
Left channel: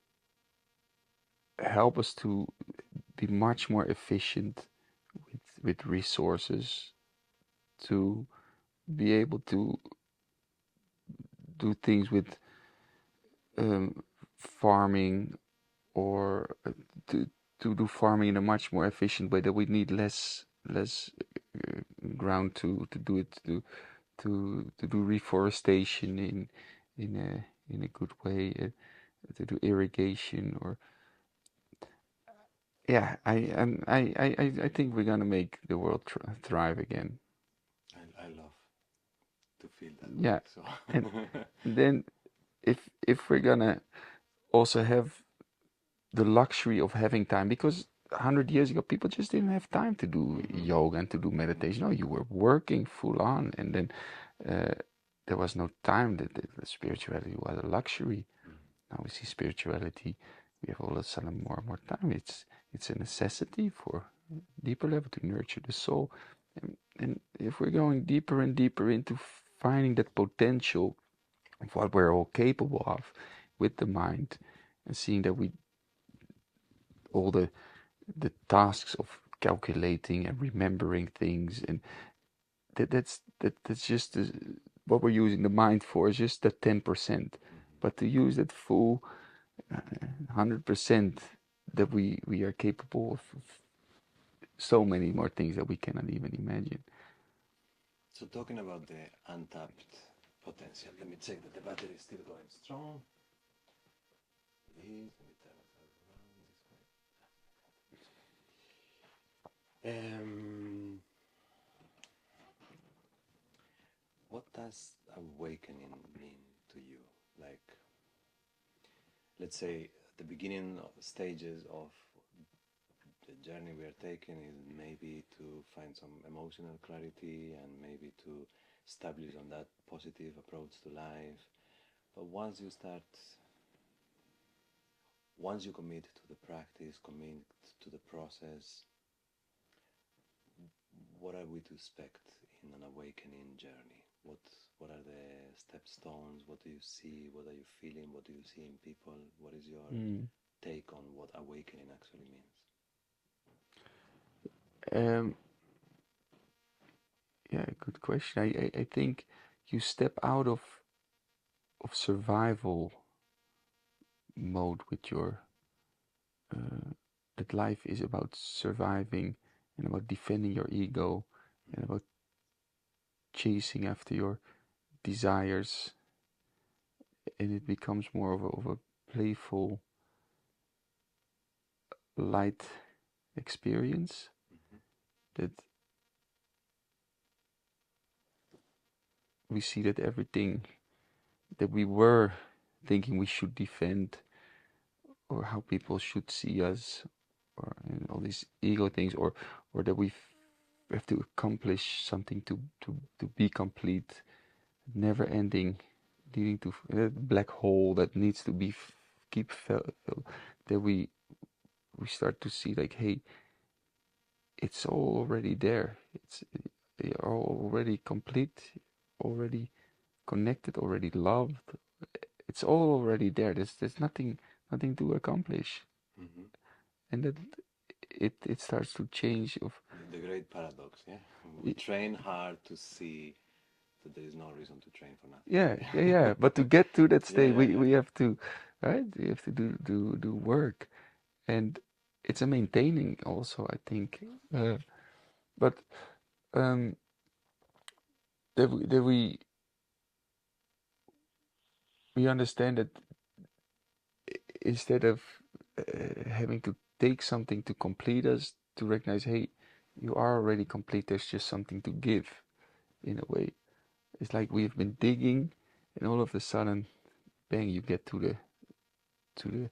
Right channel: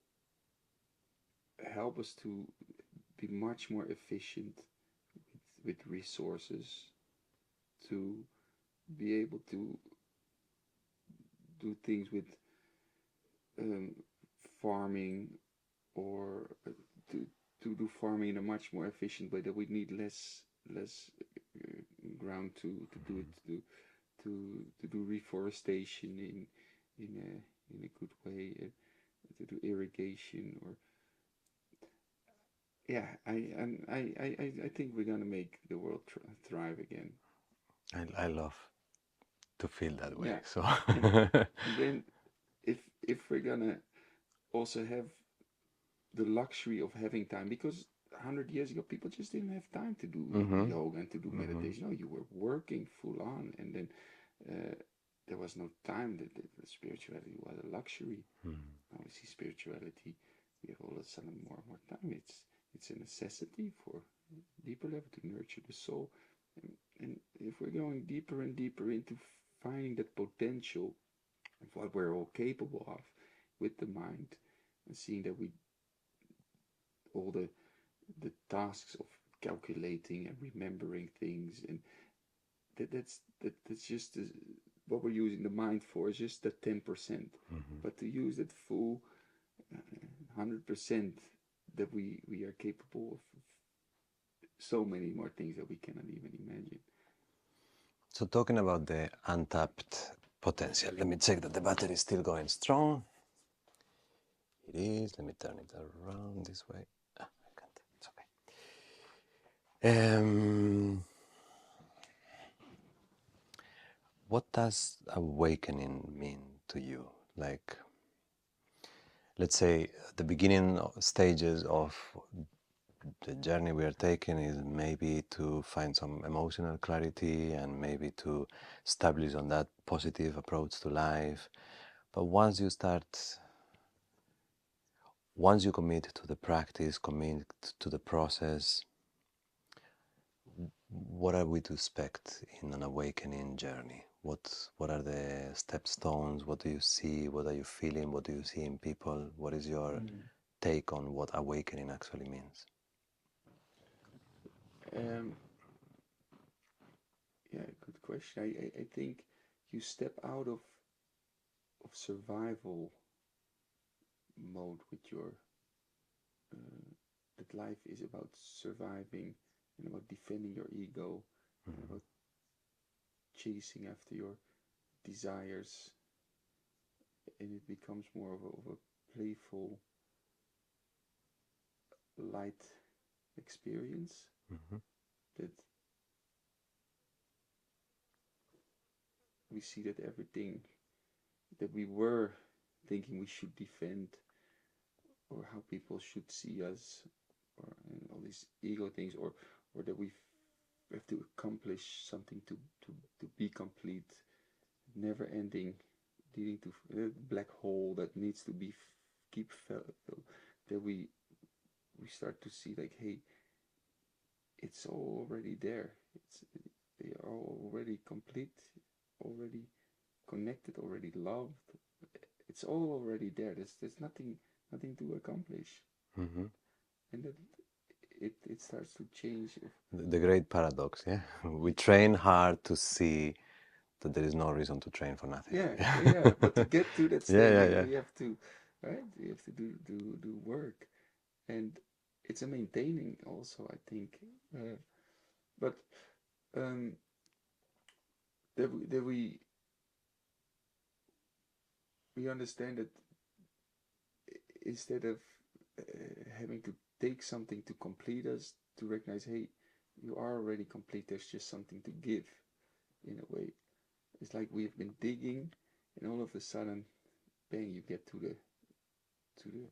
help us to be much more efficient with resources, to be able to do things with farming, or to do farming in a much more efficient way, that we need less ground to do it, to do reforestation in a good way, to do irrigation, or yeah, I think we're gonna make the world thrive again. I love to feel that way. Yeah, So and then if we're gonna also have the luxury of having time, because 100 years ago people just didn't have time to do yoga and to do meditation. No, you were working full on, and then there was no time. That the spirituality was a luxury. Now we see spirituality, we have all of a sudden more and more time. It's a necessity for deeper level to nurture the soul. And if we're going deeper and deeper into finding that potential of what we're all capable of with the mind, and seeing that we all the tasks of calculating and remembering things, and that's just what we're using the mind for, is just that 10%. But to use that full 100%, that we are capable of so many more things that we cannot even imagine. So talking about the untapped potential, let me check that the battery is still going strong. It is. Let me turn it around this way. I can't. It's okay. What does awakening mean to you? Like, let's say the beginning stages of the journey we are taking is maybe to find some emotional clarity and maybe to establish on that positive approach to life. But once you commit to the practice, commit to the process, what are we to expect in an awakening journey? What are the stepstones? What do you see? What are you feeling? What do you see in people? What is your take on what awakening actually means? Yeah, good question. I think you step out of survival mode with your that life is about surviving and about defending your ego and about chasing after your desires, and it becomes more of a playful, light experience that we see that everything that we were thinking we should defend, or how people should see us, or all these ego things, or that we have to accomplish something to be complete, never ending, leading to a black hole that needs to be keep that we start to see, like, hey, it's all already there. You're already complete, already connected, already loved. It's all already there. There's nothing to accomplish, and that it starts to change. Of the great paradox, yeah. We train hard to see that there is no reason to train for nothing. Yeah. But to get to that state, Yeah. we have to, right? We have to do work, and it's a maintaining also, I think. But that we understand that instead of having to take something to complete us, to recognize, hey, you are already complete. There's just something to give, in a way. It's like we've been digging, and all of a sudden, bang, you get to the the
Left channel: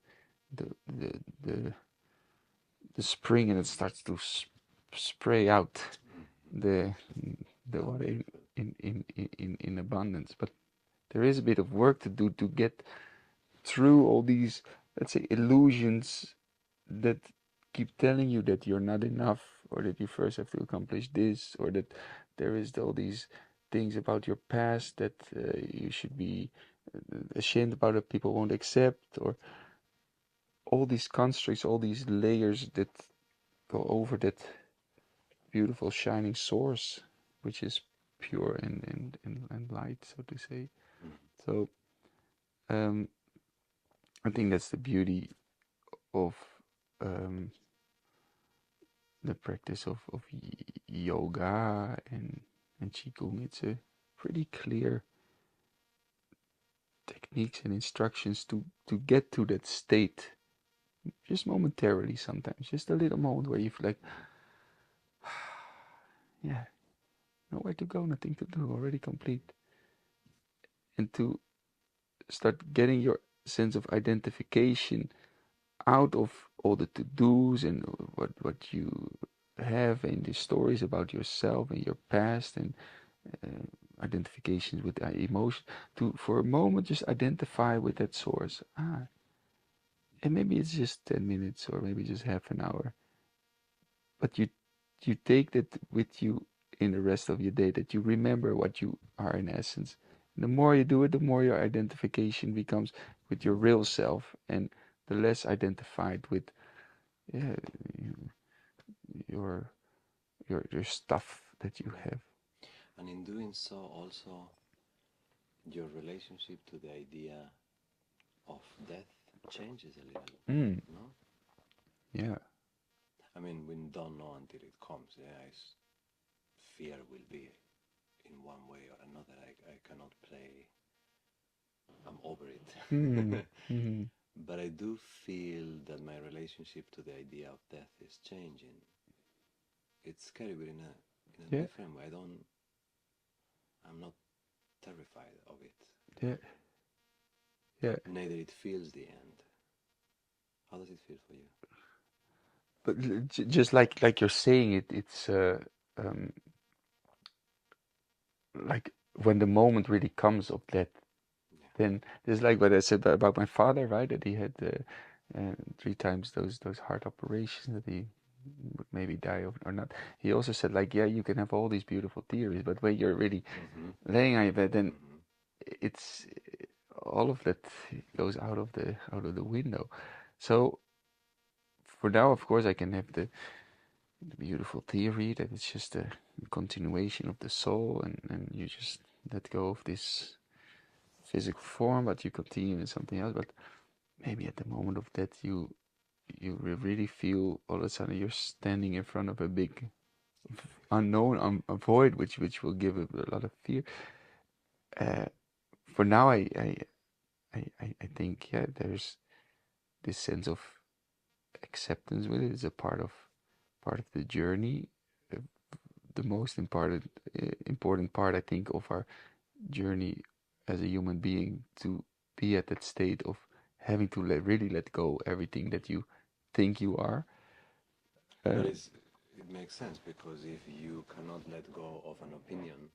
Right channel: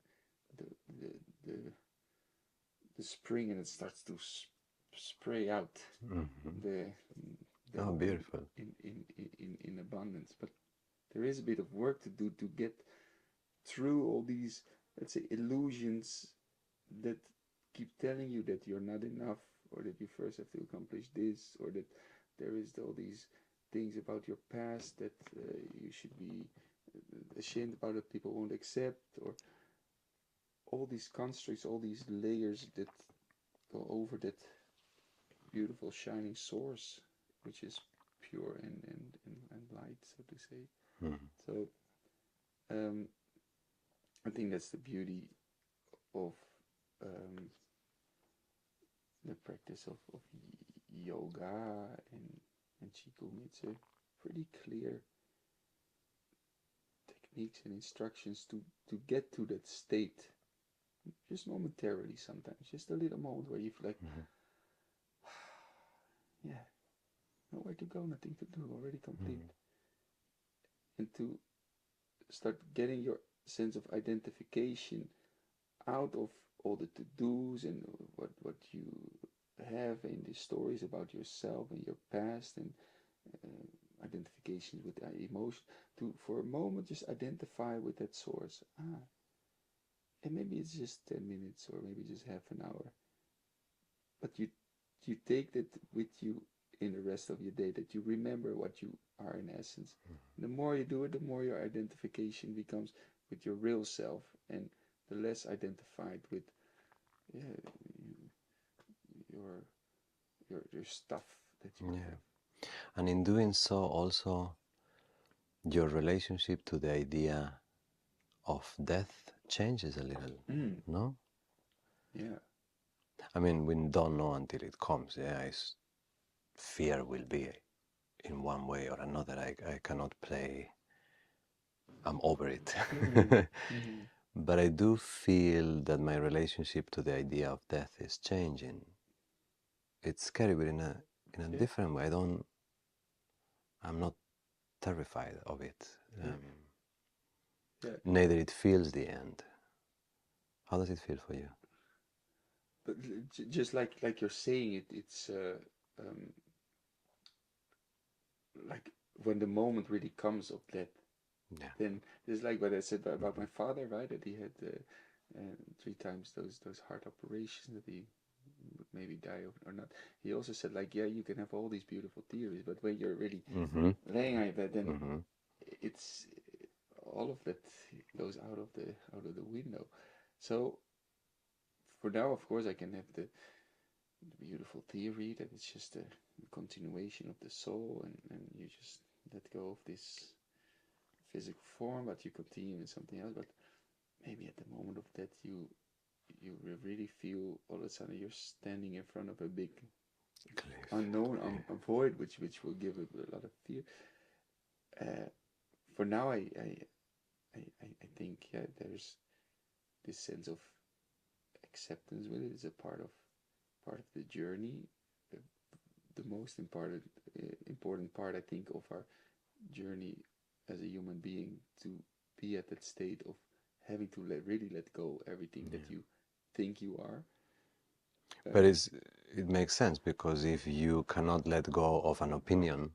the the, the spring, and it starts to spray out the Beautiful. in abundance. But there is a bit of work to do to get through all these, let's say, illusions that keep telling you that you're not enough, or that you first have to accomplish this, or that there is all these things about your past that you should be ashamed about, that people won't accept, or all these constructs, all these layers that go over that beautiful shining source, which is pure and light, so to say. So I think that's the beauty of the practice of yoga and qigong. It's a pretty clear techniques and instructions to get to that state, just momentarily sometimes, just a little moment where you feel like, yeah, nowhere to go, nothing to do, already complete. And to start getting your sense of identification out of all the to-dos and what you have and the stories about yourself and your past and identifications with emotion, to for a moment just identify with that source. And maybe it's just 10 minutes or maybe just half an hour, but you take that with you in the rest of your day, that you remember what you are in essence. And the more you do it, the more your identification becomes with your real self, and the less identified with, yeah, your your stuff that you have. And in doing so, also your relationship to the idea of death changes a little, no? Yeah. I mean, we don't know until it comes. Yeah, fear will be in one way or another. I cannot play. I'm over it. But I do feel that my relationship to the idea of death is changing. It's scary, but in a Yeah. different way. I'm not terrified of it. Yeah. Yeah. Neither it feels the end. How does it feel for you? But just like you're saying it, it's like when the moment really comes of that, Yeah. then it's like what I said about my father, right? That he had 3 times those heart operations, that he would maybe die of or not. He also said, like, yeah, you can have all these beautiful theories, but when you're really laying on your bed, then it's all of that goes out of the window. So for now, of course, I can have the beautiful theory that it's just a continuation of the soul, and you just let go of this physical form, but you continue in something else. But maybe at the moment of death, you really feel all of a sudden you're standing in front of a big unknown, a void, which will give a lot of fear. For now, I think, yeah, there's this sense of acceptance with it. It's a part of the journey. Uh, the most important part, I think, of our journey as a human being, to be at that state of having to really let go everything that you think you are. But it makes sense, because if you cannot let go of an opinion,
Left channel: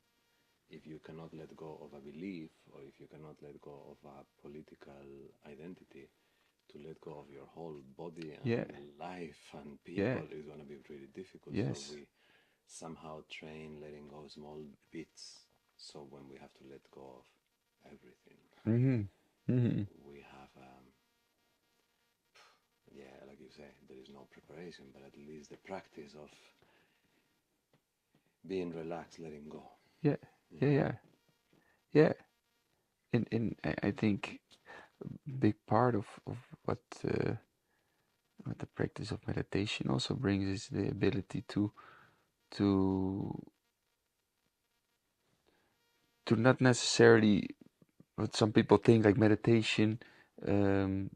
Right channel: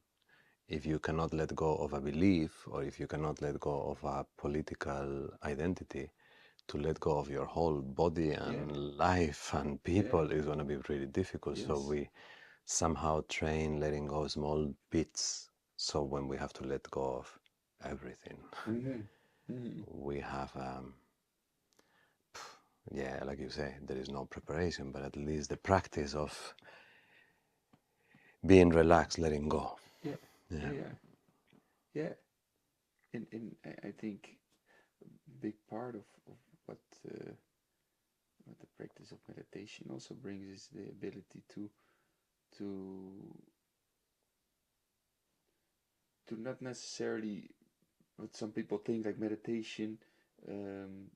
if you cannot let go of a belief, or if you cannot let go of a political identity, to let go of your whole body Yeah, and life and yeah, people is going to be really difficult. So yes, we somehow train letting go small bits. So when we have to let go of everything, we have, yeah, like you say, there is no preparation, but at least the practice of being relaxed, letting go. yeah, yeah, Yeah. yeah, yeah. And I think a big part of what what the practice of meditation also brings is the ability to to not necessarily what some people think, like meditation, um,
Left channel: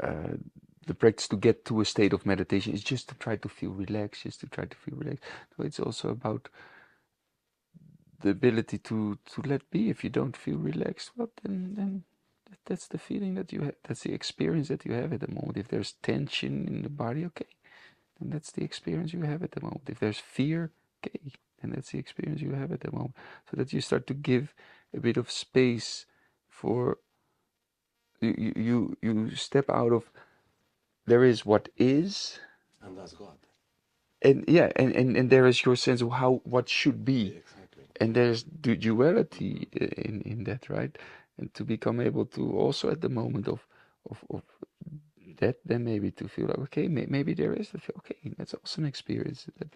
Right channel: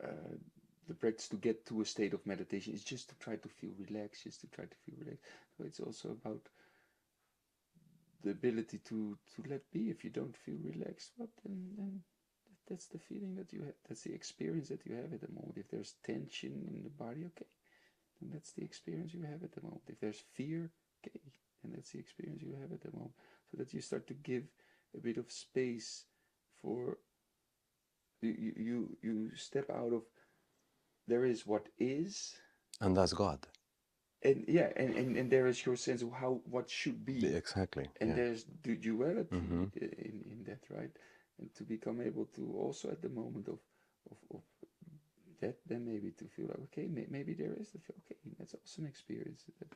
uh, the practice to get to a state of meditation is just to try to feel relaxed, just to try to feel relaxed. No, it's also about the ability to let be. If you don't feel relaxed, well, then that's the feeling that you have. That's the experience that you have at the moment. If there's tension in the body, okay, then that's the experience you have at the moment. If there's fear, okay, then that's the experience you have at the moment. So that you start to give a bit of space for you step out of there is what is, And that's God. and yeah, and there is your sense of how what should be, Exactly. and Yeah. there's the duality in that, right? And to become able to also at the moment of that, then maybe to feel like, okay, maybe there is the okay, that's also an experience, that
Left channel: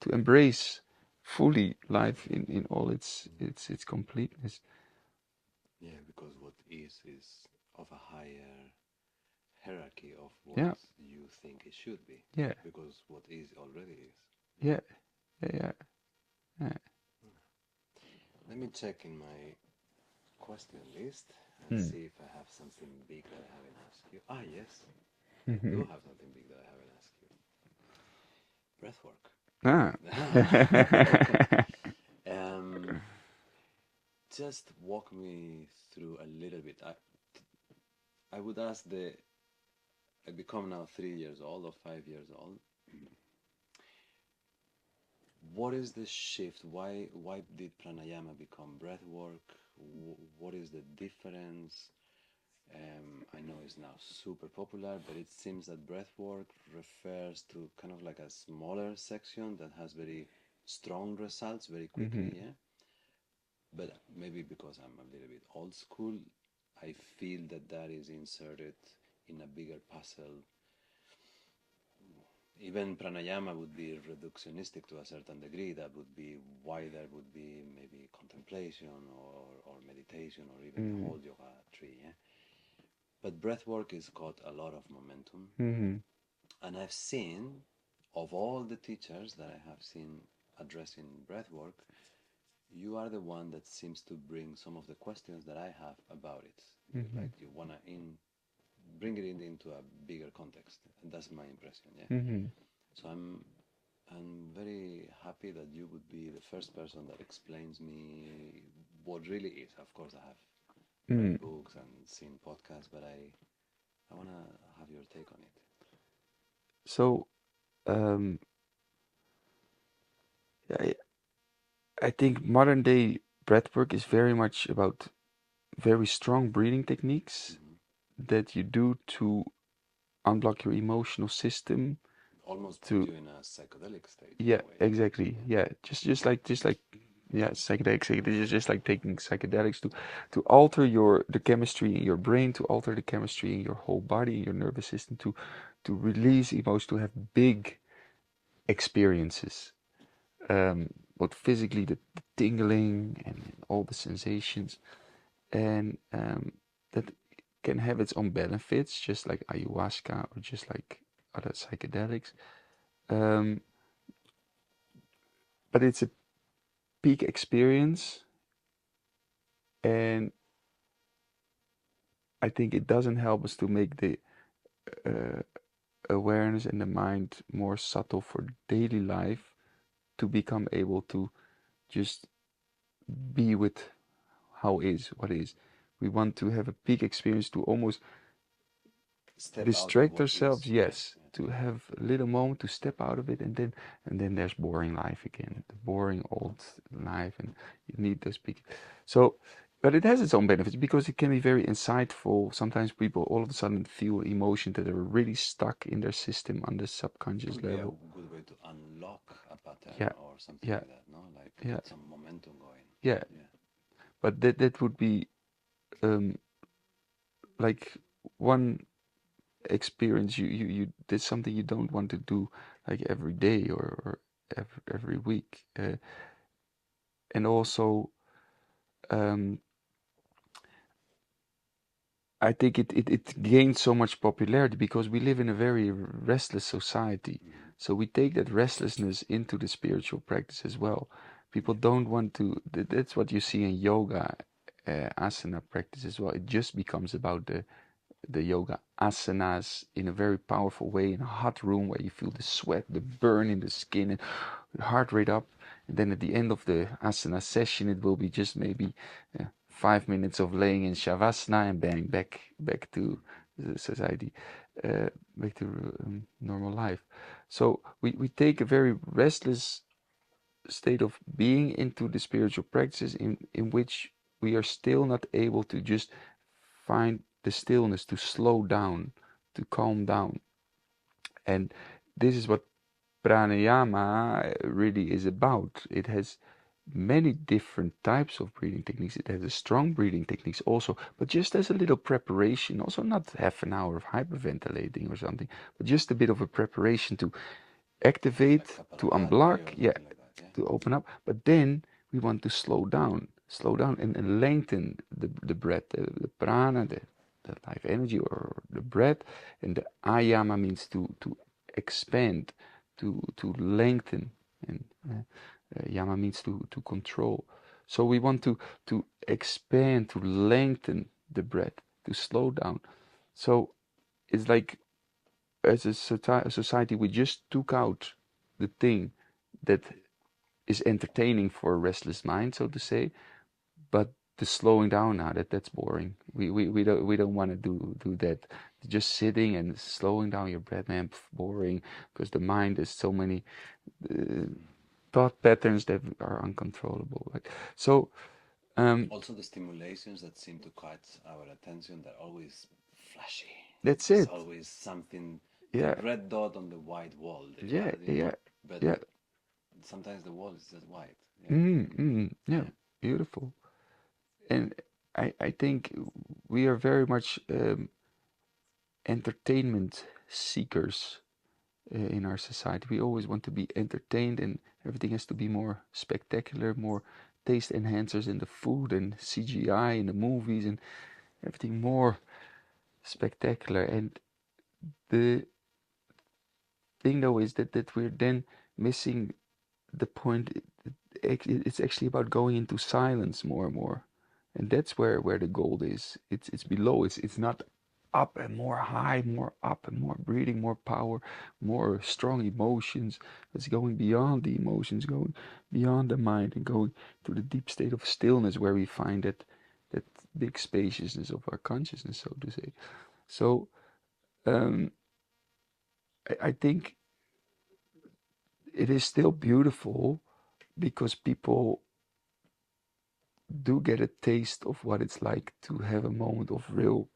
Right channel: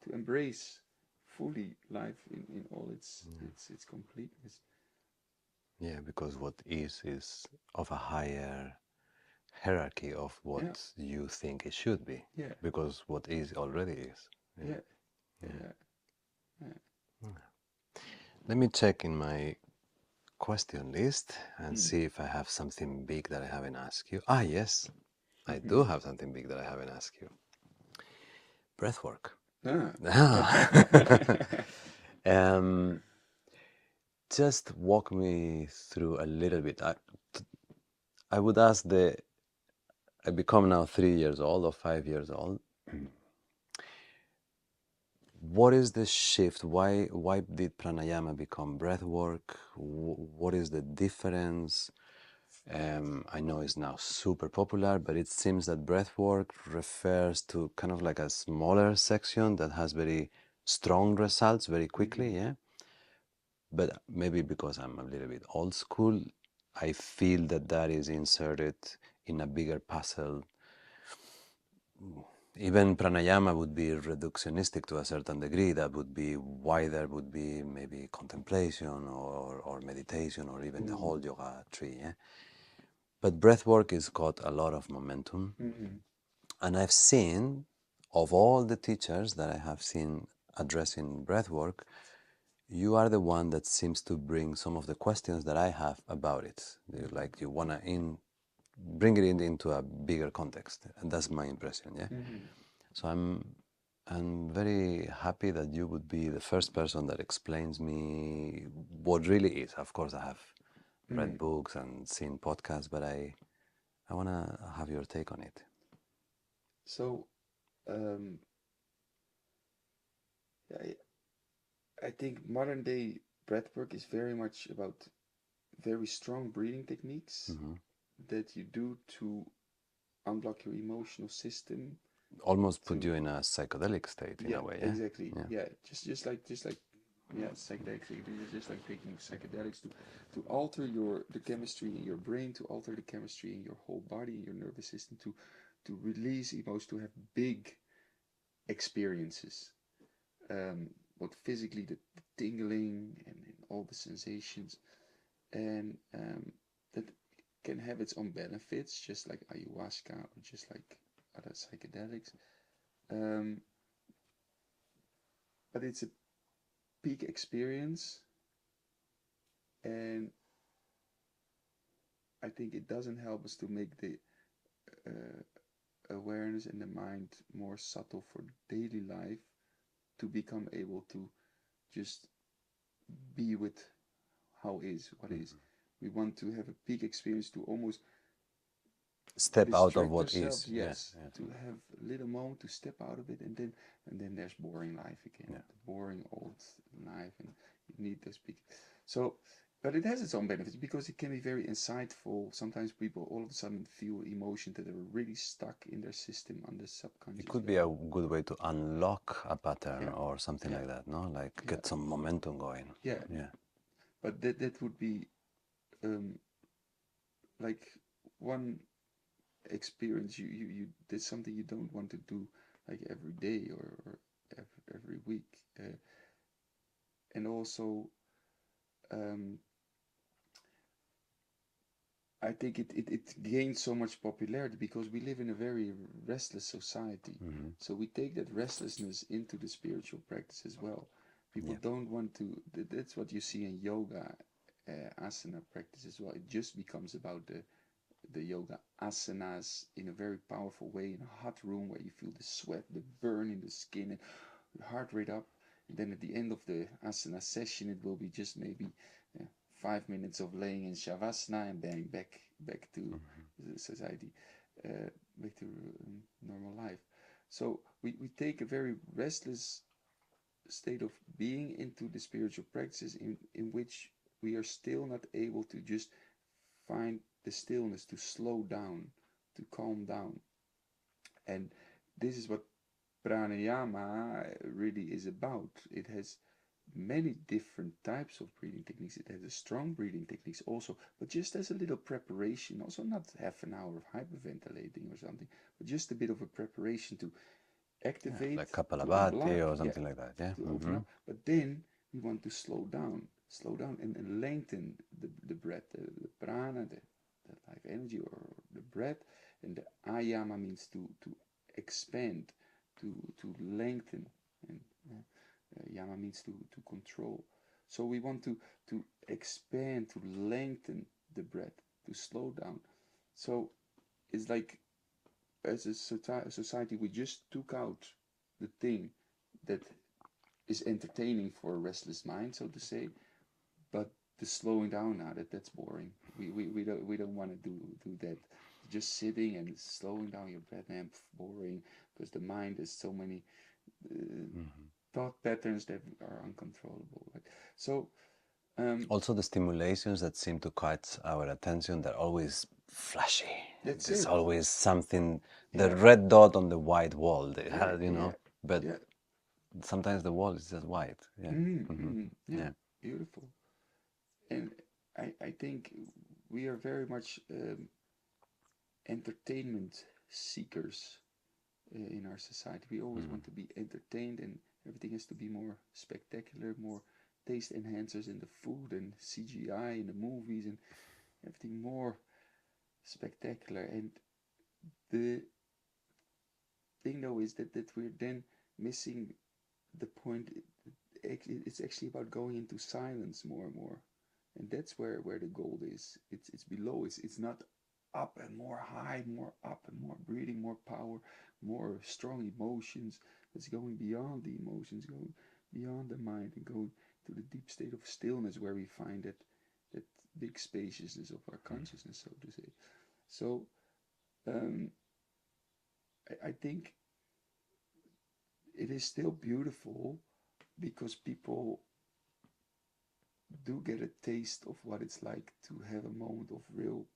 to embrace fully life in all its completeness. Yeah, because what is of a higher hierarchy of what Yeah, you think it should be, yeah, because what is already is. yeah, yeah, yeah, yeah. Let me check in my question list and Mm. see if I have something big that I haven't asked you. Ah, yes, I Mm-hmm. do have something big that I haven't asked you. Breathwork. Ah. um, just walk me through a little bit. I would ask I become now 3 years old or 5 years old. What is the shift? Why did pranayama become breathwork? What is the difference? I know it's now super popular, but it seems that breathwork refers to kind of like a smaller section that has very strong results very quickly, Mm-hmm. yeah? But maybe because I'm a little bit old school, I feel that that is inserted in a bigger puzzle. Even pranayama would be reductionistic to a certain degree. That would be wider, would be maybe contemplation or meditation or even the Mm. whole yoga tree. Yeah? But breathwork has got a lot of momentum. Mm-hmm. And I've seen, of all the teachers that I have seen addressing breathwork, you are the one that seems to bring some of the questions that I have about it. Mm-hmm. Like you want to bring it into a bigger context. And that's my impression, yeah? Mm-hmm. So I'm very happy that you would be the first person that explains me what really is. Of course, I have Mm-hmm. read books and seen podcasts, but I want to have your take on it. So, um, I, I think modern day breathwork is very much about very strong breathing techniques Mm-hmm. that you do to unblock your emotional system. Almost put To you in a psychedelic state in Yeah, a way, yeah? exactly. Yeah. Yeah, just like yeah, psychedelics. It's just like taking psychedelics to alter the chemistry in your brain, to alter the chemistry in your whole body, in your nervous system, to release emotions, to have big experiences. Both physically, the tingling and all the sensations, and that can have its own benefits, just like ayahuasca or just like other psychedelics. Um, but it's a peak experience, and I think it doesn't help us to make the uh, awareness and the mind more subtle for daily life, to become able to just be with how is, what is. We want to have a peak experience, to almost Step out of distract what ourselves, is, yes, yes, yes. to have a little moment to step out of it, and then there's boring life again, the boring old life, and you need those big. So, but it has its own benefits because it can be very insightful. Sometimes people all of a sudden feel emotions that are really stuck in their system on the It subconscious could be a level. good way to unlock a pattern Yeah, or something yeah, like that, no? Like yeah, get some momentum going. yeah. Yeah. But that would be um, like one experience you did something you don't want to do like every day, or every week, and also um, I think it gained so much popularity because we live in a very restless society. Mm-hmm. So we take that restlessness into the spiritual practice as well. People Yeah. don't want to, that's what you see in yoga, asana practice as well. It just becomes about the yoga asanas in a very powerful way in a hot room where you feel the sweat, the burn in the skin, and heart rate up. And then at the end of the asana session, it will be just maybe 5 minutes of laying in shavasana, and bang, back to the society, uh, back to normal life. So we take a very restless state of being into the spiritual practices in which we are still not able to just find the stillness, to slow down, to calm down. And this is what pranayama really is about. It has many different types of breathing techniques. It has a strong breathing techniques also, but just as a little preparation, also not half an hour of hyperventilating or something, but just a bit of a preparation to Yeah, activate, like to Kapalabhati unblock, or yeah, something like that, yeah. to open Mm-hmm. up. But then we want to slow down, and lengthen the breath, the prana, life energy or the breath, and the ayama means to expand, to lengthen, and yama means to control. So we want to expand, to lengthen the breath, to slow down. So it's like, as a society, we just took out the thing that is entertaining for a restless mind, so to say, but the slowing down now, that's boring. We don't want to do that. Just sitting and slowing down your breath, man, boring, because the mind is so many thought patterns that are uncontrollable. Right? So also the stimulations that seem to catch our attention, they're always flashy. that's There's it. always something, the Yeah, red dot on the white wall. They yeah, have, yeah, but yeah. sometimes the wall is just white. Yeah. Yeah, Yeah. beautiful. And I think we are very much entertainment seekers in our society. We always want to be entertained, and everything has to be more spectacular, more taste enhancers in the food and CGI in the movies, and everything more spectacular. And the thing though is that we're then missing the point. It's actually about going into silence more and more, and that's where the gold is. It's below. It's not up and more high, more up and more breathing, more power, more strong emotions. It's going beyond the emotions, going beyond the mind, and going to the deep state of stillness, where we find that big spaciousness of our consciousness, so to say. So um, I think it is still beautiful, because people do get a taste of what it's like to have a moment of real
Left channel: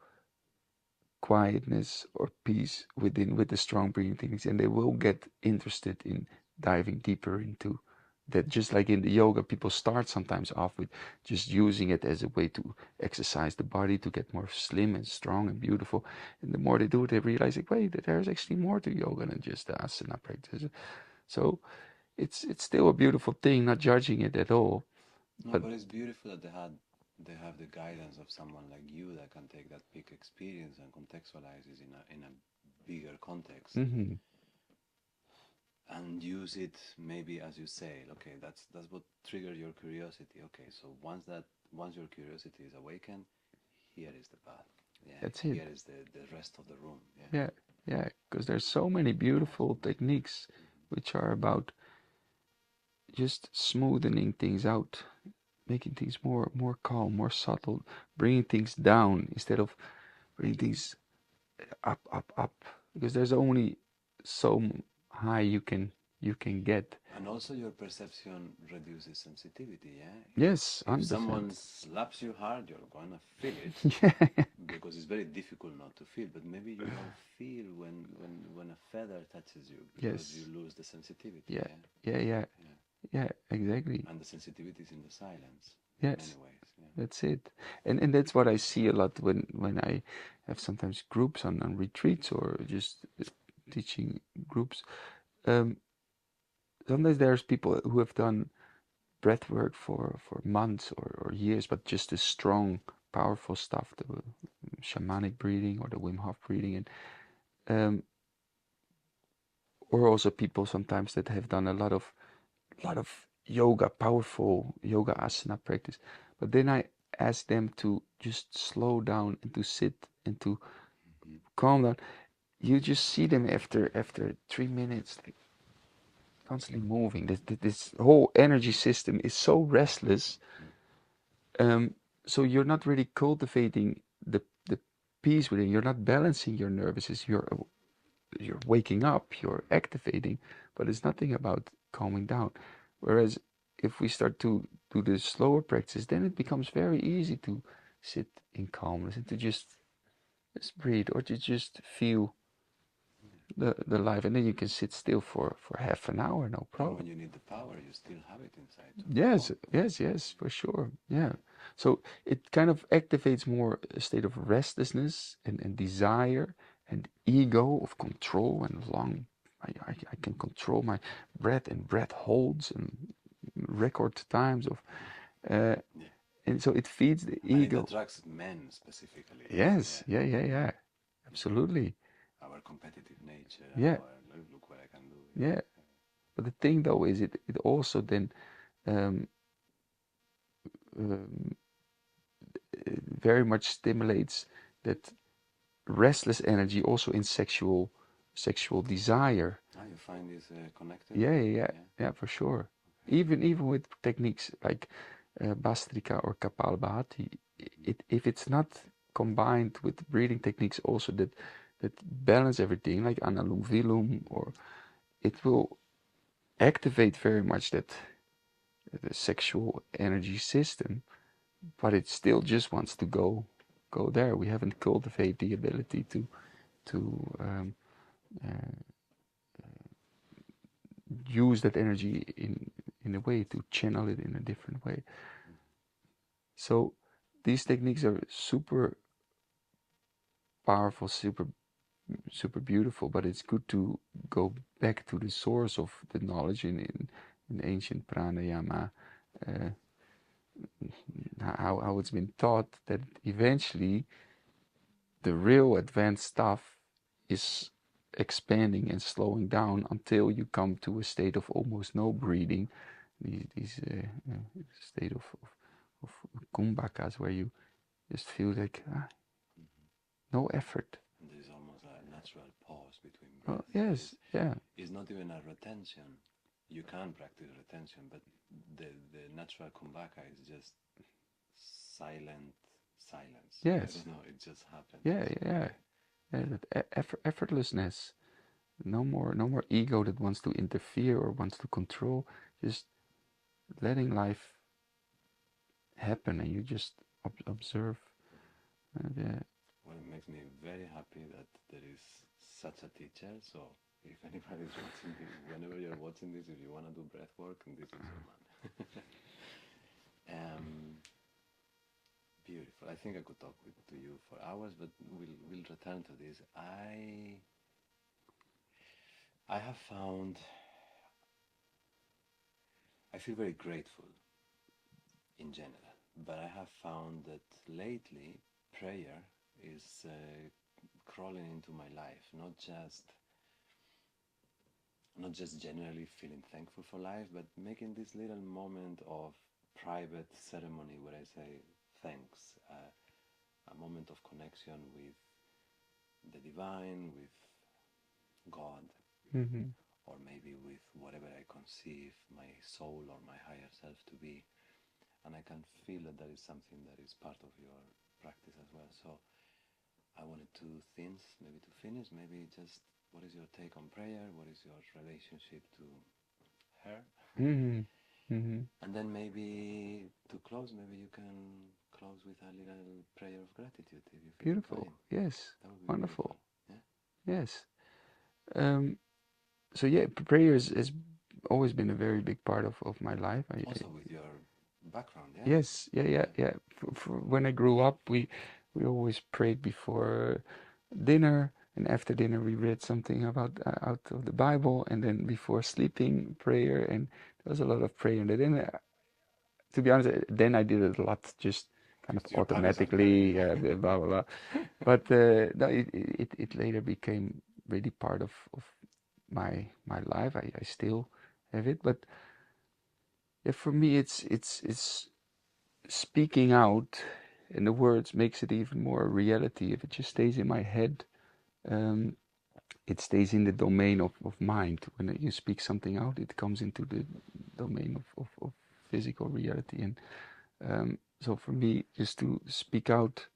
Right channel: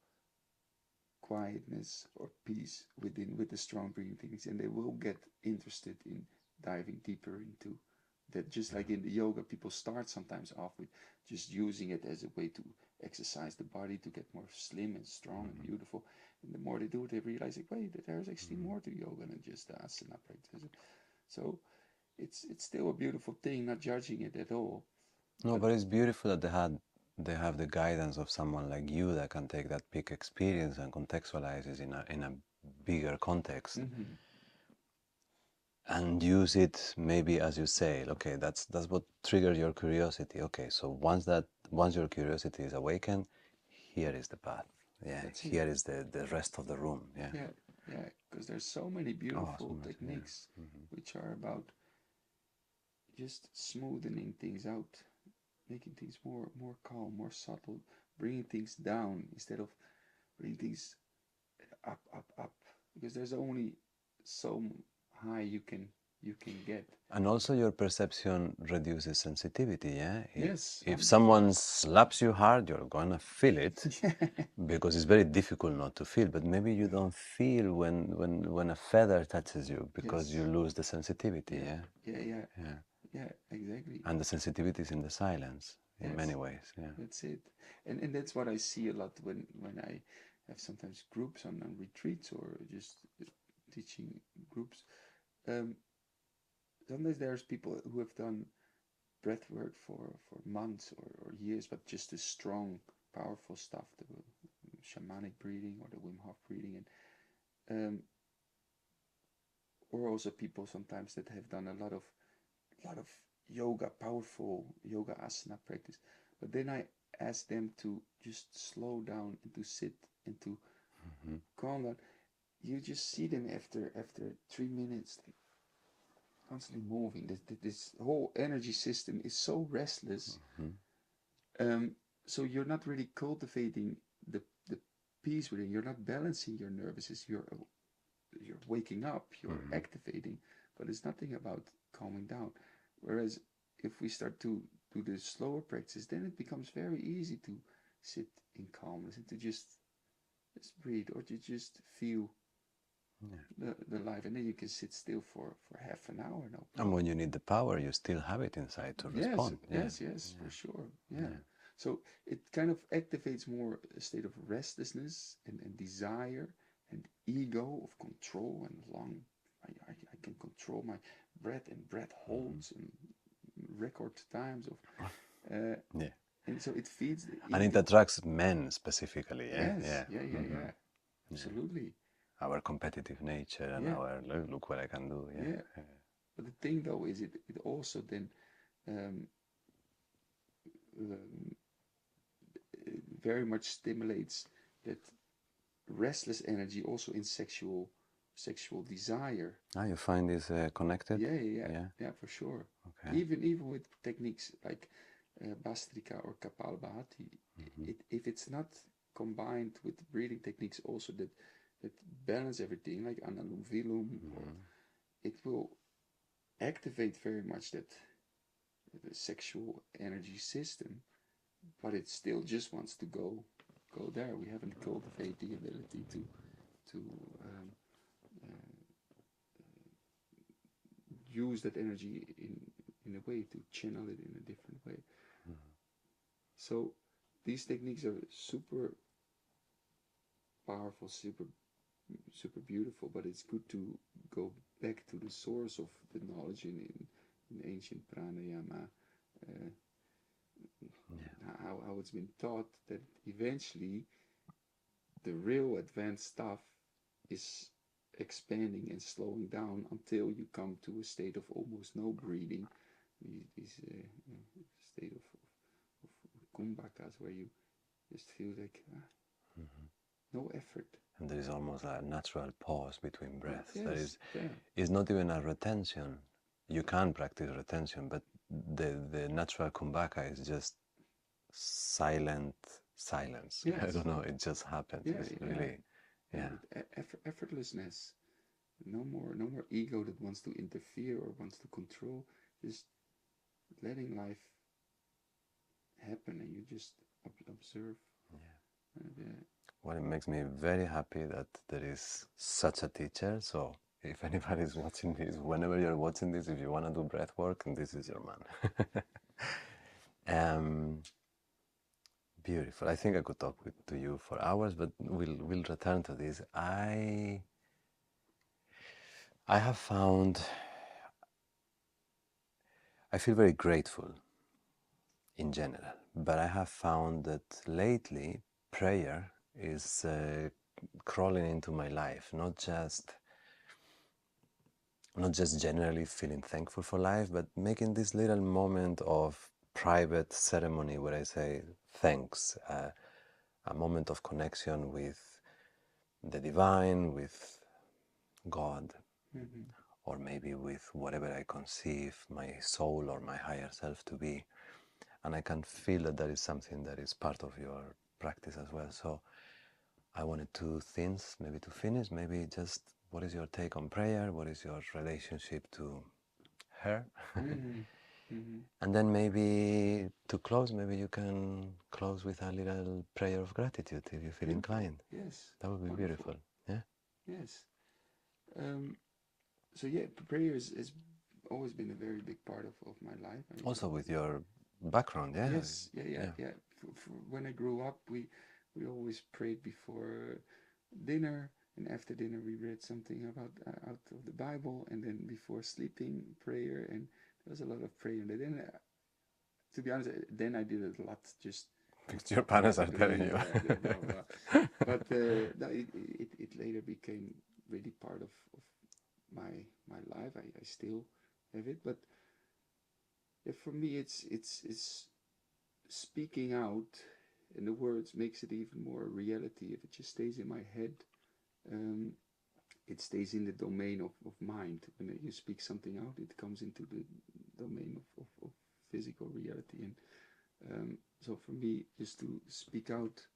quietness or peace within, with the strong breathing techniques, and they will get interested in diving deeper into that. Just like in the yoga, people start sometimes off with just using it as a way to exercise the body, to get more slim and strong and beautiful, and the more they do it, they realize, like, wait, there's actually more to yoga than just the asana practice. So it's still a beautiful thing, not judging it at all. No, But but it's beautiful that they have the guidance of someone like you that can take that peak experience and contextualize it in a bigger context and use it, maybe, as you say, okay, that's what triggers your curiosity. Okay, so once your curiosity is awakened, here is the path. Yeah, that's it. here is the rest of the room. Yeah. Yeah, yeah, because there's so many beautiful Awesome. Yeah. techniques which are about just smoothing things out, making things more calm, more subtle, bringing things down instead of bringing things up, because there's only so high you can get. And also your perception reduces sensitivity, yeah? Yes, If 100%. someone slaps you hard, you're gonna feel it Yeah, because it's very difficult not to feel, but maybe you don't feel when a feather touches you because you yes, lose the sensitivity, yeah, yeah? yeah, yeah, Yeah. yeah, exactly. And the sensitivity is in the silence in many Yes, ways, yeah. that's it. And that's what I see a lot when I have sometimes groups on retreats, or just teaching groups. Um, Sometimes there's people who have done breath work for months or years, but just the strong, powerful stuff, the shamanic breathing or the Wim Hof breathing, and um, or also people sometimes that have done a lot of yoga, powerful yoga asana practice. But then I ask them to just slow down and to sit and to calm down. You just see them after 3 minutes, like constantly moving. This whole energy system is so restless. Um, so you're not really cultivating the peace within. You're not balancing your nervous system. You're waking up. You're activating, but it's nothing about calming down. Whereas if we start to do the slower practice, then it becomes very easy to sit in calmness and to just breathe, or to just feel the life, and then you can sit still for half an hour, no And when problem. you need the power, you still have it inside to Yes, respond, yeah. yes, yes, for sure. Yeah. Yeah. So it kind of activates more a state of restlessness and desire and ego of control and long. I can control my breath and breath holds and record times of uh, Yeah. and so it feeds the And it ego. attracts men specifically, yeah, Yes, yeah. yeah, Yeah. absolutely. Our competitive nature and Yeah, our look what I can do, yeah. yeah. But the thing though is it also then um, um, very much stimulates that restless energy also in sexual desire. Ah, you find this connected? Yeah. Yeah, for sure. Okay. Even with techniques like Bastrika or Kapalabhati, if it's not combined with breathing techniques also that balance everything, like Analum Vilum, or it will activate very much that the sexual energy system, but it still just wants to go there. We haven't cultivated the ability to uh, use that energy in a way to channel it in a different way. So these techniques are super powerful, super beautiful, but it's good to go back to the source of the knowledge in ancient pranayama, uh, how it's been taught that eventually the real advanced stuff is expanding and slowing down until you come to a state of almost no breathing, these state of kumbhakas where you just feel like no effort. And there is almost a natural pause between Oh, breaths. yes, yeah. It's not even a retention. You can practice retention, but the natural kumbhaka is just silent silence. I Yes. don't know, it just happens. Yeah, It's yeah, really, yeah. yeah. That effortlessness. No more ego that wants to interfere or wants to control. Just letting life happen, and you just observe. And, Well, it makes me very happy that there is such a teacher. So if anybody is watching this, whenever you're watching this, if you want to do breath work, this is your man. Beautiful. I think I could talk to you for hours, but we'll return to this. I have found, I feel very grateful in general, but I have found that lately prayer is crawling into my life, not just generally feeling thankful for life, but making this little moment of private ceremony where I say thanks, a moment of connection with the divine, with God, mm-hmm. or maybe with whatever I conceive my soul or my higher self to be. And I can feel that that is something that is part of your practice as well. So I wanted two things maybe to finish. Maybe just what is your take on prayer? What is your relationship to her? Mm-hmm. Mm-hmm. And then maybe to close, maybe you can close with a little prayer of gratitude if you feel Beautiful. inclined. Yes. That would be beautiful. Wonderful. Yeah. Yes. So yeah, prayer has always been a very big part of my life. Also with your background, yeah. Yes, Yeah. yeah. When I grew up, we always prayed before dinner, and after dinner we read something about out of the Bible, and then before sleeping prayer, and there was a lot of prayer. And then, to be honest, then I did it a lot, just kind of Because your parents are telling automatically, you. blah blah blah. But no, it later became really part of my life. I still have it, but yeah, for me, it's speaking out, and the words makes it even more a reality. If it just stays in my head, um, it stays in the domain of mind. When you speak something out, it comes into the domain of physical reality. And so for me, just to speak out,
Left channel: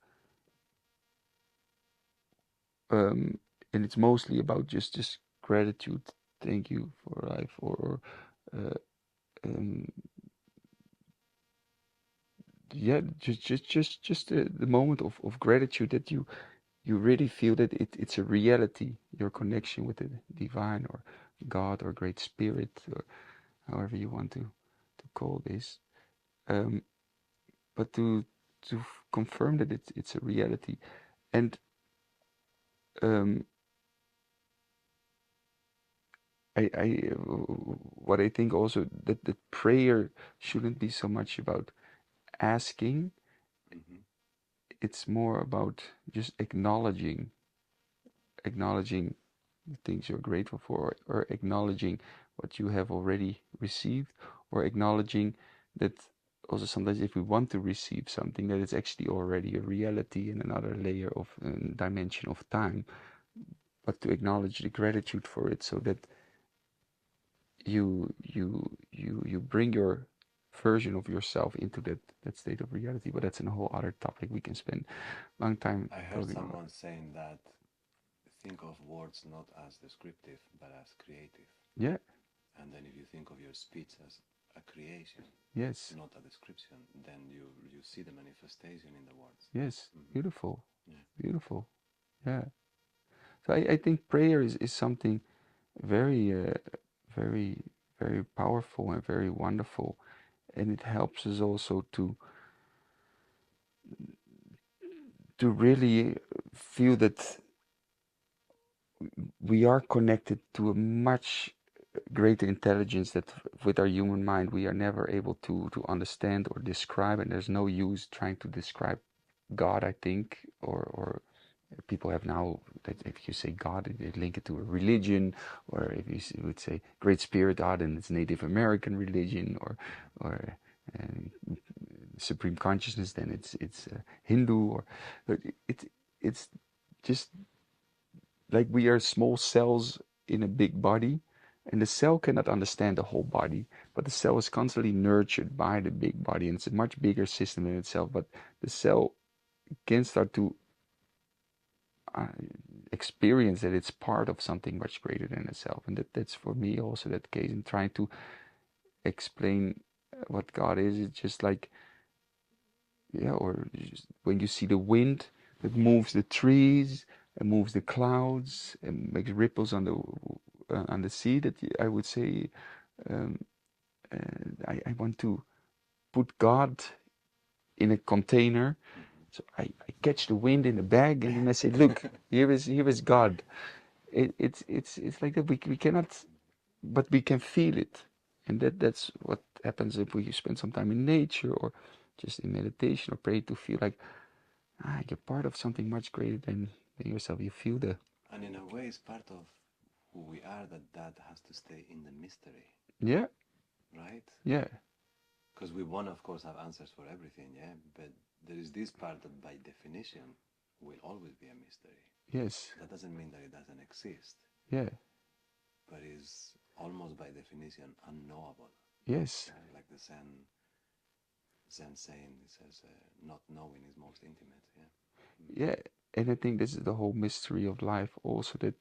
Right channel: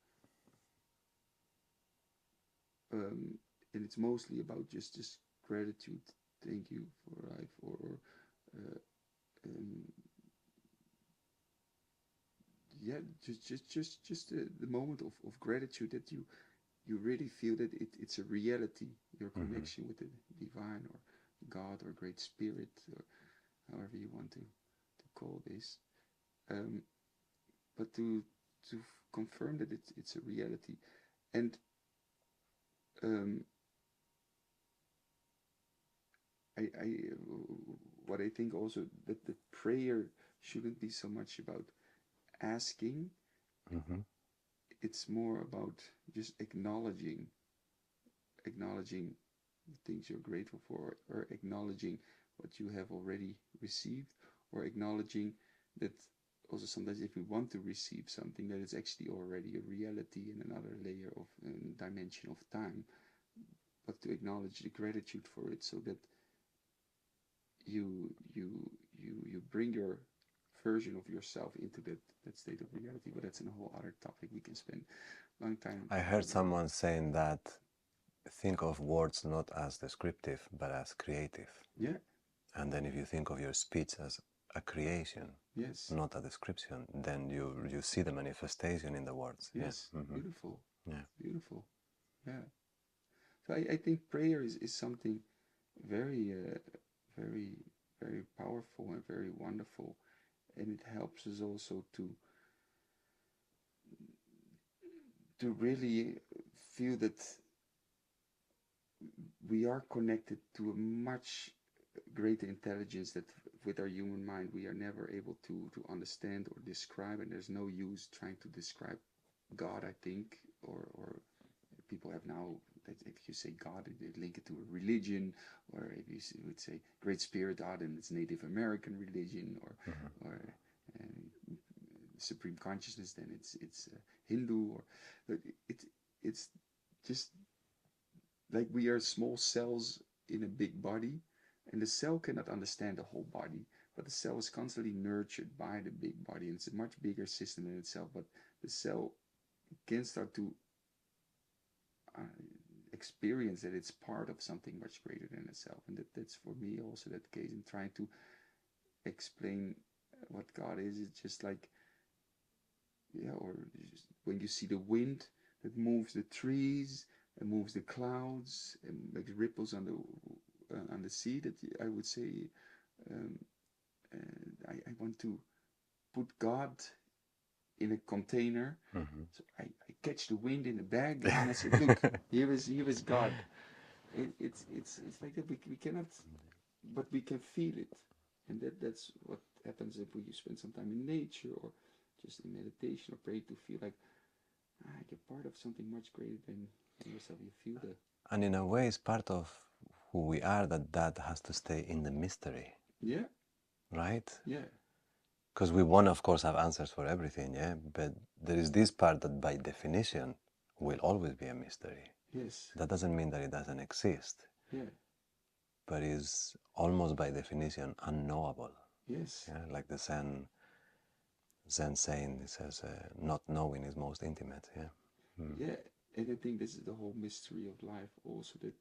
um, and it's mostly about just gratitude. Thank you for life, or uh, um, yeah, just the moment of gratitude that you really feel that it's a reality, your connection with the divine or God or great spirit, or however you want to call this. Um, but to confirm that it's a reality. And um, I what I think also that prayer shouldn't be so much about asking. Mm-hmm. It's more about just acknowledging the things you're grateful for, or acknowledging what you have already received, or acknowledging that also sometimes if we want to receive something, that it's actually already a reality in another layer of dimension of time, but to acknowledge the gratitude for it, so that you bring your version of yourself into that state of reality. But that's a whole other topic we can spend a long time I heard talking about. someone saying that think of words not as descriptive but as creative. Yeah. And then if you think of your speech as a creation, Yes. not a description, then you see the manifestation in the words. Yes. Yeah. Mm-hmm. Beautiful. Yeah. Beautiful. Yeah. So I think prayer is something very, very, very powerful and very wonderful, and it helps us also to really feel that we are connected to a much greater intelligence that with our human mind we are never able to understand or describe, and there's no use trying to describe God, I think, or people have now that if you say God, they link it to a religion, or if you would say Great Spirit, God, and it's Native American religion, or Supreme Consciousness, then it's Hindu, or but it's just like we are small cells in a big body, and the cell cannot understand the whole body, but the cell is constantly nurtured by the big body, and it's a much bigger system in itself. But the cell can start to uh, experience that it's part of something much greater than itself, and that's for me also that case in trying to explain what God is. It's just like, yeah, or just when you see the wind that moves the trees and moves the clouds and makes ripples on the sea, that I would say, um, I want to put God in a container. Mm-hmm. So I catch the wind in a bag, and then I say, look, here is God. It's like that. We cannot, but we can feel it, and that's what happens if we spend some time in nature or just in meditation or pray, to feel like, you're part of something much greater than yourself. You feel the And in a way, it's part of who we are that has to stay in the mystery, yeah, right? yeah, Because we want, of course, have answers for everything, yeah? But there is this part that by definition will always be a mystery. yes, That doesn't mean that it doesn't exist, yeah, but is almost by definition unknowable. yes, Yeah? Like the Zen saying, it says, not knowing is most intimate, yeah? Mm. yeah. And I think this is the whole mystery of life also, that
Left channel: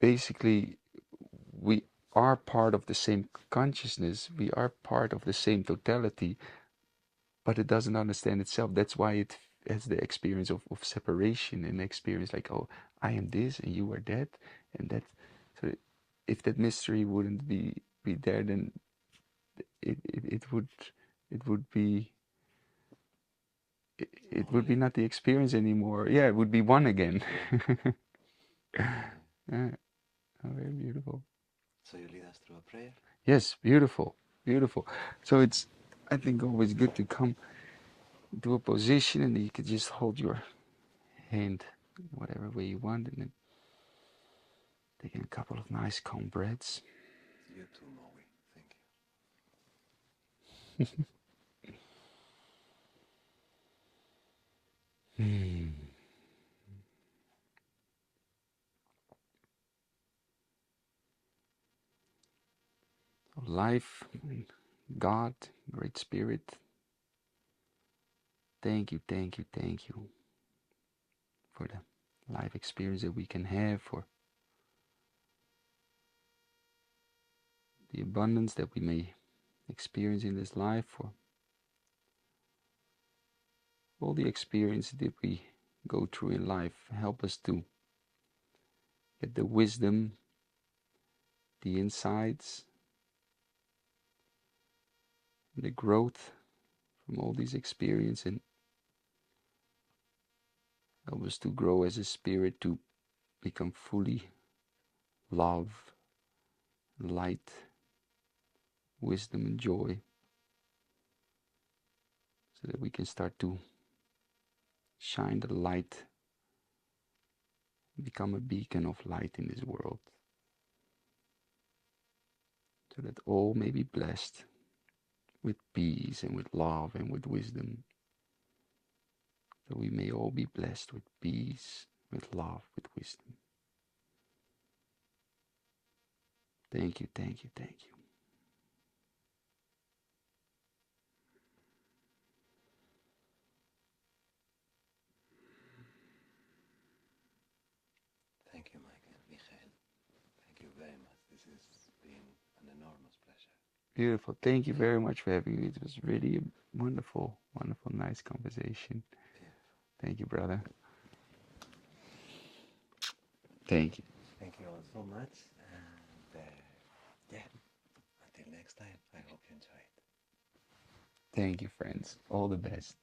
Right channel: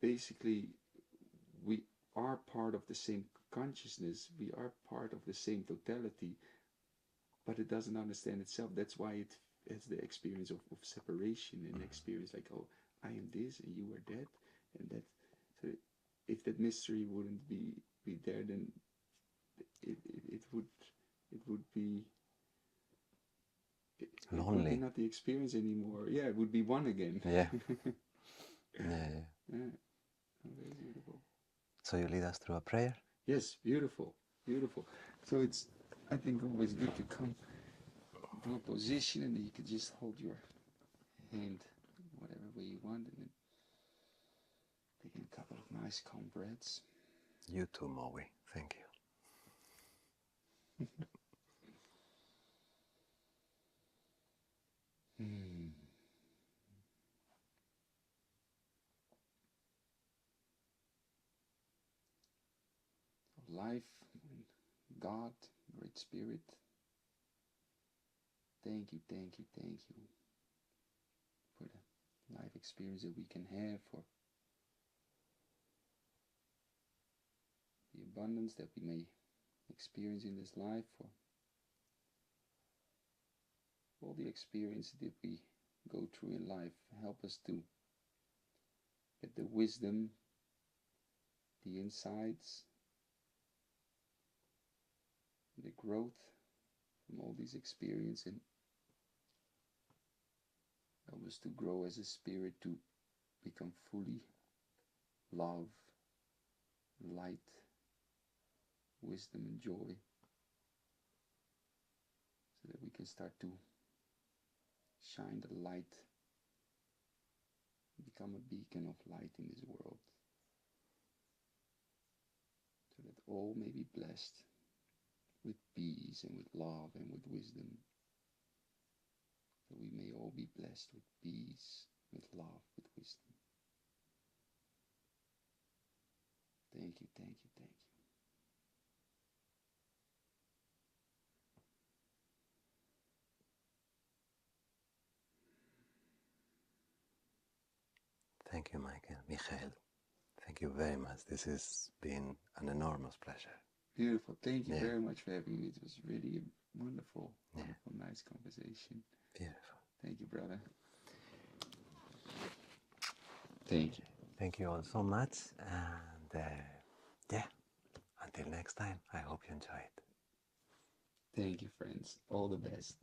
basically we are part of the same consciousness, we are part of the same totality, but it doesn't understand itself. That's why it has the experience of separation, and experience like, oh, I am this and you are that, and that. So if that mystery wouldn't be there, then it would be it would be Lonely. not the experience anymore. Yeah, it would be one again. Yeah. Yeah, yeah. Yeah. Oh, very beautiful. So you lead us through a prayer? Yes, beautiful, beautiful. So it's, I think, always good to come to a position, and you can just hold your hand whatever way you want, and then taking a couple of nice calm breaths. You too, Moe. Thank Hmm. Life, God, Great Spirit, thank you, thank you, thank you for the life experience that we can have, for the abundance that we may experience in this life, for all the experiences that we go through in life. Help us to get the wisdom, the insights, the growth from all these experiences, and help us to grow as a spirit, to become fully love, light, wisdom, and joy. so that we can start to shine the light, become a beacon of light in this world, so that all may be blessed with peace and with love and with wisdom. So we may all be blessed with peace, with love, with wisdom. Thank you, thank you, thank you. Thank you, Michael. Thank you very much. This has been an enormous pleasure. Beautiful. Thank you very much for having me. It was really a wonderful, nice conversation. Beautiful. Thank you, brother. Thank you. Thank you all so much. And yeah, until next time, I hope you enjoy it. Thank you, friends. All the best.